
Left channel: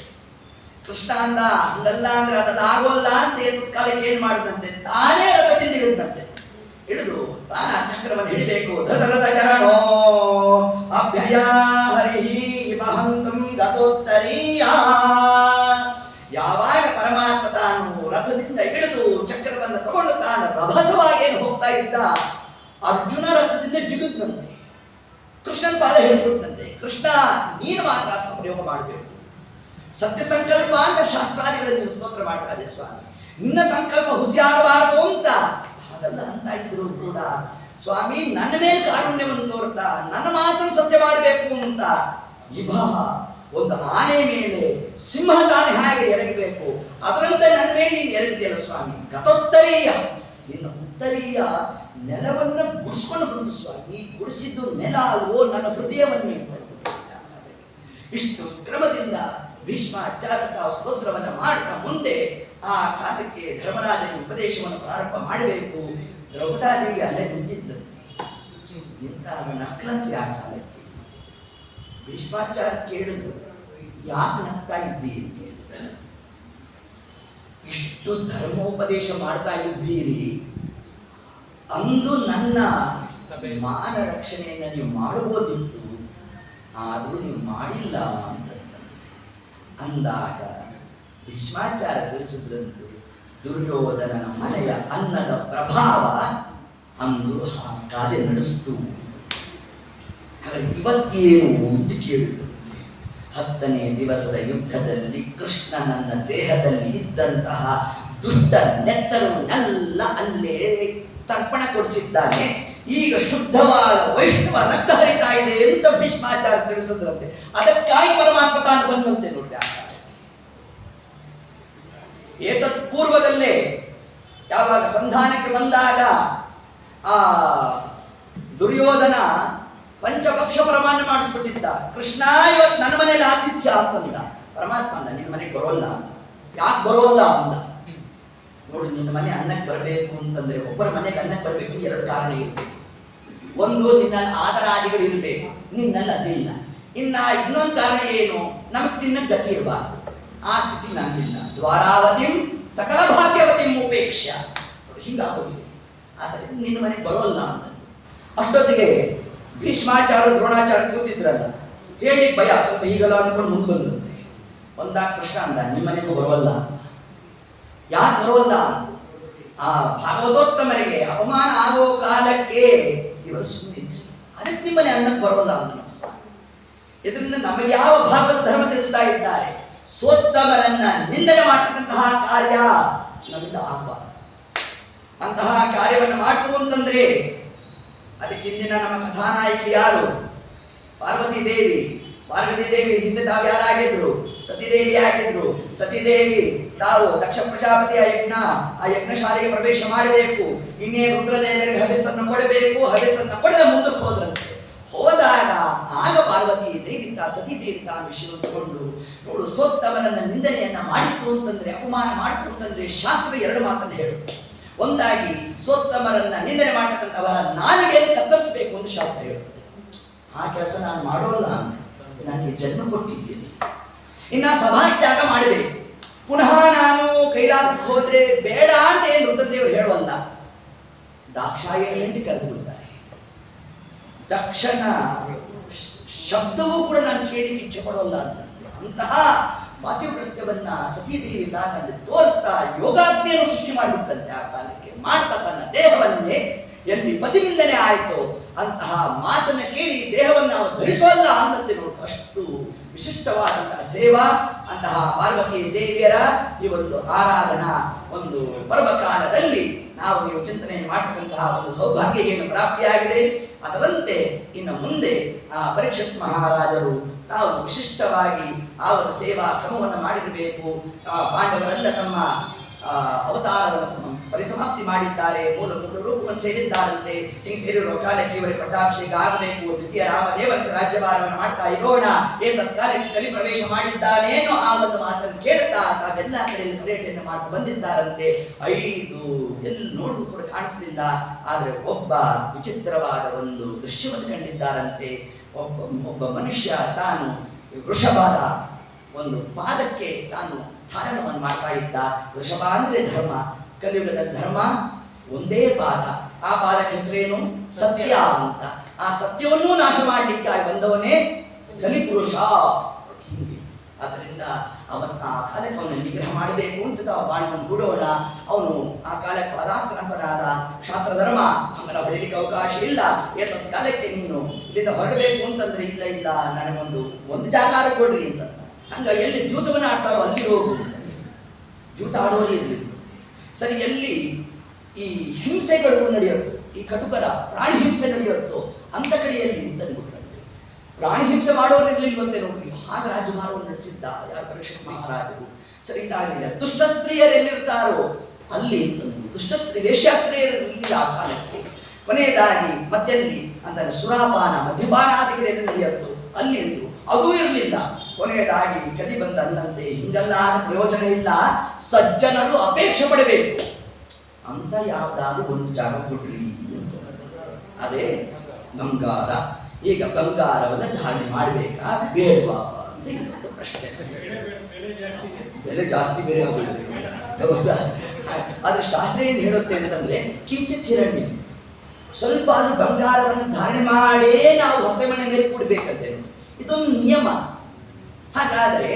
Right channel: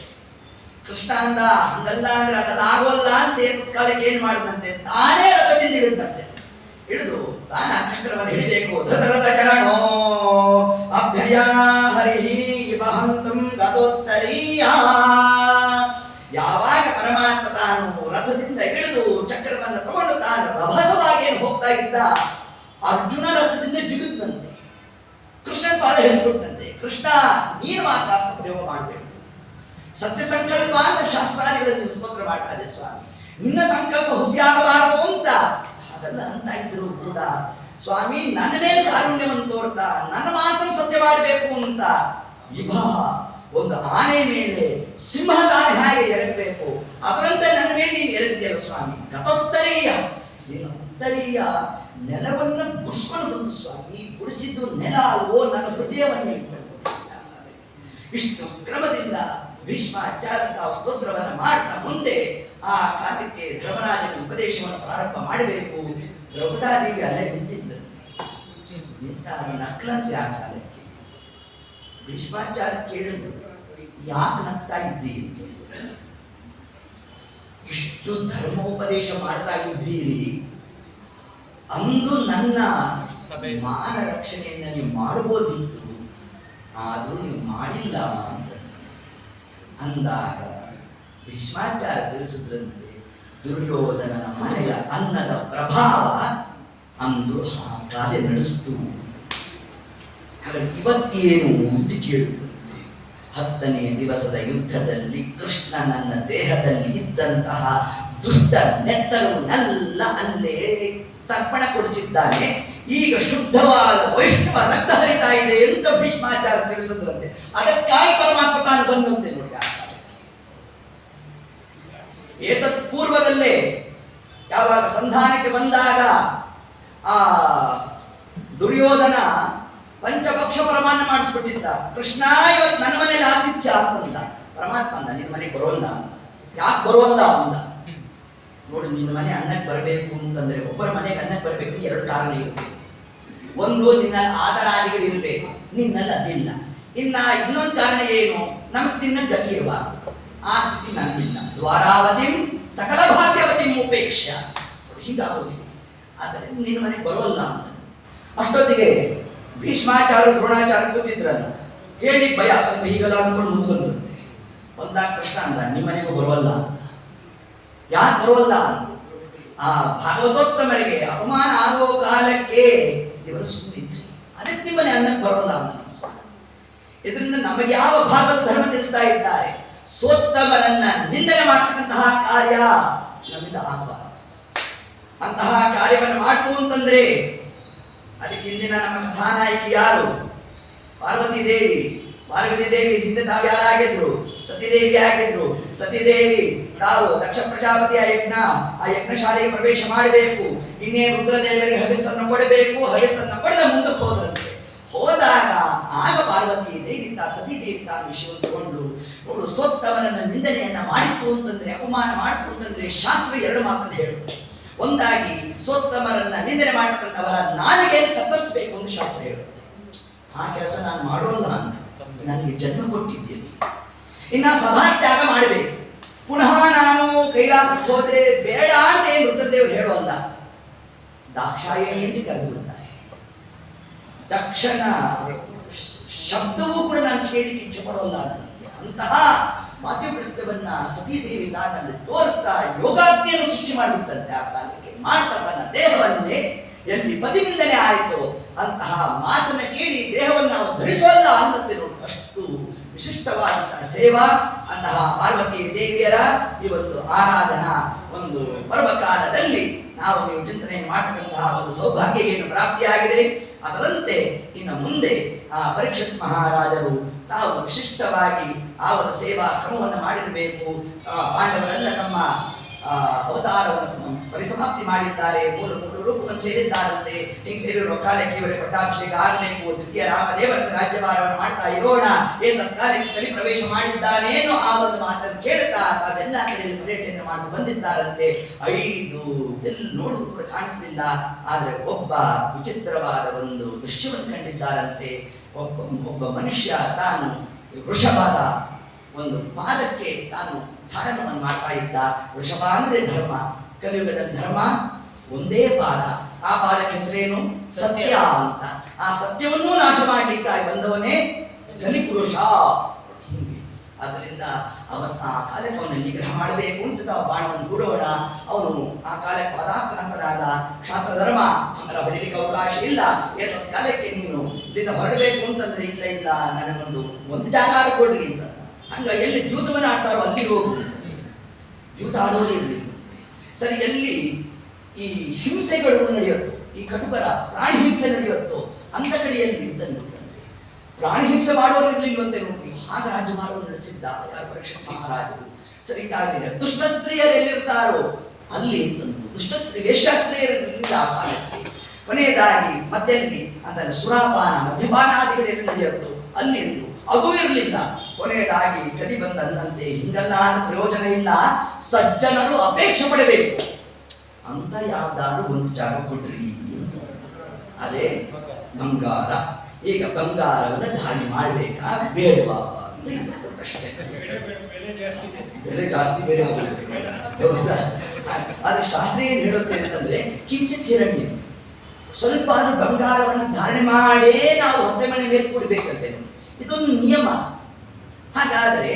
ಕೃಷ್ಣ ಅಂದ, ಹಂಗಲ್ಲ ಅಂದ್ರೆ ಅದೆಲ್ಲ ಆಗೋಲ್ಲ ಅಂತ ಏತತ್ ಕಾಲಕ್ಕೆ ಏನ್ ಮಾಡಿದಂತೆ, ತಾನೇ ರಥದಿಂದ ಹಿಡಿದಂತೆ. ಹಿಡಿದು ತಾನ ಚಕ್ರವನ್ನು ಹಿಡಿಬೇಕು. ಧೃತರಥ ಚರಣೋ ಅಭ್ಯಯ ಹರಿಹಿ ಇವಹಂತಂ ಗತೋತ್ತರೀಯ. ಯಾವಾಗ ಪರಮಾತ್ಮ ತಾನು ರಥದಿಂದ ಹಿಡಿದು ಚಕ್ರವನ್ನು ತಗೊಂಡು ತಾನು ರಭಸವಾಗಿ ಹೋಗ್ತಾ ಇದ್ದ, ಅರ್ಜುನ ರಥದಿಂದ ಜಿಗುತ್ತಂತೆ. ಕೃಷ್ಣನ ಪಾದ ಹಿಡಿದುಬಿಟ್ಟಂತೆ. ಕೃಷ್ಣ, ನೀನು ಮಾತ್ರ ಪ್ರಯೋಗ ಮಾಡಬೇಕು. ಸತ್ಯ ಸಂಕಲ್ಪ ಅಂತ ಶಾಸ್ತ್ರಾದಿಗಳಲ್ಲಿ ಸ್ತೋತ್ರ ಮಾಡ್ತಾರೆ ಸ್ವಾಮಿ. ನಿನ್ನ ಸಂಕಲ್ಪ ಹುಸಿಯಾಗಬಾರದು ಅಂತ ಹಾಗಲ್ಲ ಅಂತ ಇದ್ರು ಕೂಡ ಸ್ವಾಮಿ ನನ್ನ ಮೇಲೆ ಕಾರುಣ್ಯವನ್ನು ತೋರ್ತಾ ನನ್ನ ಮಾತನ್ನು ಸತ್ಯ ಮಾಡಬೇಕು ಅಂತ ಒಂದು ಆನೆ ಮೇಲೆ ಸಿಂಹದಾನೆ ಹಾಗೆ ಎರಗಬೇಕು, ಅದರಂತೆ ನನ್ನ ಮೇಲೆ ನೀನು ಎರಗಿದೆಯಲ್ಲ ಸ್ವಾಮಿ. ಗತೋತ್ತರೀಯ, ನಿನ್ನ ಉತ್ತರೀಯ ನೆಲವನ್ನು ಗುಡಿಸ್ಕೊಂಡು ಬಂತು ಸ್ವಾಮಿ. ಗುಡಿಸಿದ್ದು ನೆಲ ಅಲ್ವೋ, ನನ್ನ ಹೃದಯವನ್ನೇ ಇಷ್ಟು ಕ್ರಮದಿಂದ ಭೀಷ್ಮಾಚಾರ್ಯ ತಾವು ಸ್ತೋತ್ರವನ್ನು ಮಾಡ್ತಾ ಮುಂದೆ ಆ ಕಾಲಕ್ಕೆ ಧರ್ಮರಾಜನ ಉಪದೇಶವನ್ನು ಪ್ರಾರಂಭ ಮಾಡಬೇಕು. ದ್ರೌಪದಾದೇವಿ ಅಲ್ಲೇ ನಿಂತಿದ್ದಂತೆ. ಇಂಥ ನಕ್ಲಂತೆ ಆ ಕಾಲಕ್ಕೆ ಭೀಷ್ಮಾಚಾರ್ಯ ಕೇಳಿದ್ರು, ಯಾಕೆ ನಗ್ತಾ ಇದ್ದೀರಿ? ಇಷ್ಟು ಧರ್ಮೋಪದೇಶ ಮಾಡ್ತಾ ಇದ್ದೀರಿ, ಅಂದು ನನ್ನ ಮಾನ ರಕ್ಷಣೆಯನ್ನು ನೀವು ಮಾಡಬಹುದಿತ್ತು, ಆದರೂ ನೀವು ಮಾಡಿಲ್ಲ ಅಂತ ಅಂದಾಗ ಭೀಷ್ಮಾಚಾರ್ಯ ತಿಳಿಸಿದ್ರಂತೆ, ದುರ್ಯೋಧನನ ಮನೆಯ ಅನ್ನದ ಪ್ರಭಾವ ಅಂದು ಆ ಕಾರ್ಯ ನಡೆಸಿತು. ಹಾಗಾಗಿ ಇವತ್ತೇನು ಅಂತ ಕೇಳಿದಂತೆ, 10ನೇ ದಿವಸದ ಯುದ್ಧದಲ್ಲಿ ಕೃಷ್ಣ ನನ್ನ ದೇಹದಲ್ಲಿ ಇದ್ದಂತಹ ದುಷ್ಟ ನೆತ್ತರವನ್ನೆಲ್ಲ ಅಲ್ಲೇ ತರ್ಪಣ ಕೊಡಿಸಿದ್ದಾನೆ. ಈಗ ಶುದ್ಧವಾದ ವೈಷ್ಣವ ರಕ್ತ ಹರಿತಾ ಇದೆ ಅಂತ ಭೀಷ್ಮಾಚಾರ್ಯ ತಿಳಿಸಿದ್ರಂತೆ. ಅದಕ್ಕಾಗಿ ಪರಮಾತ್ಮ ತಾನು ಬಂದಂತೆ ನೋಡಿ. ಏತತ್ ಪೂರ್ವದಲ್ಲೇ ಯಾವಾಗ ಸಂಧಾನಕ್ಕೆ ಬಂದಾಗ ಆ ದುರ್ಯೋಧನ ಪಂಚಪಕ್ಷ ಪ್ರಮಾಣ ಮಾಡಿಸ್ಬಿಟ್ಟಿದ್ದ. ಕೃಷ್ಣ ಇವತ್ತು ನನ್ನ ಮನೇಲಿ ಆತಿಥ್ಯ ಅಂತಂದ. ಪರಮಾತ್ಮ ಅಂದ, ನಿನ್ನ ಮನೆಗೆ ಬರೋಲ್ಲ ಅಂತ. ಯಾಕೆ ಬರೋಲ್ಲ ಅಂದ. ನೋಡು, ನಿನ್ನ ಮನೆ ಅನ್ನಕ್ಕೆ ಬರಬೇಕು ಅಂತಂದ್ರೆ, ಒಬ್ಬರ ಮನೆಗೆ ಅನ್ನಕ್ಕೆ ಬರಬೇಕು 2 ಕಾರಣ ಇರಬೇಕು. ಒಂದು, ನಿನ್ನಲ್ಲಿ ಆದರಾದಿಗಳು ಇರಬೇಕು, ನಿನ್ನಲ್ಲಿ ಅದಿಲ್ಲ. ಇನ್ನೊಂದು ಕಾರಣ ಏನು, ನಮಗೆ ತಿನ್ನಕ್ಕೆ ಗತಿ ಇರಬಾರ್ದು. ಆ ಸ್ಥಿತಿ ನನ್ನಿಲ್ಲ. ದ್ವಾರಾವತಿಂ ಸಕಲ ಭಾಗ್ಯವತಿಂ ಉಪೇಕ್ಷ, ಹೀಗಾಗೋದಿಲ್ಲ. ಆದರೆ ನಿನ್ನ ಮನೆಗೆ ಬರೋಲ್ಲ ಅಂತ. ಅಷ್ಟೊತ್ತಿಗೆ ಭೀಷ್ಮಾಚಾರ್ಯ ದ್ರೋಣಾಚಾರ್ಯ ಕೂತಿದ್ರಲ್ಲ, ಹೇಳಿ ಭಯ ಸ್ವಲ್ಪ ಹೀಗಲ್ಲ ಅನ್ಕೊಂಡು ಮುಂದೆ ಬಂದಿರುತ್ತೆ. ಒಂದಾಗ ಕೃಷ್ಣ ಅಂದ, ನಿಮ್ಮ ಮನೆಗೂ ಬರೋಲ್ಲ. ಯಾಕೆ ಬರೋಲ್ಲ? ಆ ಭಾಗವತೋತ್ತಮರಿಗೆ ಅಪಮಾನ ಆಗೋ ಕಾಲಕ್ಕೆ ಇವರು ಸುಮ್ಮನಿದ್ರು, ಅದಕ್ಕೆ ನಿಮ್ಮನೆ ಅನ್ನಕ್ಕೆ ಬರೋಲ್ಲ ಅಂತ ಸ್ವಾಮಿ. ಇದರಿಂದ ನಮಗೆ ಯಾವ ಭಾಗದ ಧರ್ಮ ತಿಳಿಸ್ತಾ ಇದ್ದಾರೆ? ಸೋತ್ತಮರನ್ನ ನಿಂದನೆ ಮಾಡ್ತಕ್ಕಂತಹ ಕಾರ್ಯ ನಮ್ಮಿಂದ ಆಗಬಾರದು. ಅಂತಹ ಕಾರ್ಯವನ್ನು ಮಾಡ್ತು ಅಂತಂದ್ರೆ ಅದಕ್ಕೆ ಇಂದಿನ ನಮ್ಮ ಕಥಾನಾಯಕಿ ಯಾರು? ಪಾರ್ವತಿ ದೇವಿ. ಪಾರ್ವತಿ ದೇವಿ ಹಿಂದೆ ತಾವು ಯಾರಾಗಿದ್ರು? ಸತಿದೇವಿ ಆಗಿದ್ರು. ಸತಿದೇವಿ ತಾವು ದಕ್ಷ ಪ್ರಜಾಪತಿಯ ಆ ಯಜ್ಞಶಾಲೆಗೆ ಪ್ರವೇಶ ಮಾಡಬೇಕು. ಇನ್ನೇ ರುದ್ರದೇವರಿಗೆ ಹವಿಸ್ಸನ್ನು ಕೊಡಬೇಕು. ಹವಿಸ್ಸನ್ನು ಪಡೆದ ಮುಂದಕ್ಕೆ ಹೋದ್ರಂತೆ. ಹೋದಾಗ ಆಗ ಪಾರ್ವತಿ ದೇವಿ ಸತಿದೇವಿ ತಾನು ವಿಷಯ ತಗೊಂಡು, ನೋಡು, ಸೋತ್ತಮರನ್ನ ನಿಂದನೆಯನ್ನ ಮಾಡಿತ್ತು ಅಂತಂದ್ರೆ, ಅಪಮಾನ ಮಾಡಿತು ಅಂತಂದ್ರೆ ಶಾಸ್ತ್ರ 2 ಮಾತನ್ನು ಹೇಳುತ್ತೆ. ಒಂದಾಗಿ ಸೋತ್ತಮರನ್ನ ನಿಂದನೆ ಮಾಡತಕ್ಕಂಥವರ ನಾಲಿಗೆಯನ್ನು ಕತ್ತರಿಸಬೇಕು ಅಂತ ಶಾಸ್ತ್ರ ಹೇಳುತ್ತೆ. ಆ ಕೆಲಸ ನಾನು ಮಾಡೋಲ್ಲ, ನನಗೆ ಜನ್ಮ ಕೊಟ್ಟಿದ್ದೀನಿ, ಇನ್ನು ಸಭಾತ್ಯಾಗ ಮಾಡಬೇಕು. ಪುನಃ ನಾನು ಕೈಲಾಸಕ್ಕೆ ಹೋದ್ರೆ ಬೇಡ ಅಂತ ಏನು ರುದ್ರದೇವರು ಹೇಳೋಲ್ಲ, ದಾಕ್ಷಾಯಣಿ ಅಂತ ಕರೆದು ಬಿಡ್ತಾರೆ. ತಕ್ಷಣ ಶಬ್ದವೂ ಕೂಡ ನಾನು ಕೇಳಿಕ್ಕೆ ಇಚ್ಛೆ ಪಡೋಲ್ಲ ಅಂತಹ ಪಾತಿವೃತ್ಯವನ್ನ ಸತೀದೇವಿ ತಾನಲ್ಲಿ ತೋರಿಸ್ತಾ ಯೋಗಾಜ್ಞೆಯನ್ನು ಸೃಷ್ಟಿ ಮಾಡಿಬಿಟ್ಟಂತೆ. ಆ ಕಾಲಕ್ಕೆ ಮಾಡ್ತಾ ತನ್ನ ದೇಹವನ್ನೇ ಎಲ್ಲಿ ಪತಿನಿಂದನೇ ಆಯಿತು ಅಂತಹ ಮಾತನ್ನ ಕೇಳಿ ದೇಹವನ್ನು ನಾವು ಧರಿಸೋಲ್ಲ ಅನ್ನತ್ತೆ ನೋಡಿ. ಅಷ್ಟು ವಿಶಿಷ್ಟವಾದಂತಹ ಸೇವಾ ಅಂತಹ ಪಾರ್ವತಿ ದೇವಿಯರ ಈ ಒಂದು ಆರಾಧನಾ ಒಂದು ಪರ್ವಕಾಲದಲ್ಲಿ ನಾವು ನೀವು ಚಿಂತನೆಯನ್ನು ಮಾಡತಕ್ಕಂತಹ ಒಂದು ಸೌಭಾಗ್ಯ ಏನು ಪ್ರಾಪ್ತಿಯಾಗಿದೆ. ಅದರಂತೆ ಇನ್ನು ಮುಂದೆ ಆ ಪರೀಕ್ಷಿತ್ ಮಹಾರಾಜರು ತಾವು ವಿಶಿಷ್ಟವಾಗಿ ಆ ಒಂದು ಸೇವಾ ಕ್ರಮವನ್ನು ಮಾಡಿರಬೇಕು. ಪಾಂಡವರೆಲ್ಲ ತಮ್ಮ ಅವತಾರವನ್ನು ಪರಿಸಮಾಪ್ತಿ ಮಾಡಿದ್ದಾರೆ, ಮೂಲ ರೂಪವನ್ನು ಸೇರಿದ್ದಾರಂತೆ. ಹೀಗೆ ಸೇರಿರೋ ಕಾಲಕ್ಕೆ ಇವರಿಗೆ ಪಟ್ಟಾಭಿಷೇಕ ಆಗಬೇಕು, ದ್ವಿತೀಯ ರಾಮದೇವರ ರಾಜ್ಯಭಾರವನ್ನು ಮಾಡ್ತಾ ಇರೋಣ, ಏತತ್ ಕಾಲಕ್ಕೆ ಕಲಿ ಪ್ರವೇಶ ಮಾಡಿದ್ದಾನೇನೋ ಆ ಒಂದು ಮಾತನ್ನು ಕೇಳ್ತಾ ತಾವೆಲ್ಲ ಕಡೆಯಲ್ಲಿ ಪರ್ಯಟನೆ ಮಾಡಿ ಬಂದಿದ್ದಾರಂತೆ. 5 ಎಲ್ಲಿ ನೋಡಿದ್ರು ಕೂಡ ಕಾಣಿಸಲಿಲ್ಲ. ಆದರೆ ಒಬ್ಬ ವಿಚಿತ್ರವಾದ ಒಂದು ದೃಶ್ಯವನ್ನು ಕಂಡಿದ್ದಾರಂತೆ. ಒಬ್ಬ ಮನುಷ್ಯ ತಾನು ವೃಷಭದ ಒಂದು ಪಾದಕ್ಕೆ ತಾನು ತಾಡನವನ್ನು ಮಾಡ್ತಾ ಇದ್ದ. ವೃಷಭ ಅಂದ್ರೆ ಧರ್ಮ, ಕಲಿಯುಗದ ಧರ್ಮ ಒಂದೇ ಪಾದ. ಆ ಪಾದಕ್ಕೆ ಹೆಸರೇನು? ಸತ್ಯ ಅಂತ. ಆ ಸತ್ಯವನ್ನೂ ನಾಶ ಮಾಡಲಿಕ್ಕಾಗಿ ಬಂದವನೇ ಕಲಿಪುರುಷ. ಹಿಂಗೆ ಆದ್ದರಿಂದ ಆ ಕಾಲಕ್ಕೆ ಅವನ ನಿಗ್ರಹ ಮಾಡಬೇಕು ಅಂತ ತಾವು ಬಾಣವನ್ನು ಬಿಡೋಣ. ಅವನು ಆ ಕಾಲಕ್ಕೆ ಪದಾಕ್ರಾಂತನಾದ ಕ್ಷಾತ್ರ ಧರ್ಮ, ಹಂಗರ ಹೊಡಿಲಿಕ್ಕೆ ಅವಕಾಶ ಇಲ್ಲ. ಏತತ್ ಕಾಲಕ್ಕೆ ನೀನು ಇಲ್ಲಿಂದ ಹೊರಡಬೇಕು ಅಂತಂದ್ರೆ ಇಲ್ಲ ಇಲ್ಲ ನನಗೊಂದು ಜಾಗ ಕೊಡ್ರಿ ಅಂತ. ಹಂಗ ಎಲ್ಲಿ ದ್ಯೂತವನ್ನು ಆಡ್ತಾರೋ ಅಲ್ಲಿ ಹೋಗು, ದ್ಯೂತ ಆಡೋರು ಇರಲಿ. ಸರಿ, ಎಲ್ಲಿ ಈ ಹಿಂಸೆಗಳು ನಡೆಯುತ್ತೋ, ಈ ಕಟುಕರ ಪ್ರಾಣಿ ಹಿಂಸೆ ನಡೆಯುತ್ತೋ ಅಂತ ಕಡೆಯಲ್ಲಿ ಅಂತಂದ್ಬಿಟ್ಟಂತೆ. ಪ್ರಾಣಿ ಹಿಂಸೆ ಮಾಡೋರು ಇರ್ಲಿಲ್ವಂತೆ ನೋಡಿ. ಆಗ ರಾಜ್ಯಭಾರವನ್ನು ನಡೆಸಿದ್ದ ಯಾರು? ಪರೀಕ್ಷಿತ್ ಮಹಾರಾಜರು. ಸರಿ, ಇದಾಗಲಿಲ್ಲ. ದುಷ್ಟ ಸ್ತ್ರೀಯರು ಎಲ್ಲಿರ್ತಾರೋ ಅಲ್ಲಿ ಅಂತಂದ್ರು. ದುಷ್ಟ ಸ್ತ್ರೀ ವೇಶ್ಯಾಸ್ತ್ರೀಯರು ಇರಲಿಲ್ಲ ಆ ಕಾಲಕ್ಕೆ. ಕೊನೆಯದಾಗಿ ಮತ್ತೆಲ್ಲಿ ಅಂತಂದ್ರೆ ಸುರಾಪಾನ ಮದ್ಯಪಾನಾದಿಗಳೆಲ್ಲಿ ನಡೆಯುತ್ತೋ ಅಲ್ಲಿ ಎಂದು ಅದೂ ಇರಲಿಲ್ಲ. ಕೊನೆಯದಾಗಿ ಕಲಿ ಬಂದ ಅನ್ನಂತೆ ಹಿಂಗೆಲ್ಲ ಪ್ರಯೋಜನ ಇಲ್ಲ, ಸಜ್ಜನರು ಅಪೇಕ್ಷೆ ಪಡಬೇಕು ಅಂತ ಯಾವ್ದಾದ್ರು ಒಂದು ಜಾಗ ಕೊಡ್ರಿ. ಅದೇ ಬಂಗಾರ. ಈಗ ಬಂಗಾರವನ್ನು ಧಾರಣೆ ಮಾಡಬೇಕಾ ಬೇಡವಾ ಅಂತ ಇನ್ನೊಂದು ಪ್ರಶ್ನೆ. ಬೆಲೆ ಜಾಸ್ತಿ ಬೇರೆ ಹೌದಾ? ಆದ್ರೆ ಶಾಸ್ತ್ರ ಏನು ಹೇಳುತ್ತೆ ಅಂತಂದ್ರೆ ಕಿಂಚಿತ್ ಹಿರಣ್ಯ, ಸ್ವಲ್ಪ ಬಂಗಾರವನ್ನು ಧಾರಣೆ ಮಾಡೇ ನಾವು ಹೊಸಮಣೆ ಮೇಲೆ ಕೂಡಬೇಕಂತೆ. ಇದೊಂದು ನಿಯಮ. ಹಾಗಾದ್ರೆ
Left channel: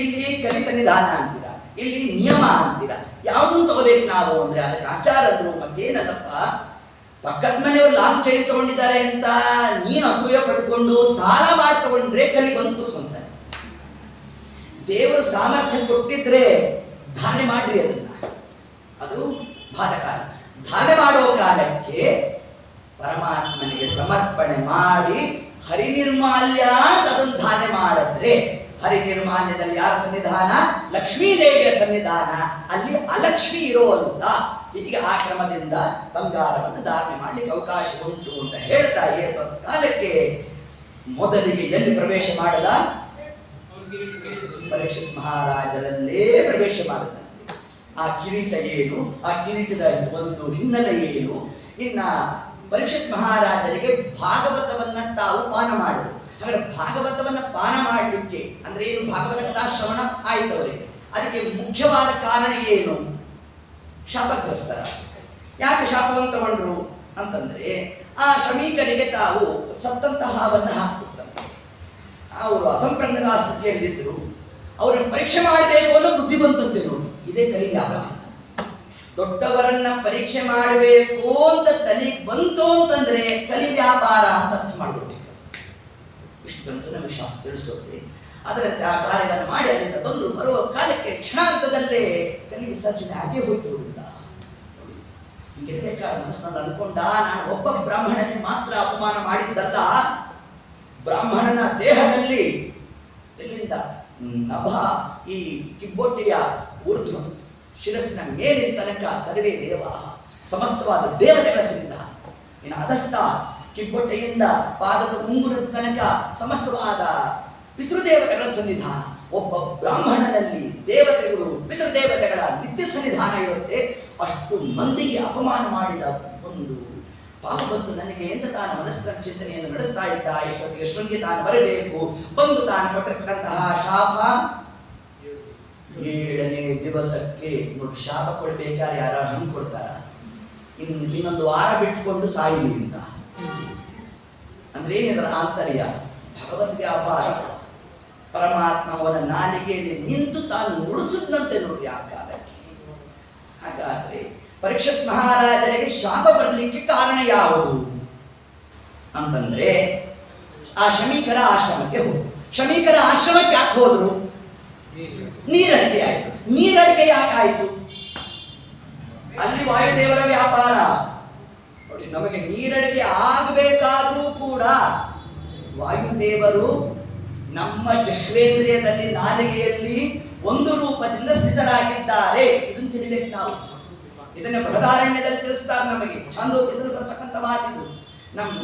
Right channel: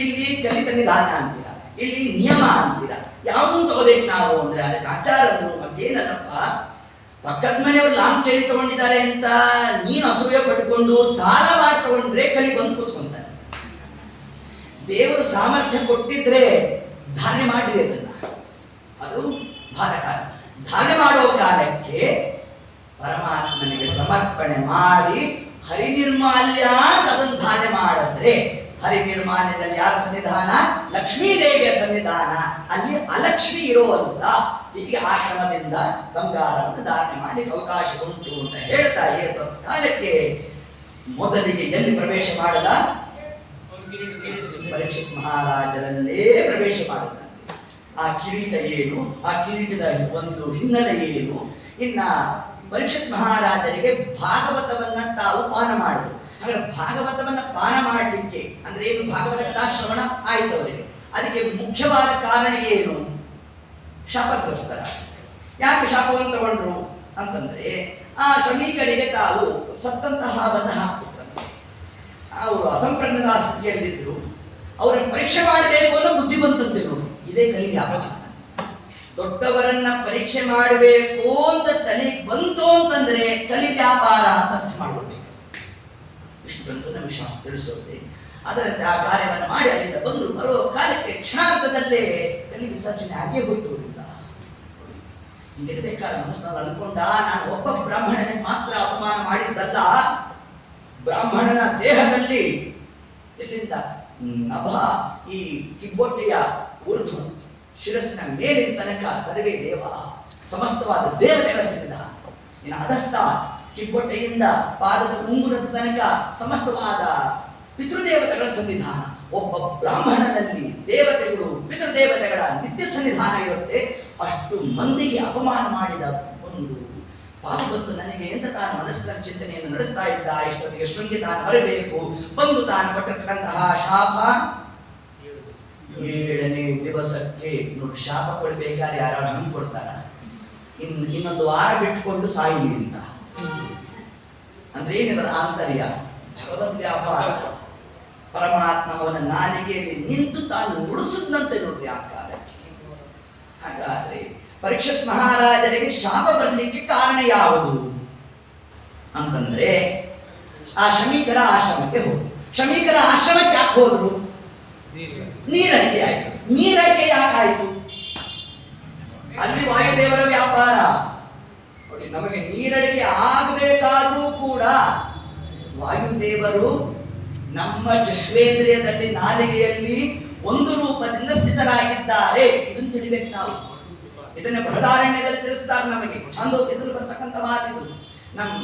ಇಲ್ಲಿ ಕಲಿ ಸನ್ನಿಧಾನ ಅಂತೀರ, ಇಲ್ಲಿ ನಿಯಮ ಅಂತೀರ, ಯಾವುದನ್ನು ತಗೋಬೇಕು ನಾವು ಅಂದ್ರೆ ಅದಕ್ಕೆ ಆಚಾರದ್ದು ಮತ್ತೇನಲ್ಲಪ್ಪ. ಪಕ್ಕದ ಮನೆಯವರು ಲಾಂಗ್ ಚೈನ್ ತಗೊಂಡಿದ್ದಾರೆ ಅಂತ ನೀನು ಅಸೂಯೆ ಪಟ್ಕೊಂಡು ಸಾಲ ಮಾಡಿ ತಗೊಂಡ್ರೆ ಕಲಿ ಬಂದು ಕೂತ್ಕೊಂತಾರೆ. ದೇವರು ಸಾಮರ್ಥ್ಯ ಕೊಟ್ಟಿದ್ರೆ ಧಾರಣೆ ಮಾಡ್ರಿ ಅದನ್ನ, ಅದು ಬಾಧಕಾಲ. ಧಾರಣೆ ಮಾಡೋ ಕಾಲಕ್ಕೆ ಪರಮಾತ್ಮನಿಗೆ ಸಮರ್ಪಣೆ ಮಾಡಿ ಹರಿನಿರ್ಮಾಲ್ಯ ಅಂತ ಅದನ್ನು ಧಾರಣೆ ಮಾಡಿದ್ರೆ, ಹರಿನಿರ್ಮಾಲ್ಯದಲ್ಲಿ ಯಾರ ಸನ್ನಿಧಾನ? ಲಕ್ಷ್ಮೀ ದೇವಿಯ ಸನ್ನಿಧಾನ. ಅಲ್ಲಿ ಅಲಕ್ಷ್ಮಿ ಇರೋಲ್ಲ. ಹೀಗೆ ಆ ಕ್ರಮದಿಂದ ಬಂಗಾರವನ್ನು ಧಾರಣೆ ಮಾಡಲಿಕ್ಕೆ ಅವಕಾಶ ಉಂಟು ಅಂತ ಹೇಳ್ತಾ ಏತ ಕಾಲಕ್ಕೆ ಮೊದಲಿಗೆ ಎಲ್ಲಿ ಪ್ರವೇಶ ಮಾಡದ? ಪರೀಕ್ಷಿತ್ ಮಹಾರಾಜರಲ್ಲೇ ಪ್ರವೇಶ ಮಾಡುತ್ತಾನೆ. ಆ ಕಿರೀಟ ಏನು, ಆ ಕಿರೀಟದ ಒಂದು ಹಿನ್ನೆಲೆ ಏನು? ಇನ್ನ ಪರೀಕ್ಷಿತ್ ಮಹಾರಾಜರಿಗೆ ಭಾಗವತವನ್ನ ತಾವು ಪಾನ ಮಾಡಿದ್ರು. ಹಾಗಾದ್ರೆ ಭಾಗವತವನ್ನ ಪಾನ ಮಾಡಲಿಕ್ಕೆ ಅಂದ್ರೆ ಏನು? ಭಾಗವತ ಕಥಾಶ್ರವಣ ಆಯ್ತು ಅವರಿಗೆ. ಅದಕ್ಕೆ ಮುಖ್ಯವಾದ ಕಾರಣ ಏನು? ಶಾಪಗ್ರಸ್ತರ. ಯಾಕೆ ಶಾಪವನ್ನು ತಗೊಂಡ್ರು ಅಂತಂದ್ರೆ ಆ ಶ್ರಮಿಕರಿಗೆ ತಾವು ಸತ್ತಂತಹ ಹಾವನ್ನು ಹಾಕ್ಬಿಟ್ಟಂತೆ. ಅವರು ಅಸಂಪ್ರಜ್ಞದ ಸ್ಥಿತಿಯಲ್ಲಿದ್ದರು. ಅವರನ್ನು ಪರೀಕ್ಷೆ ಮಾಡಬೇಕು ಅನ್ನೋ ಬುದ್ಧಿ ಬಂತಂತೆ ನೋಡಿ. ಇದೇ ಕಲಿ ವ್ಯಾಪಾರ. ದೊಡ್ಡವರನ್ನ ಪರೀಕ್ಷೆ ಮಾಡಬೇಕು ಅಂತ ತಲೆ ಬಂತು ಅಂತಂದ್ರೆ ಕಲಿ ವ್ಯಾಪಾರ ಅಂತ ಅರ್ಥ ಮಾಡ್ಕೊಳ್ಬೇಕು. ಇಷ್ಟು ಬಂತು ನಮಗೆ ಶಾಸ್ತ್ರ ತಿಳಿಸೋದೆ. ಅದರಂತೆ ಆ ಕಾರ್ಯವನ್ನು ಮಾಡಿ ಅಲ್ಲಿಂದ ಬಂದು ಬರುವ ಕಾಲಕ್ಕೆ ಕ್ಷಣಾರ್ಥದಲ್ಲೇ ಕಲಿ ವಿಸರ್ಜನೆ ಆಗೇ ಹೋಯ್ತು. ಹಿಂಗಿರ್ಬೇಕಾದ್ರೆ ಮನಸ್ಸಿನಲ್ಲಿ ಅನ್ಕೊಂಡ, ನಾನು ಒಬ್ಬ ಬ್ರಾಹ್ಮಣನಿಗೆ ಮಾತ್ರ ಅಪಮಾನ ಮಾಡಿದ್ದಲ್ಲ, ಬ್ರಾಹ್ಮಣನ ದೇಹದಲ್ಲಿ ಎಲ್ಲಿಂದ ನಭ ಈ ಕಿಬ್ಬೊಟ್ಟೆಯ ಊರ್ಧ್ವ ಶಿರಸ್ಸಿನ ಮೇಲಿನ ತನಕ ಸರ್ವೇ ದೇವ, ಸಮಸ್ತವಾದ ದೇವತೆಗಳ ಸನ್ನಿಧಾನ. ಇನ್ನು ಅಧಸ್ಥ ಕಿಬ್ಬೊಟ್ಟೆಯಿಂದ ಪಾದದ ಮುಂಗುರದ ತನಕ ಸಮಸ್ತವಾದ ಪಿತೃದೇವತೆಗಳ ಸನ್ನಿಧಾನ. ಒಬ್ಬ ಬ್ರಾಹ್ಮಣನಲ್ಲಿ ದೇವತೆಗಳು ಪಿತೃದೇವತೆಗಳ ನಿತ್ಯ ಸನ್ನಿಧಾನ ಇರುತ್ತೆ. ಅಷ್ಟು ಮಂದಿಗೆ ಅಪಮಾನ ಮಾಡಿದ ಒಂದು ಪಾಪ ಬಂತು ನನಗೆ ಅಂತ ತಾನು ಮನಸ್ಸಿನ ಚಿಂತನೆಯನ್ನು ನಡೆಸ್ತಾ ಇದ್ದ. ಇಷ್ಟೊತ್ತಿಗೆ ಶೃಂಗಿ ತಾನು ಬರಬೇಕು, ಬಂದು ತಾನು ಕೊಟ್ಟಿರ್ತಕ್ಕಂತಹ ಶಾಪ 7ನೇ ದಿವಸಕ್ಕೆ ನೋಡಿ. ಶಾಪ ಕೊಡ್ಬೇಕಾದ್ರೆ ಯಾರು ಹಂಗೆ ಕೊಡ್ತಾರ, ಇನ್ನೊಂದು ವಾರ ಬಿಟ್ಟುಕೊಂಡು ಸಾಯಿಲಿ ಅಂತ. ಅಂದ್ರೆ ಏನಿದರ ಆಂತರ್ಯ ಭಗವದ್ ವ್ಯಾಪಾರ. ಪರಮಾತ್ಮ ಅವನ ನಾಲಿಗೆಯಲ್ಲಿ ನಿಂತು ತಾನು ನುಡಿಸಿದಂತೆ ನೋಡ್ರಿ ಆ ಕಾಲಕ್ಕೆ. ಹಾಗಾದ್ರೆ ಪರೀಕ್ಷಿತ್ ಮಹಾರಾಜರಿಗೆ ಶಾಪ ಬರಲಿಕ್ಕೆ ಕಾರಣ ಯಾವುದು ಅಂತಂದ್ರೆ ಆ ಶಮೀಕರ ಆಶ್ರಮಕ್ಕೆ ಹೋದ್ರು. ಶಮೀಕರ ಆಶ್ರಮಕ್ಕೆ ಯಾಕೆ ಹೋದ್ರು? ನೀರಡಿಕೆ ಆಯ್ತು. ನೀರಡಿಕೆ ಯಾಕಾಯ್ತು? ಅಲ್ಲಿ ವಾಯುದೇವರ ವ್ಯಾಪಾರ ನೋಡಿ. ನಮಗೆ ನೀರಡಿಕೆ ಆಗಬೇಕಾದ್ರೂ ಕೂಡ ವಾಯುದೇವರು ನಮ್ಮ ಜಹ್ವೇಂದ್ರಿಯದಲ್ಲಿ ನಾಲಿಗೆಯಲ್ಲಿ ಒಂದು ರೂಪದಿಂದ ಸ್ಥಿತರಾಗಿದ್ದಾರೆ. ಇದನ್ನು ತಿಳಿಬೇಕು ನಾವು. ಇದನ್ನು ಬೃಹದಾರಣ್ಯದಲ್ಲಿ ತಿಳಿಸ್ತಾರೆ ನಮಗೆ. ಛಾಂದೋಗ್ಯದಲ್ಲಿ ಬರ್ತಕ್ಕಂಥ ಮಾತಿದು.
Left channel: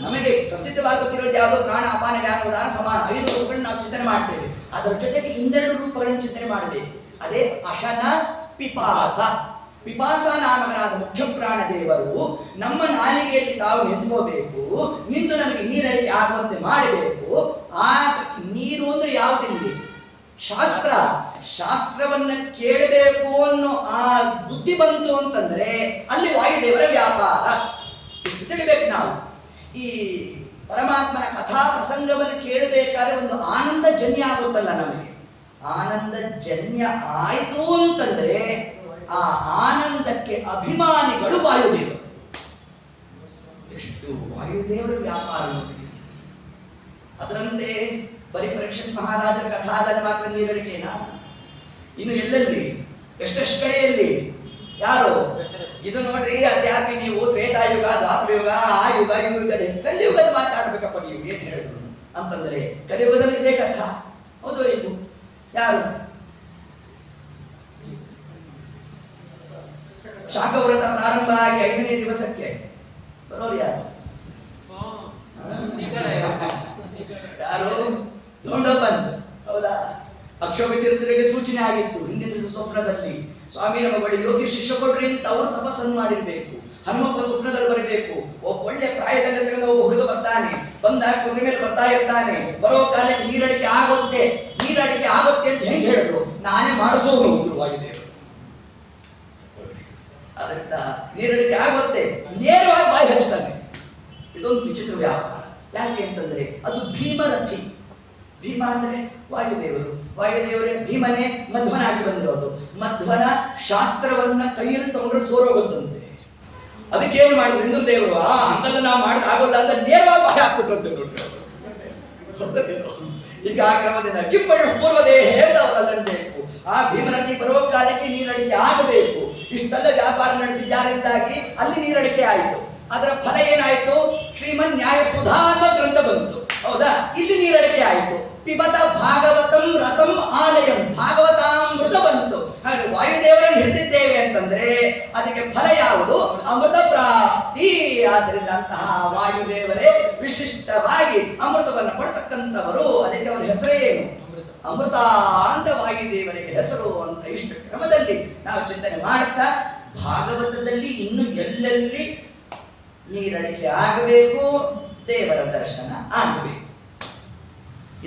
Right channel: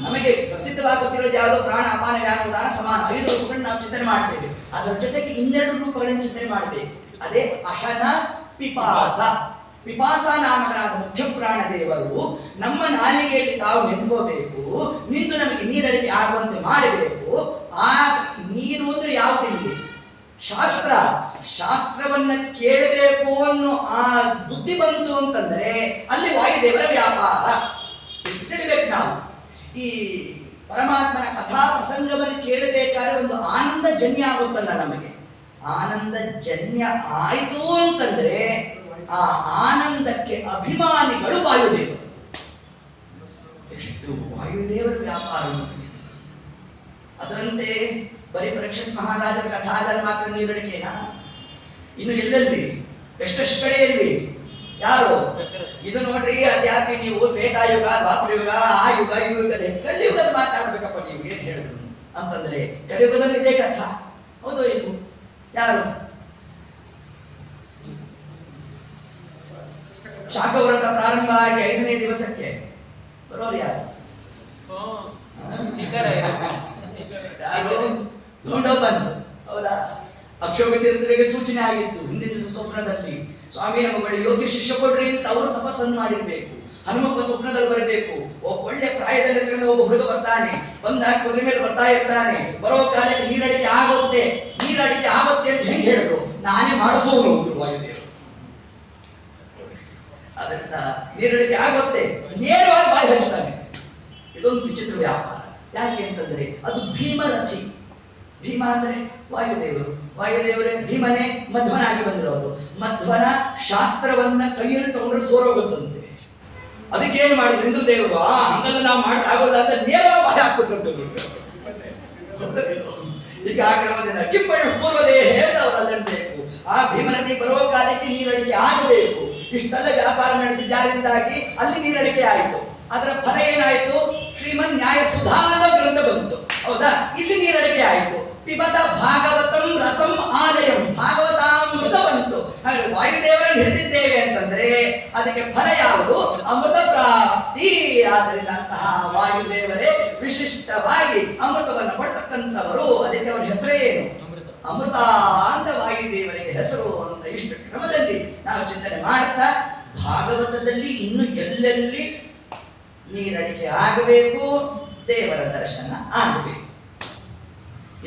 ನಮಗೆ ಪ್ರಸಿದ್ಧವಾಗುತ್ತಿರೋದು ಯಾವುದೋ ಪ್ರಾಣ ಅಪಾನ ವ್ಯಾನ ಉದಾನ ಸಮಾನ 5 ರೂಪಗಳನ್ನು ನಾವು ಚಿಂತನೆ ಮಾಡ್ತೇವೆ. ಅದರ ಜೊತೆಗೆ 2 ರೂಪಗಳನ್ನು ಚಿಂತನೆ ಮಾಡಬೇಕು. ಅದೇ ಅಶನ ಪಿಪಾಸ. ಪಿಪಾಸ ನಾಮಕನಾದ ಮುಖ್ಯ ಪ್ರಾಣ ದೇವರು ನಮ್ಮ ನಾಲಿಗೆಯಲ್ಲಿ ತಾವು ನಿಂತ್ಕೋಬೇಕು. ನಿಂತು ನಮಗೆ ನೀರಡಿಕೆ ಆಗುವಂತೆ ಮಾಡಬೇಕು. ಆ ನೀರು ಅಂದ್ರೆ ಯಾವುದಿಲ್ಲ, ಶಾಸ್ತ್ರ. ಶಾಸ್ತ್ರವನ್ನ ಕೇಳಬೇಕು ಅನ್ನೋ ಆ ಬುದ್ಧಿ ಬಂತು ಅಂತಂದ್ರೆ ಅಲ್ಲಿ ವಾಯುದೇವರ ವ್ಯಾಪಾರ. ಇಷ್ಟು ತಿಳಿಬೇಕು ನಾವು. ಈ ಪರಮಾತ್ಮನ ಕಥಾ ಪ್ರಸಂಗವನ್ನು ಕೇಳಬೇಕಾದ್ರೆ ಒಂದು ಆನಂದ ಜನ್ಯ ಆಗುತ್ತಲ್ಲ ನಮಗೆ. ಆನಂದ ಜನ್ಯ ಆಯಿತು ಅಂತಂದ್ರೆ ಆ ಆನಂದಕ್ಕೆ ಅಭಿಮಾನಿಗಳು ವಾಯುದೇವರು. ಎಷ್ಟು ವಾಯುದೇವರ ವ್ಯಾಪಾರ. ಅದರಂತೆ ಬರೀ ಪರೀಕ್ಷಿತ್ ಮಹಾರಾಜರ ಕಥಾದಲ್ಲಿ ಮಾತ್ರ ನೀರಡಿಕೆನಾ? ಇನ್ನು ಎಲ್ಲೆಲ್ಲಿ ಎಷ್ಟೆಷ್ಟು ಕಡೆಯಲ್ಲಿ ಯಾರು ಇದು ನೋಡ್ರಿ. ಅದ್ಯಾಕೆ ನೀವು ತ್ರೇತಾಯುಗ, ದ್ವಾಪರಯುಗ, ಆ ಯುಗ, ಈ ಯುಗದ ಕಲಿಯುಗದ ಮಾತಾಡ್ಬೇಕಪ್ಪ ನೀವು ಏನ್ ಹೇಳಿದ್ರು ಅಂತಂದ್ರೆ ಕಲಿಯುಗದಲ್ಲಿ ಇದೇ ಕಥಾ. ಹೌದು ಇದು ಯಾರು? ಶಾಖವ್ರತ ಪ್ರಾರಂಭ ಆಗಿ 5ನೇ ದಿವಸಕ್ಕೆ ಬರೋರು ಯಾರು? ಯಾರು? ಧೋಂಡೋಪಂತ್. ಹೌದಾ? ಅಕ್ಷೋಭ ತೀರ್ಥರಿಗೆ ಸೂಚನೆ ಆಗಿತ್ತು ಹಿಂದಿನ ಸ್ವಪ್ನದಲ್ಲಿ. ಸ್ವಾಮಿ ನಮ್ಮ ಬಳಿ ಯೋಗ್ಯ ಶಿಷ್ಯ ಕೊಡ್ರಿ ಅಂತ ಅವರು ತಪಸ್ಸನ್ನು ಮಾಡಿರ್ಬೇಕು. ಹನುಮಪ್ಪ ಸ್ವಪ್ನದಲ್ಲಿ ಬರಬೇಕು. ಒಳ್ಳೆ ಪ್ರಾಯದಲ್ಲಿ ಒಬ್ಬ ಹುಡುಗ ಬರ್ತಾನೆ, ಬಂದಾಗ ಕುದುರೆ ಮೇಲೆ ಬರ್ತಾ ಇರ್ತಾನೆ. ಬರೋ ಕಾಲಕ್ಕೆ ನೀರಡಿಕೆ ಆಗುತ್ತೆ. ನೀರಡಿಕೆ ಆಗುತ್ತೆ ಅಂತ ಹೆಂಗೆ ಹೇಳಿದ್ರು? ನಾನೇ ಮಾಡಿಸೋರು ವಾಯುದೇವರು. ಅದರಿಂದ ನೀರಡಿಕೆ ಆಗುತ್ತೆ, ನೇರವಾಗಿ ಬಾಯಿ ಹಚ್ತಾನೆ. ಇದೊಂದು ವಿಚಿತ್ರ ವ್ಯಾಪಾರ. ಯಾಕೆ ಅಂತಂದ್ರೆ ಅದು ಭೀಮರಥಿ. ಭೀಮ ಅಂದ್ರೆ ವಾಯುದೇವರು. ವಾಯುದೇವರೇ ಭೀಮನೇ ಮಧ್ವನಾಗಿ ಬಂದಿರೋದು. ಮಧ್ವನ ಶಾಸ್ತ್ರವನ್ನ ಕೈಯಲ್ಲಿ ತಗೊಂಡ್ರೆ ಸೋರೋಗುತ್ತಂತೆ. ಅದಕ್ಕೇನು ಮಾಡಿದ್ರು ಇಂದ್ರದೇವರು? ಹಂಗಲ್ಲ ನಾವು ಮಾಡಿದ್ರೆ ಆಗೋಲ್ಲ ಅಂತ ನೇರವಾಗಿ ಬಾಯಿ ಹಾಕ್ಬಿಟ್ರಂತೆ ನೋಡ್ರಿ. ಈಗ ಆ ಕ್ರಮದಿಂದ ಕಿಪ್ಪಣ ಪೂರ್ವದೇ ಹೇಳ್ದವರಲ್ಲಬೇಕು. ಆ ಭೀಮನದಿ ಬರುವ ಕಾಲಕ್ಕೆ ನೀರಡಿಕೆ ಆಗಬೇಕು. ಇಷ್ಟೆಲ್ಲ ವ್ಯಾಪಾರ ನಡೆದಿದ್ದಾರಿಂದಾಗಿ ಅಲ್ಲಿ ನೀರಡಿಕೆ ಆಯಿತು. ಅದರ ಫಲ ಏನಾಯಿತು? ಶ್ರೀಮನ್ ನ್ಯಾಯ ಸುಧಾಮ ಗ್ರಂಥ ಬಂತು. ಹೌದಾ? ಇಲ್ಲಿ ನೀರಡಿಕೆ ಆಯಿತು. ಪಿಬತ ಭಾಗವತಂ ರಸಂ ಆಲಯಂ, ಭಾಗವತಾಮೃತ ಬಂತು. ಹಾಗೆ ವಾಯುದೇವರನ್ನು ಹಿಡಿದಿದ್ದೇವೆ ಅಂತಂದ್ರೆ ಅದಕ್ಕೆ ಫಲ ಯಾವುದು? ಅಮೃತ ಪ್ರಾಪ್ತಿ. ಆದ್ದರಿಂದ ಅಂತಹ ವಾಯುದೇವರೇ ವಿಶಿಷ್ಟವಾಗಿ ಅಮೃತವನ್ನು ಕೊಡ್ತಕ್ಕಂಥವರು. ಅದಕ್ಕೆ ಅವರ ಹೆಸರೇನು? ಅಮೃತ ಅಂತ ವಾಯುದೇವರಿಗೆ ಹೆಸರು ಅಂತ. ಇಷ್ಟು ಕ್ರಮದಲ್ಲಿ ನಾವು ಚಿಂತನೆ ಮಾಡುತ್ತಾ ಭಾಗವತದಲ್ಲಿ ಇನ್ನು ಎಲ್ಲೆಲ್ಲಿ ನೀರಡಿಕೆ ಆಗಬೇಕು, ದೇವರ ದರ್ಶನ ಆಗಬೇಕು.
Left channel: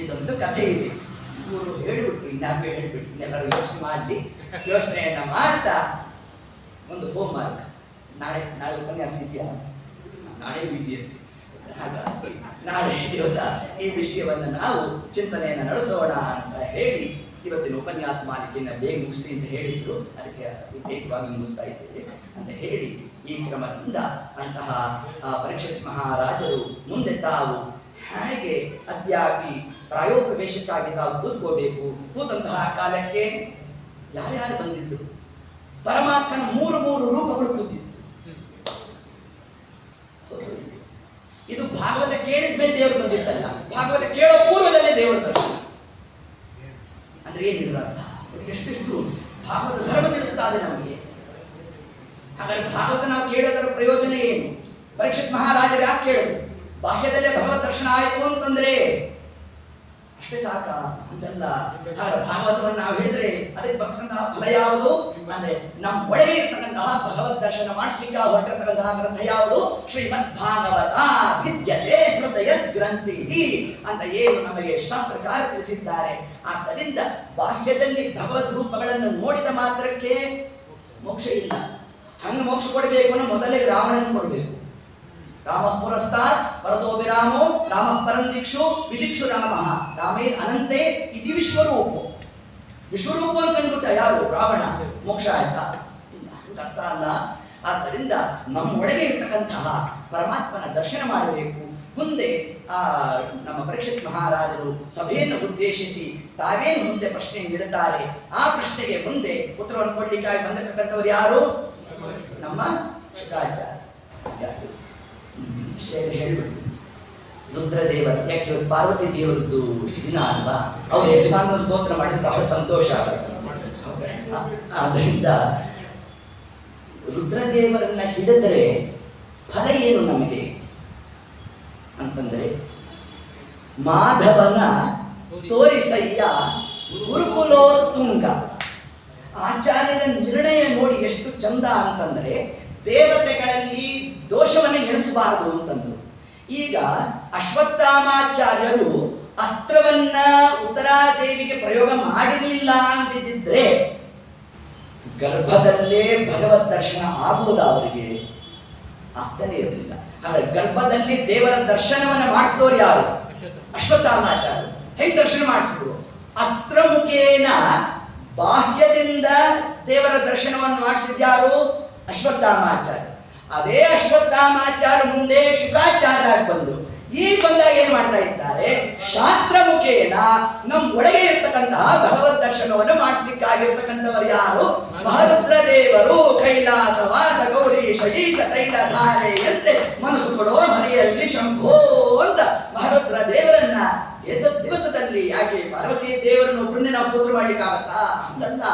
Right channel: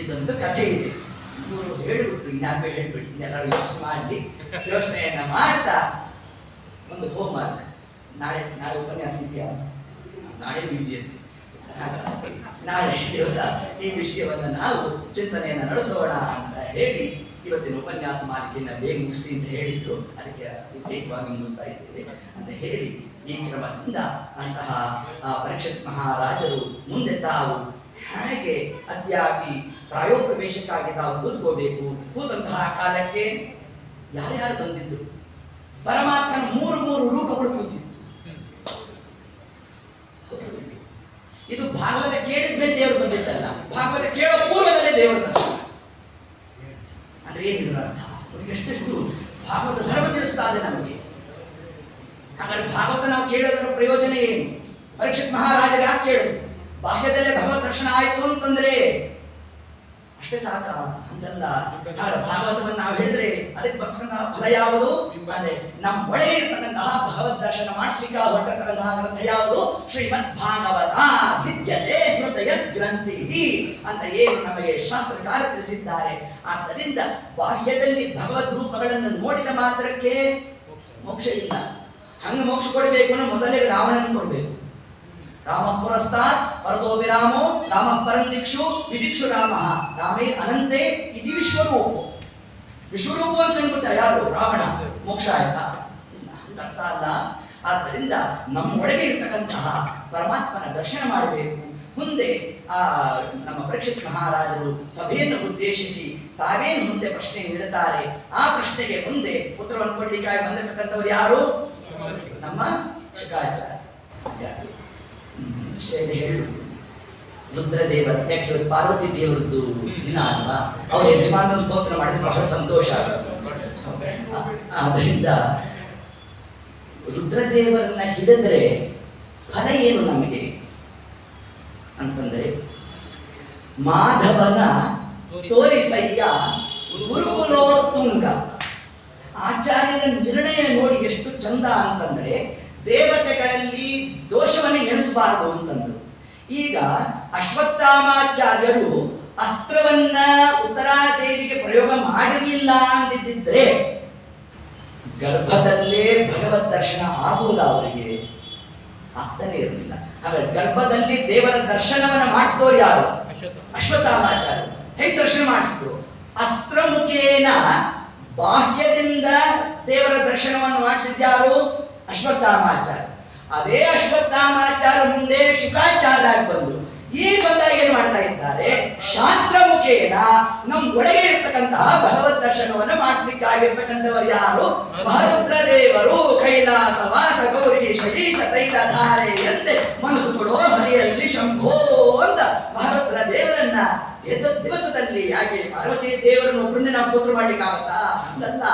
ಇದೊಂದು ಕಥೆ ಇದೆ. ಇವರು ಹೇಳಿಬಿಟ್ರು, ಇನ್ನಾಗೂ ಹೇಳ್ಬಿಟ್ಟು ಇನ್ನೆಲ್ಲರೂ ಯೋಚನೆ ಮಾಡಿ ಯೋಚನೆಯನ್ನ ಮಾಡ್ತಾ ಒಂದು ಹೋಮ್ ವರ್ಕ್. ನಾಳೆ ಉಪನ್ಯಾಸ ಇದೆಯಾ? ನಾಳೆ ಇದೆಯಂತೆ. ಹಾಗಾಗಿ ನಾಳೆ ದಿವಸ ಈ ವಿಷಯವನ್ನು ನಾವು ಚಿಂತನೆಯನ್ನು ನಡೆಸೋಣ ಅಂತ ಹೇಳಿ ಇವತ್ತಿನ ಉಪನ್ಯಾಸ ಮಾಲಿಕೆಯನ್ನು ಬೇಗ ಮುಗಿಸಿ ಅಂತ ಹೇಳಿದ್ರು. ಅದಕ್ಕೆ ಬೇಗವಾಗಿ ಮುಗಿಸ್ತಾ ಇದ್ದೇವೆ ಅಂತ ಹೇಳಿ ಈ ಕ್ರಮದಿಂದ ಅಂತಹ ಪರೀಕ್ಷಿತ್ ಮಹಾರಾಜರು ಮುಂದೆ ತಾವು ಹೇಗೆ ಅದ್ಯಾಪಿ ಪ್ರಾಯೋಪ್ರವೇಶಕ್ಕಾಗಿ ತಾವು ಕೂತ್ಕೋಬೇಕು. ಕೂತಂತಹ ಕಾಲಕ್ಕೆ ಯಾರ್ಯಾರು ಬಂದಿದ್ರು? ಪರಮಾತ್ಮನ 3 ರೂಪಗಳು ಕೂತಿತ್ತು. ಇದು ಭಾಗವತ ಕೇಳಿದ ಮೇಲೆ ದೇವರು ಬಂದಿದ್ದಲ್ಲ, ಭಾಗವತ ಕೇಳೋ ಪೂರ್ವದಲ್ಲೇ ದೇವರ ದರ್ಶನ. ಅಂದ್ರೆ ಏನಿದ್ರು ಅರ್ಥ? ಎಷ್ಟೆಷ್ಟು ಭಾಗವತ ಧರ್ಮ ತಿಳಿಸ್ತಾ ಇದೆ ನಮಗೆ. ಹಾಗಾದ್ರೆ ಭಾಗವತ ನಾವು ಕೇಳೋದರ ಪ್ರಯೋಜನ ಏನು? ಪರೀಕ್ಷಿತ್ ಮಹಾರಾಜರು ಯಾಕೆ ಕೇಳಿದ್ರು? ಬಾಹ್ಯದಲ್ಲೇ ಭಗವತ್ ದರ್ಶನ ಆಯಿತು ಅಂತಂದ್ರೆ ಅಷ್ಟ ಅಷ್ಟೇ ಸಾಕ ಅಂತಲ್ಲ. ಹಾಗಾದ್ರೆ ಭಾಗವತವನ್ನು ನಾವು ಹಿಡಿದ್ರೆ ಅದಕ್ಕೆ ಬರ್ತಕ್ಕಂತಹ ಫಲ ಯಾವುದು ಅಂದ್ರೆ ನಮ್ಮ ಒಳಗೆ ಇರ್ತಕ್ಕಂತಹ ಭಗವದ್ ದರ್ಶನ ಮಾಡಿಸ್ಲಿಕ್ಕೆ ಹೊರಟಿರ್ತಕ್ಕಂತಹ ಗ್ರಂಥ ಯಾವುದು? ಶ್ರೀಮದ್ ಭಾಗವತ ವಿದ್ಯತೆ ಹೃದಯ ಗ್ರಂಥಿ ಅಂತ ಏನು ನಮಗೆ ಶಾಸ್ತ್ರಕಾರ ತಿಳಿಸಿದ್ದಾರೆ. ಆದ್ದರಿಂದ ಬಾಹ್ಯದಲ್ಲಿ ಭಗವದ್ ರೂಪಗಳನ್ನು ನೋಡಿದ ಮಾತ್ರಕ್ಕೆ ಮೋಕ್ಷ ಇಲ್ಲ. ಹಂಗೆ ಮೋಕ್ಷ ಕೊಡಬೇಕು ಅಂದ್ರೆ ಮೊದಲೇ ರಾವಣನ ಕೊಡಬೇಕು. ರಾಮ ಪುರಸ್ತಾತ್ ಪರದೋ ವಿರಾಮೋ ರಾಮ ಪರಂ ದಿಕ್ಷು ವಿದಿಕ್ಷು ರಾಮ ರಾಮೇ ಅನಂತೆ ಇತಿ ವಿಶ್ವರೂಪು. ವಿಶ್ವರೂಪು ಅಂತ ಅಂದ್ಬಿಟ್ಟ ಯಾರು? ರಾವಣ. ಮೋಕ್ಷ ಆಯ್ತಾ? ಇಲ್ಲ, ಅರ್ಥ ಅಲ್ಲ. ಆದ್ದರಿಂದ ನಮ್ಮೊಳಗೆ ಇರ್ತಕ್ಕಂತಹ ಪರಮಾತ್ಮನ ದರ್ಶನ ಮಾಡಬೇಕು. ಮುಂದೆ ನಮ್ಮ ಪರೀಕ್ಷಿತ್ ಮಹಾರಾಜರು ಸಭೆಯನ್ನು ಉದ್ದೇಶಿಸಿ ತಾವೇನು ಮುಂದೆ ಪ್ರಶ್ನೆ ನೀಡುತ್ತಾರೆ, ಆ ಪ್ರಶ್ನೆಗೆ ಮುಂದೆ ಉತ್ತರವನ್ನು ಕೊಡ್ಲಿಕ್ಕಾಗಿ ಬಂದಿರತಕ್ಕಂಥವ್ರು ಯಾರು? ನಮ್ಮ ಶುಕಾಚಾರ್ಯ. ಹೇಳು ರುದ್ರದೇವರ, ಯಾಕೆ ಇವತ್ತು ಪಾರ್ವತಿ ದೇವರದ್ದು ದಿನ ಅಲ್ವಾ? ಅವ್ರು ಯಜಮಾನ ಸ್ತೋತ್ರ ಮಾಡಿದ್ರೆ ಬಹಳ ಸಂತೋಷ ಆಗುತ್ತೆ. ಆದ್ದರಿಂದ ರುದ್ರದೇವರನ್ನ ಹಿಡಿದ್ರೆ ಫಲ ಏನು ನಮಗೆ ಅಂತಂದ್ರೆ, ಮಾಧವನ ತೋರಿಸಯ್ಯ ಗುರುಕುಲೋತ್ತುಂಗ. ಆಚಾರ್ಯರ ನಿರ್ಣಯ ನೋಡಿ ಎಷ್ಟು ಚಂದ ಅಂತಂದ್ರೆ, ದೇವತೆಗಳಲ್ಲಿ ದೋಷವನ್ನು ಎಣಿಸಬಾರದು ಅಂತಂದ್ರು. ಈಗ ಅಶ್ವತ್ಥಾಮಾಚಾರ್ಯರು ಅಸ್ತ್ರವನ್ನ ಉತ್ತರಾದೇವಿಗೆ ಪ್ರಯೋಗ ಮಾಡಿರಲಿಲ್ಲ ಅಂದಿದ್ದರೆ ಗರ್ಭದಲ್ಲೇ ಭಗವದ್ ದರ್ಶನ ಆಗುವುದಾ ಅವರಿಗೆ? ಆಗ್ತಾನೆ ಇರಲಿಲ್ಲ. ಹಾಗಾದ್ರೆ ಗರ್ಭದಲ್ಲಿ ದೇವರ ದರ್ಶನವನ್ನ ಮಾಡಿಸಿದವರು ಯಾರು? ಅಶ್ವತ್ಥಾಮಾಚಾರ್ಯರು. ಹೇಗೆ ದರ್ಶನ ಮಾಡಿಸಿದ್ರು? ಅಸ್ತ್ರ ಮುಖೇನ ಬಾಹ್ಯದಿಂದ ದೇವರ ದರ್ಶನವನ್ನು ಮಾಡಿಸಿದ್ಯಾರು? ಅಶ್ವತ್ಥಾಮಾಚಾರ್ಯ. ಅದೇ ಅಶ್ವತ್ಥಾಮಾಚಾರ್ಯ ಮುಂದೆ ಶುಕಾಚಾರ್ಯ ಬಂದು ಈಗ ಬಂದಾಗ ಏನ್ ಮಾಡ್ತಾ ಇದ್ದಾರೆ? ಶಾಸ್ತ್ರ ಮುಖೇನ ನಮ್ಮ ಒಳಗೆ ಇರ್ತಕ್ಕಂತಹ ಭಗವದ್ ದರ್ಶನವನ್ನು ಮಾಡಿಸ್ಲಿಕ್ಕಾಗಿರ್ತಕ್ಕಂಥವರು ಯಾರು? ಮಹರುದ್ರ ದೇವರು. ಕೈಲಾಸ ವಾಸ ಗೌರಿ ಶಗೀಶ ತೈಲ ಧಾರೆಯಂತೆ ಮನಸ್ಸು ಕೊಡೋ ಮನೆಯಲ್ಲಿ ಶಂಭೋ ಅಂತ ಮಹರುದ್ರ ದೇವರನ್ನ ದಿವಸದಲ್ಲಿ ಯಾಕೆ ಪಾರ್ವತಿ ದೇವರನ್ನು ಒಬ್ಬರನ್ನೇ ನಾವು ಸ್ತೋತ್ರ ಮಾಡ್ಲಿಕ್ಕಾಗತ್ತಾ? ಅಂತಲ್ಲ.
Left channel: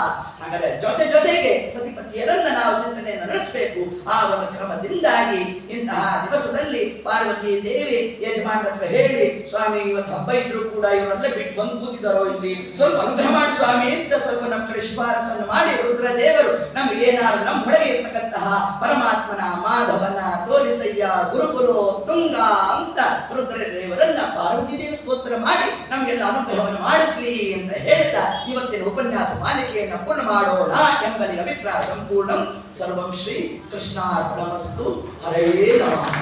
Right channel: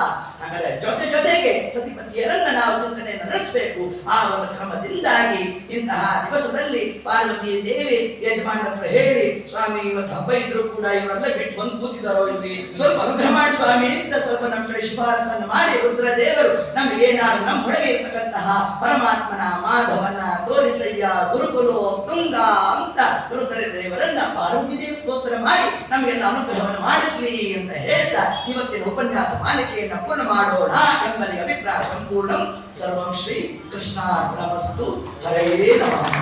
ಹಾಗಾದ್ರೆ ಜೊತೆಗೆ ಸತಿಪತಿಯರನ್ನ ನಾವು ಚಿಂತನೆಯನ್ನು ನಡೆಸಬೇಕು. ಆ ಒಂದು ಕ್ರಮದಿಂದಾಗಿ ಇಂತಹ ದಿವಸದಲ್ಲಿ ಪಾರ್ವತಿ ದೇವಿ ಯಜಮಾನ ಹತ್ರ ಹೇಳಿ, ಸ್ವಾಮಿ ಇವತ್ತು ಹಬ್ಬ ಇದ್ರು ಕೂಡ ಇವರೆಲ್ಲ ಬಿಟ್ಟು ಬಂದು ಕೂತಿದಾರೋ ಇಲ್ಲಿ, ಸ್ವಲ್ಪ ಅನುಗ್ರಹ ಮಾಡಿ ಸ್ವಾಮಿ ಅಂತ ಸ್ವಲ್ಪ ನಮ್ಮ ಕಡೆ ಶಿಫಾರಸನ್ನು ಮಾಡಿ ರುದ್ರ ದೇವರು ನಮಗೇನಾದ್ರು ನಮ್ಮೊಳಗೆ ಇರ್ತಕ್ಕಂತಹ ಪರಮಾತ್ಮನ ಮಾಧವನ ತೋರಿಸಯ್ಯ ಗುರುಕುಲೋ ತುಂಗ ಅಂತ ರುದ್ರ ದೇವರನ್ನ ಪಾರ್ವತಿ ದೇವಿ ಸ್ತೋತ್ರ ಮಾಡಿ ನಮಗೆಲ್ಲ ಅನುಗ್ರಹವನ್ನು ಮಾಡಿಸಲಿ ಅಂತ ಹೇಳ್ತಾ ಇವತ್ತಿನ ಉಪನ್ಯಾಸ ಮಾಲಿಕೆಯನ್ನು ಪೂರ್ಣ ಮಾಡೋಣ ಎಂಬಲ್ಲಿ ಅಭಿಪ್ರಾಯ ಸಂಪೂರ್ಣಂ. ಸರ್ವಂ ಶ್ರೀ ಕೃಷ್ಣಾರ್ಪಣಮಸ್ತು. ಹರೇ ನಮಃ.